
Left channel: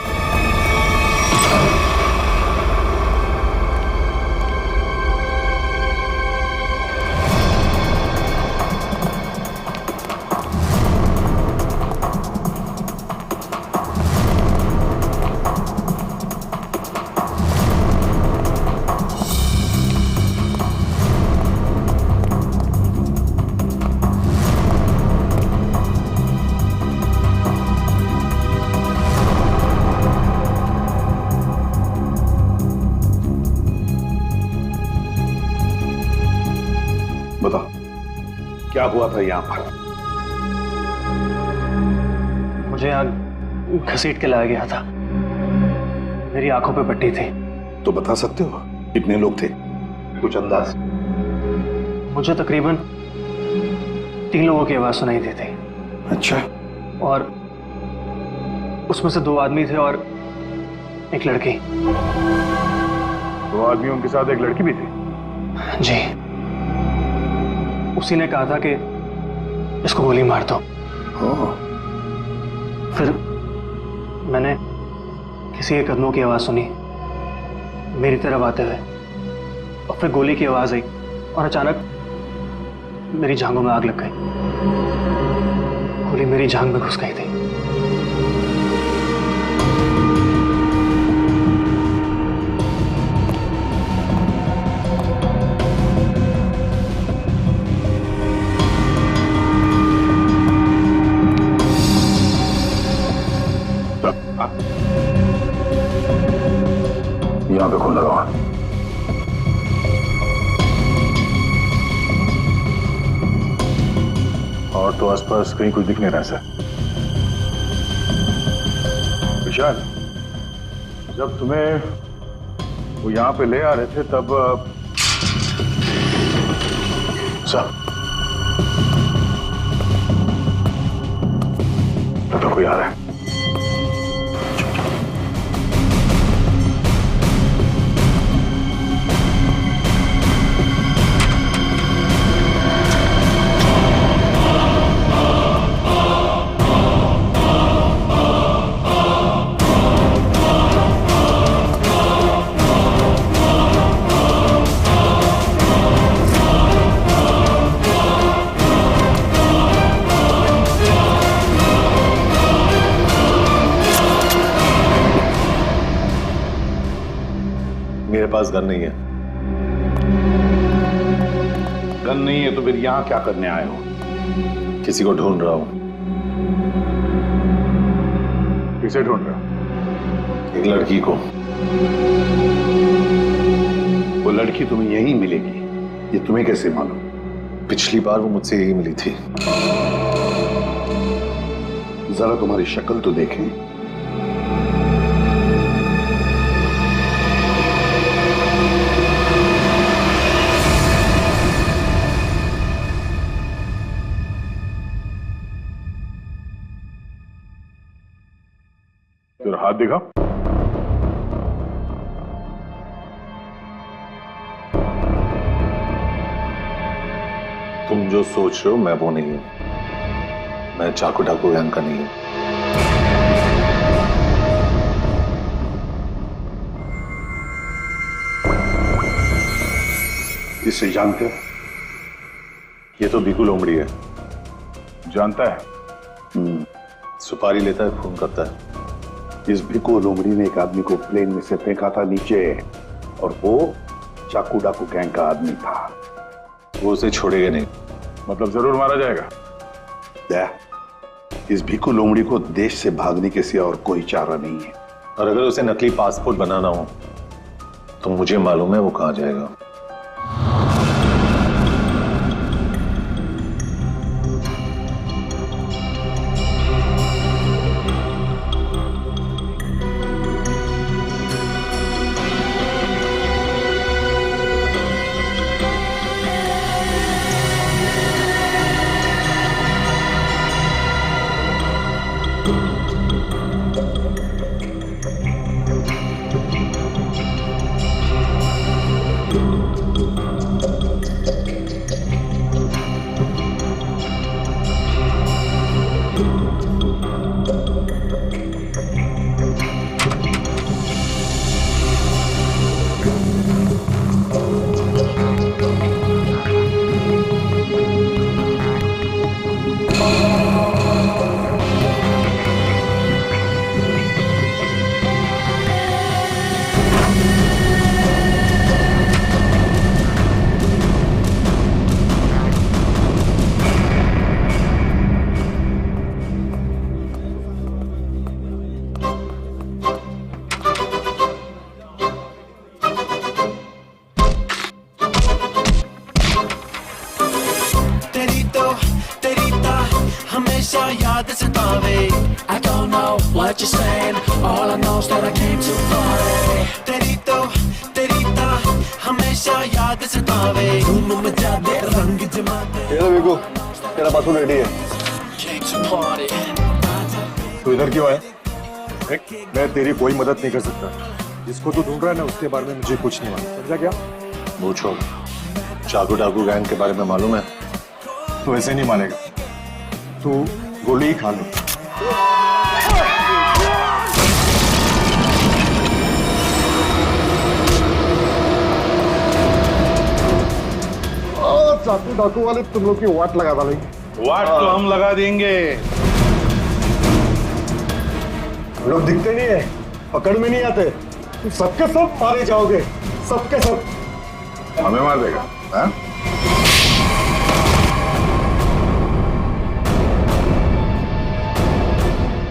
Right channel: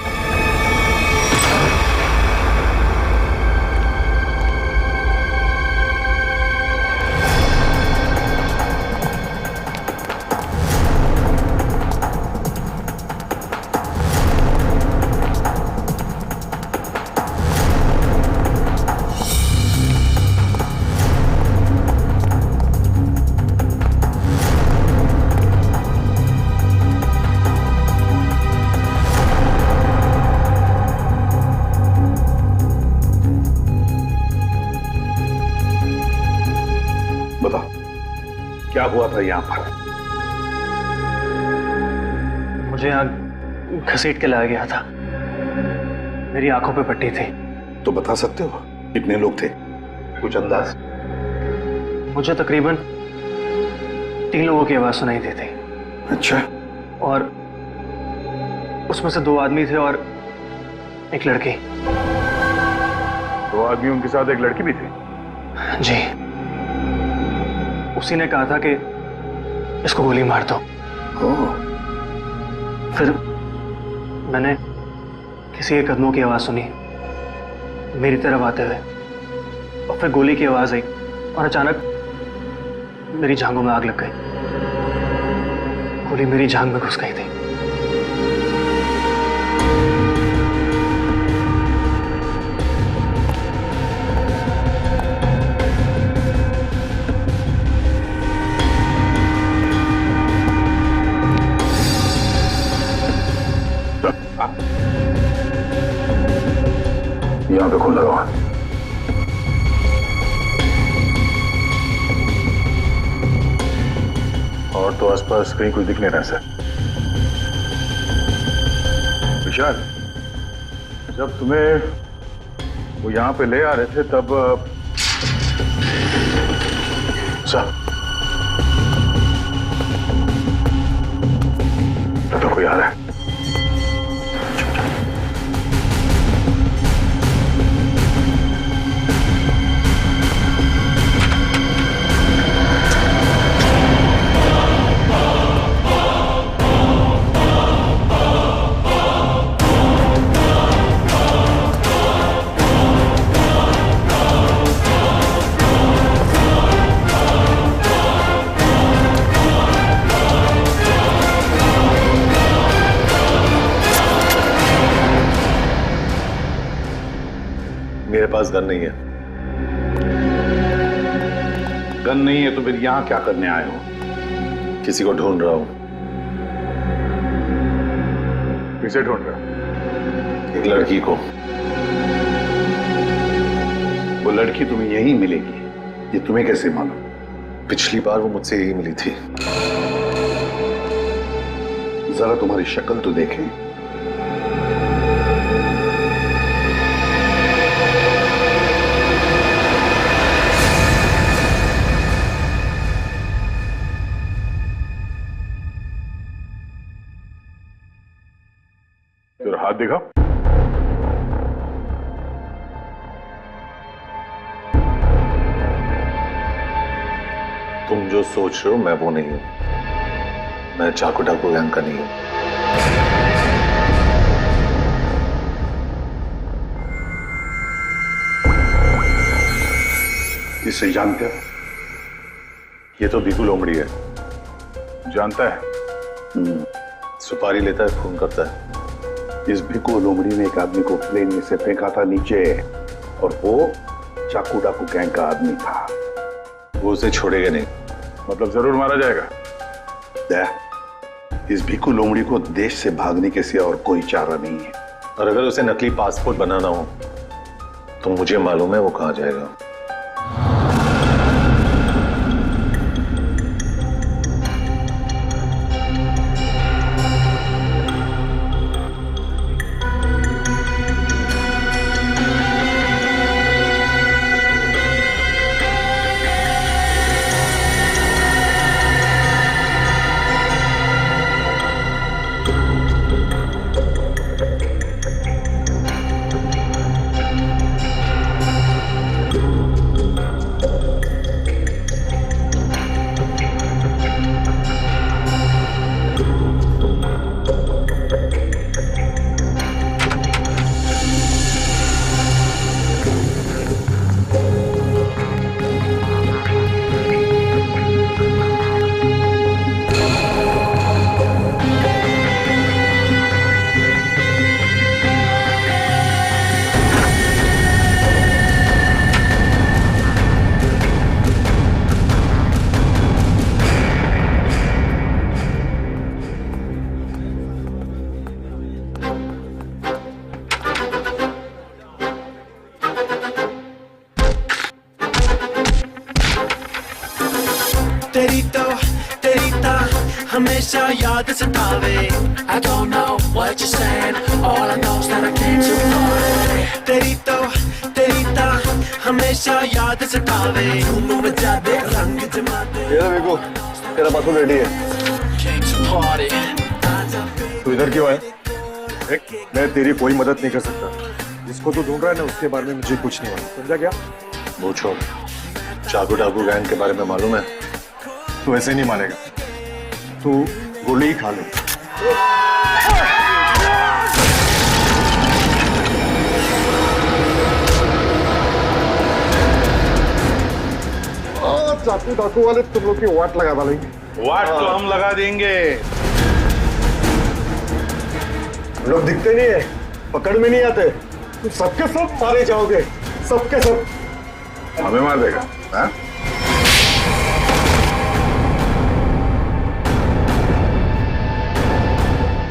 बताओ क्या हुआ था यहाँ पर? मुझे यहाँ घसीट के लाया गया था, मेरी आंखों पे पट्टी थी। तो बता सकते हो कितने लोग थे, कुछ अंदाज? मुझे तकरीबन 3 लोगों की आवाज सुनाई दी थी। अच्छा। और उसमें से 2 आदमी थे और एक लड़की। 2 आदमी, उनके साथ एक लड़की भी थी? जी। उसी ने कहा था कि इसको गोली मार दो। फिर मैंने किसी के कदमों की आवाज सुनी मेरी तरफ आते हुए, और फिर गोली की आवाज आई और अचानक मेरी जांघों में आग लग गई। गोली मेरी जांघ में घुस गई थी। यहाँ पे खून लगा हुआ। और तो आसपास कहीं कुछ दिख नहीं रहा सर। विशाल, जब तुम्हें वो यहाँ पे ले आ रहे थे तब सर तो कोई आ रहा है। मेरे पास गन नहीं है। गन नहीं है तो फिर यहां क्या करने आए हो? किसी को ढूंढ रहा हूं। किसे ढूंढ रहे हो? एक लड़की को। वो लड़की तुम्हें यहीं मिलेगी, ये तुम्हें कैसे मालूम? पिछली बार वो मुझसे यही मिली थी। जरा तुम्हारी शक्ल तो देखें। तेरा हाथ दिखा। तुम जो सोच रहे हो मैं वो नहीं हूं। मैं चाकू डाकू गैंग का नहीं हूं। इसे जानते हो? ये तो भीखू लोमड़ी है। जानता है? सुपारी लेता है, खून करता है। इस भिक्कू लोमड़ी ने एक आदमी को प्लेन में से फेंका था नीचे, और वो चाकू डाकू गैंग का आदमी था। वो उसे छोड़ेगा नहीं। मतलब जरूर मारा जाएगा। इस भिक्कू लोमड़ी को देश से भागने के सिवा और कोई चारा नहीं है। और अगर उसे नकली पासपोर्ट बनाना हो तो मुझे मालूम है वो कहां जाएगा। हमेशा याद सतावे I don't know what you're saying All I know is that I came to party तेरी तो हमेशा याद सतावे धूम मचा दे रंग जमा दे ये लो बिकू, तेरा पासपोर्ट रेडी है। Came to party तू इधर क्यों है? मैं तेरी कोई मदद नहीं कर सकता। जिसको तू ढूंढ रहा है ना उसके बारे में मुझे कुछ नहीं मालूम, समझा क्या? वो छोड़, चाकू डाकू गैंग के बारे में मालूम है? तू ऐसे नहीं मानेगा। तू गोली ही खा ले। चाकू डाकू वाले तुम लोग की वाट लगा डालेंगे। वाट तो हम लगा देंगे। हम लोग दिखते नहीं है, पकड़ में नहीं आते। तुम सबके सब मारे जाओगे, सबके सब। हमें मार देगा? हाँ?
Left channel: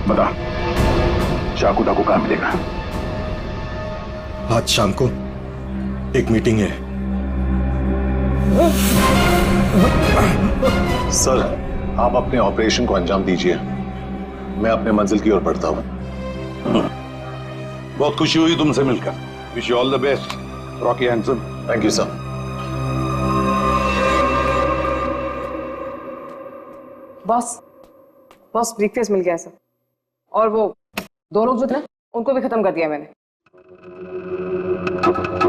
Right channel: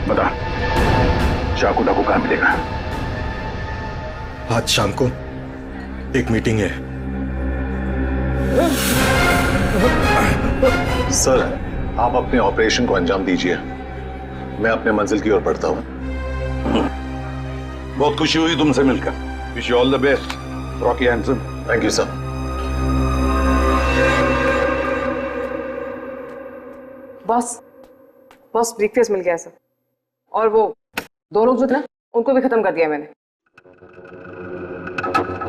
बता, चाकू डाकू कहां मिलेगा? आज शाम को एक मीटिंग है। सर, आप अपने ऑपरेशन को अंजाम दीजिए। मैं अपने मंजिल की ओर बढ़ता हूं। बहुत खुशी हुई तुमसे मिलकर। Wish you all the best, Rocky Handsome. Thank you sir. Boss briefcase मिल गया सर। और वो दो लोग जो थे ना, उनको भी खत्म कर दिया मैंने।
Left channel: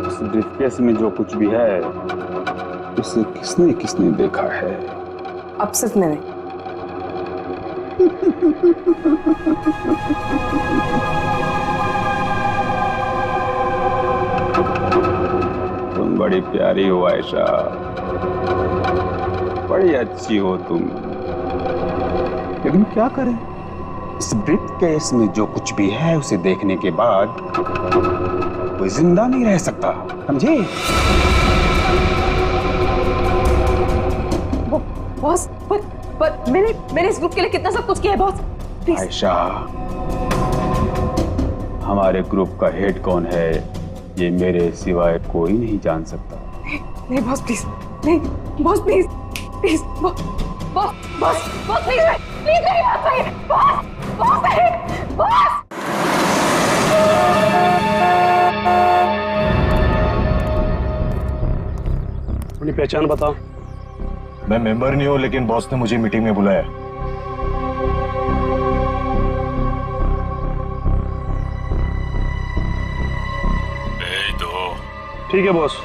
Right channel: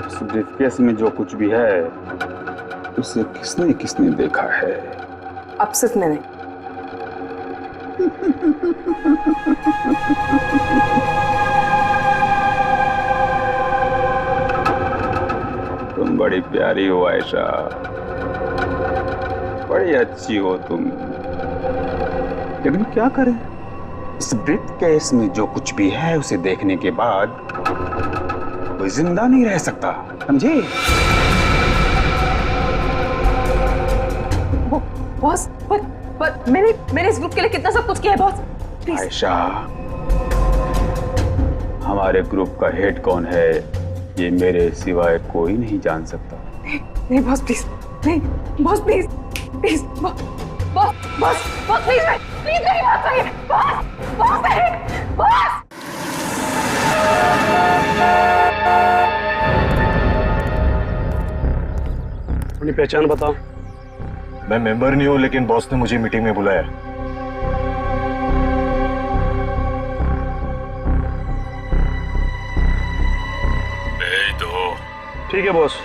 इस ब्रीफकेस में जो कुछ भी है उसे किसने किसने देखा है? अब सिर्फ मैंने। तुम बड़ी प्यारी हो आयशा, बड़ी अच्छी हो तुम, लेकिन क्या करें, इस ब्रीफकेस में जो कुछ भी है उसे देखने के बाद कोई जिंदा नहीं रह सकता, समझे? बॉस, पर मैंने इस ग्रुप के लिए कितना सब कुछ किया है बॉस। प्लीज। आयशा, हमारे ग्रुप का हेड कौन है ये मेरे सिवाय कोई नहीं जान सकता। नहीं बॉस प्लीज, नहीं boss please, please boss please मेरी बात सुनिए। बॉस अपनी पहचान बताओ। मैं मेंबर नहीं हूं, लेकिन बॉस ने मुझे मीटिंग में बुलाया। ठीक है बॉस।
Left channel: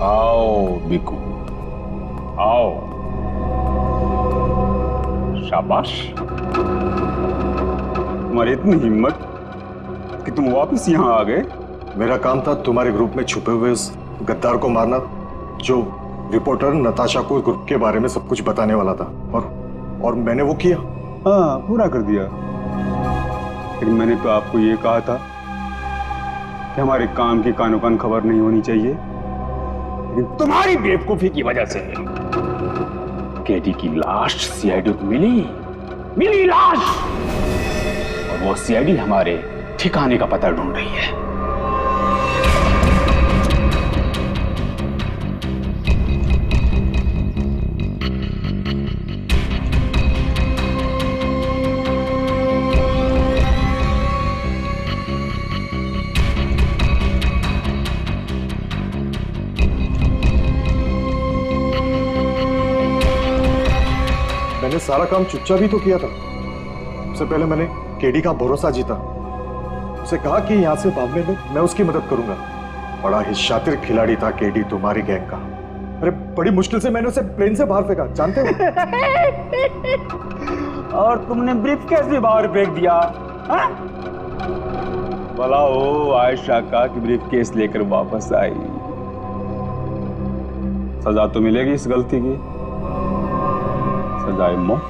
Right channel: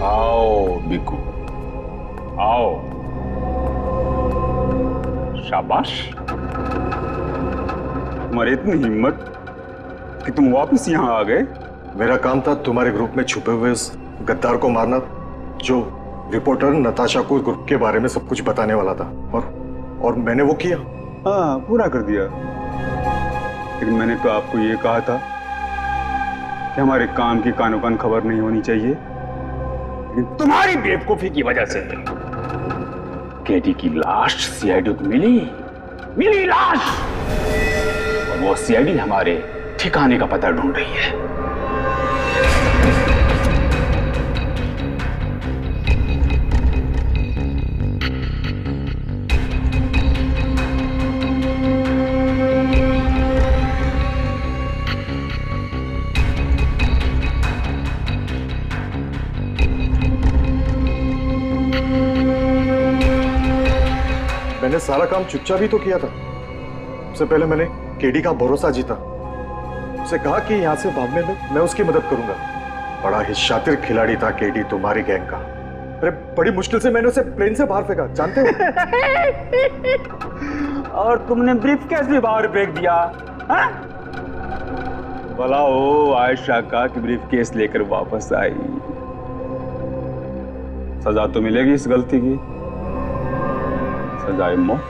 आओ बिकू, आओ। शाबाश, तुम्हारी इतनी हिम्मत कि तुम वापस यहाँ आ गए। मेरा काम था तुम्हारे ग्रुप में छुपे हुए उस गद्दार को मारना, जो रिपोर्टर नताशा को ग्रुप के बारे में सब कुछ बताने वाला था, और मैंने वो किया। हाँ, पूरा कर दिया। लेकिन मैंने तो आपको ये कहा था कि हमारे काम की कानो कान खबर नहीं होनी चाहिए। लेकिन तुम्हारी बेवकूफी की वजह से केटी की लाश सीआईडी को मिली लाश, और वो सीआईडी हमारे ठिकाने का पता ढूंढ रही है। मैंने सारा काम चुपचाप ही तो किया था। सबसे पहले मैंने केडी का भरोसा जीता, उसे कहा कि यहां से भागने में मैं उसकी मदद करूंगा। बड़ा ही शातिर खिलाड़ी था केडी तुम्हारी गैंग का। अरे बड़ी मुश्किल से मैंने उसे प्लेन से बाहर फेंका, जानते हो? और तुमने ब्रीफकेस भी बाहर फेंक दिया। भला हो आयशा का कि ब्रीफकेस लेकर वापस आई। सजा तो मिलेगी इस गलती की, सजाए मौत।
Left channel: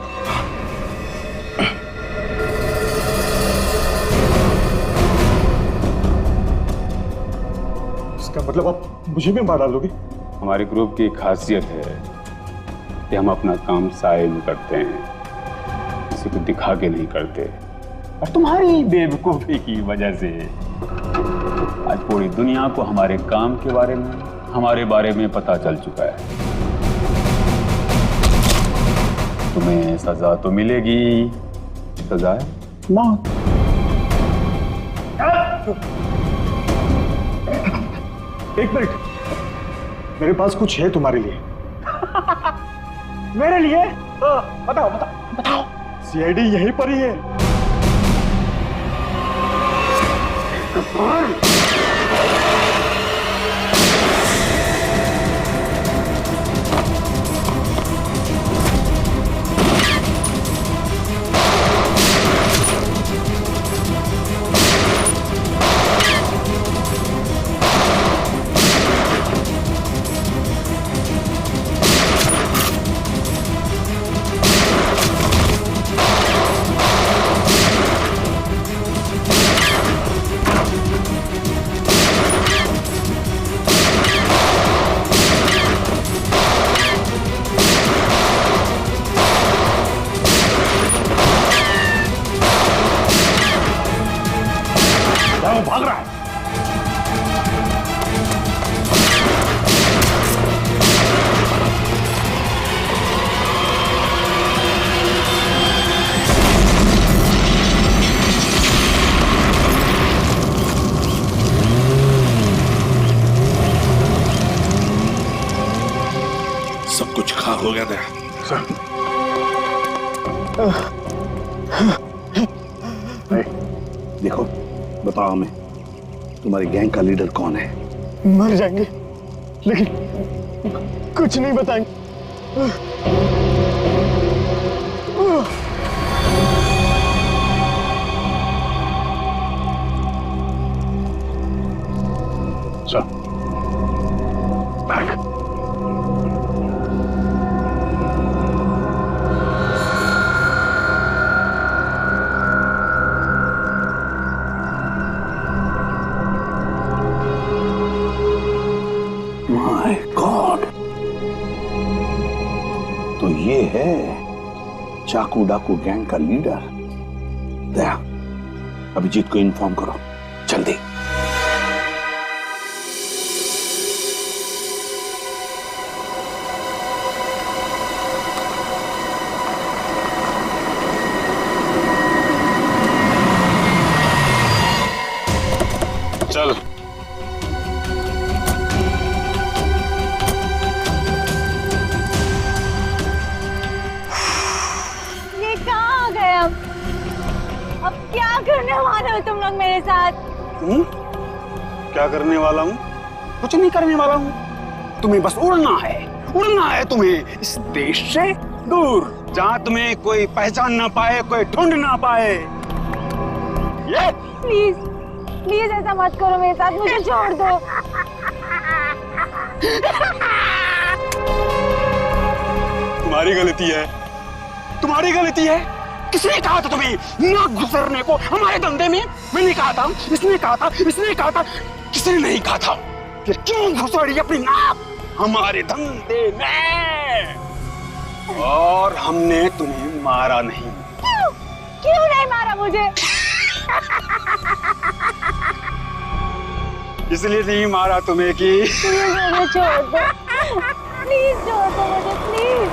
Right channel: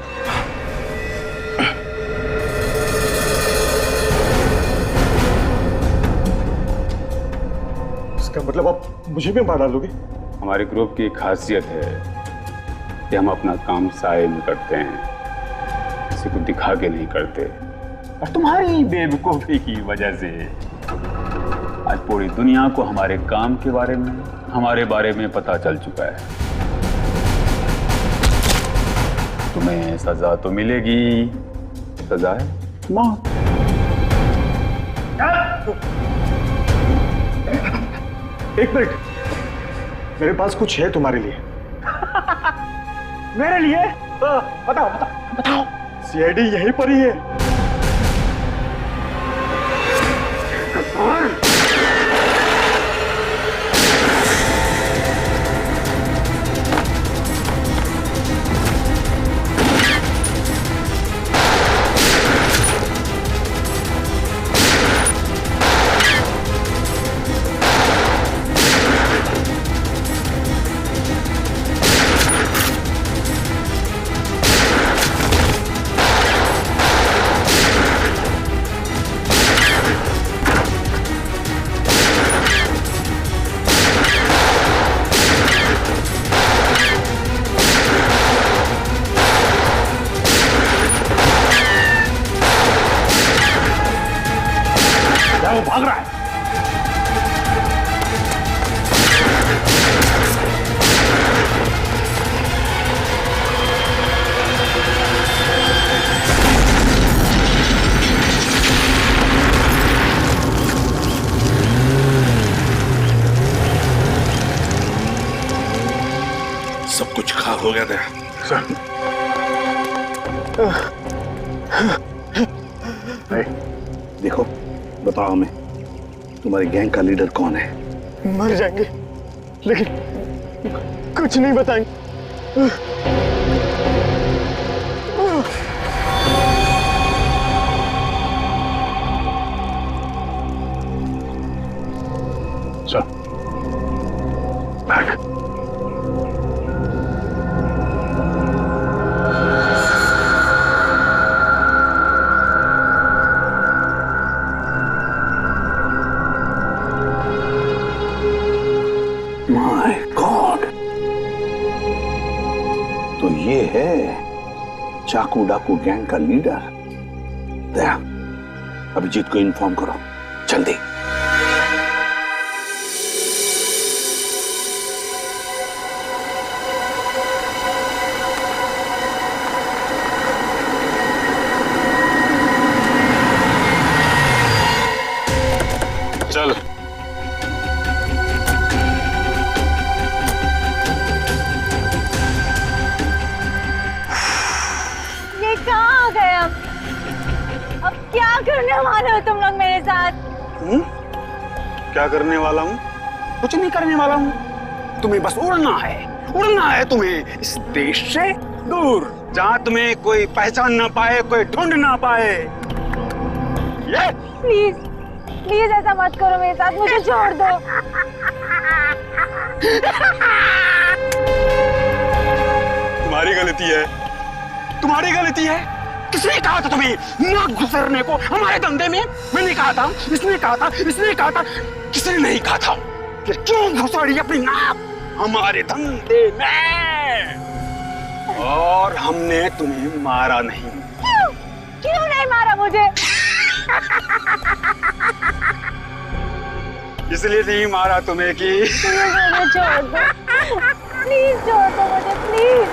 इसका मतलब आप मुझे भी मार डालोगे? हमारे ग्रुप की खासियत है कि हम अपना काम साए में करते हैं, किसी को दिखा के नहीं करते। और तुम्हारी बेवकूफी की वजह से आज पूरी दुनिया को हमारे काम के बारे में, हमारे बारे में पता चल चुका है। तुम्हें सजा तो मिलेगी, सजा है मौत। एक मिनट, मेरे पास कुछ है तुम्हारे लिए। मेरे लिए? बताओ बताओ बताओ। सीआईडी यहीं पर ही है। वो भाग रहा है। सब कुछ खाक हो गया था। देखो, बताओ हमें, तुम्हारी गैंग का लीडर कौन है? मर जाएंगे, लेकिन कुछ नहीं बताएंगे। चल भाग। माय गॉड, तो ये है चाकू डाकू गैंग का लीडर। दया, अभिजीत को इन्फॉर्म करो जल्दी। चल। करने वाले हो तुम लोग मेरे साथ? क्या करने वाला हूँ? कुछ नहीं करने वाला हूँ। तुम्हें बस उड़ना है तुम्हें इस देश से दूर, जहाँ तुम्हें कोई पहचान ना पाए, कोई ढूंढ ना पाए। ये प्लीज प्लीज ऐसा मत करो मेरे साथ, मुझे छोड़ दो। तुम्हारी गलती है। किसने कहा था तुम्हें ना घुसरने को हमारे धंधे में? मैंने कहा था, इसने कहा था, किसने नहीं कहा था? फिर क्यों घुसड़ी अपनी नाक हमारे धंधे में? और हमने तुम्हें मारा नहीं। क्यों नहीं मारा मुझे? इसलिए नहीं मारा तुम्हें कि मुझे छोड़ दो, प्लीज छोड़ दो मुझे, प्लीज।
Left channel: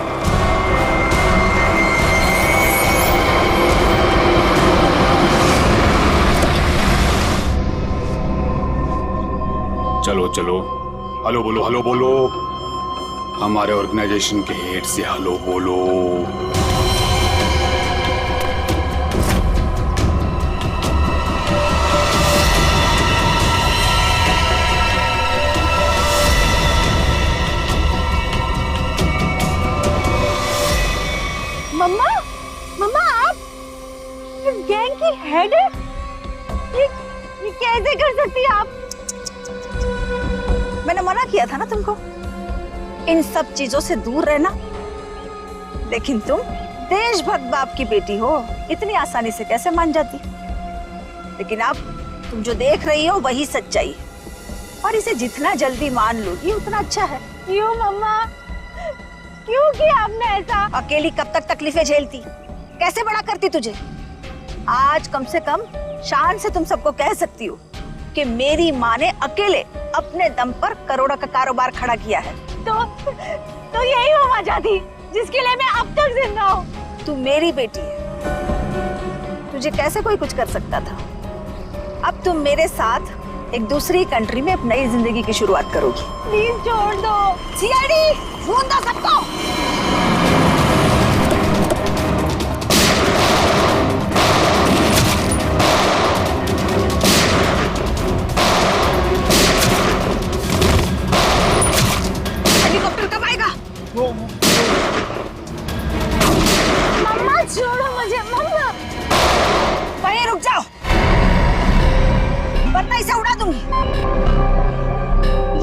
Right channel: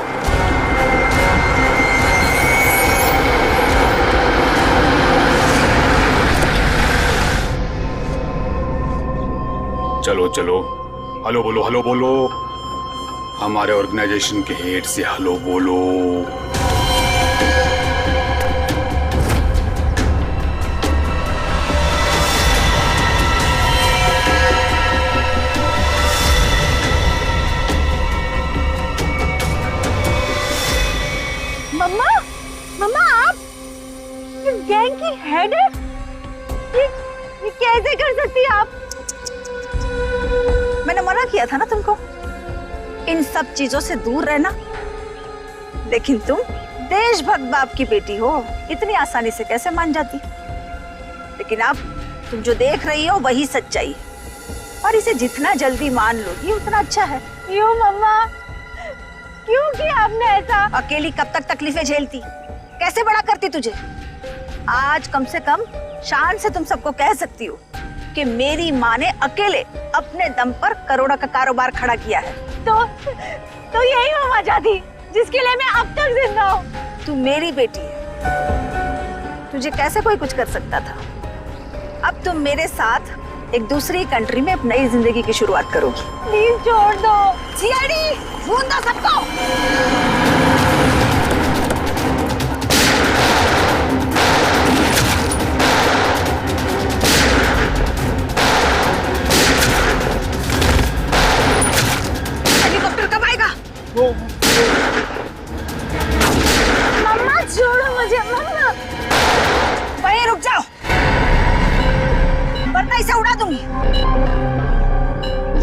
चलो हेलो बोलो। हमारे ऑर्गेनाइजेशन के हेड से हेलो बोलो। मम्मा आप इस गैंग की हेड है? ये कैसे कर सकती है आप? मैंने मना किया था ना तुमको इन सब चीजों से दूर रहना, लेकिन तुम देशभक्त बाप की बेटी हो, इतनी आसानी से कैसे मान जाती? लेकिन अब तुम जो देख रही हो वही सच्चाई है, और इसे जितना जल्दी मान लोगी उतना अच्छा है। क्यों मम्मा, क्यों किया आपने ऐसा? अकेली कब तक तकलीफें झेलती? कैसे बड़ा करती तुझे? आज कम से कम शान से तुम सबको कह सकती हो कि मेरी माँ ने अकेले अपने दम पर करोड़ों का कारोबार खड़ा किया है। तो यही वो वजह थी जिसके लिए मैं अब तक जिंदा हूँ। तू मेरी बेटी है, तुझे कैसे कोई कुछ कर सकता था? अब तुम मेरे साथ एक दूसरी कंट्री में अपनी नई जिंदगी की शुरुआत करोगी। प्लीज छोड़ दो। सीआईडी ढूंढ दो सबको। मम्मा छोड़ो मुझे, मम्मा। वहीं रुक जाओ, वरना इसे उड़ा दूंगी।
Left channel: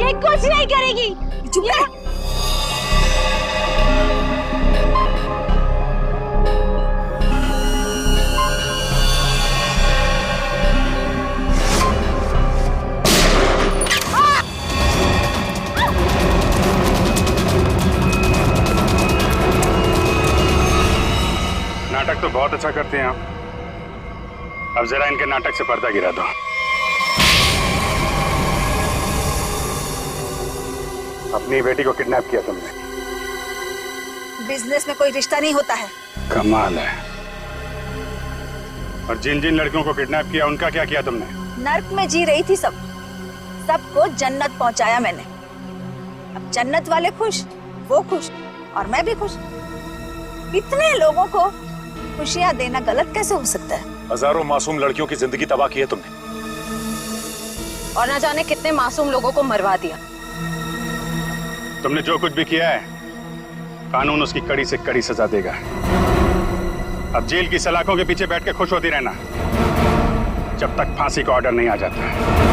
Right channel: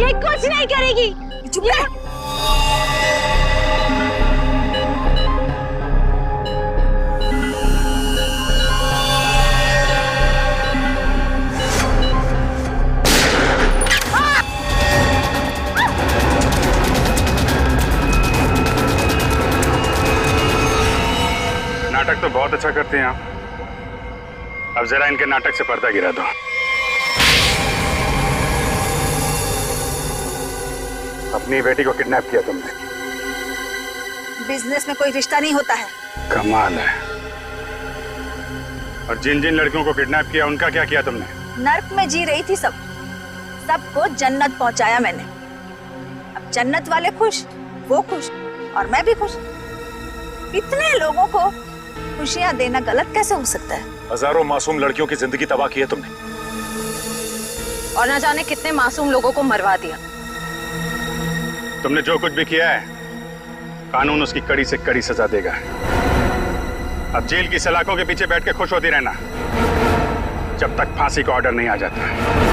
ये कुछ नहीं करेगी। चुप रह। नाटक तो बहुत अच्छा करते हैं आप, अब जरा इनके नाटक से पर्दा गिरा दो। अपनी बेटी को किडनैप किया तुमने। बिजनेस में कोई रिश्ता नहीं होता है। कमाल है। और जिन जिन लड़कियों को किडनैप किया उनका क्या किया तुमने? नर्क में जी रही थी सबको जन्नत पहुंचाया मैंने। अब जन्नत वाले खुश, वो खुश और मैं भी खुश। इतने लोगों को खुशियां देना गलत कैसे हो सकता है? हजारों मासूम लड़कियों की जिंदगी तबाह की है तुमने, और ना जाने कितने मासूम लोगों को मरवा दिया। तुमने जो कुछ भी किया है, कानून उसकी कड़ी से कड़ी सजा देगा। अब जेल की सलाखों के पीछे बैठ के खुश होती रहना जब तक फांसी का ऑर्डर नहीं आ जाता।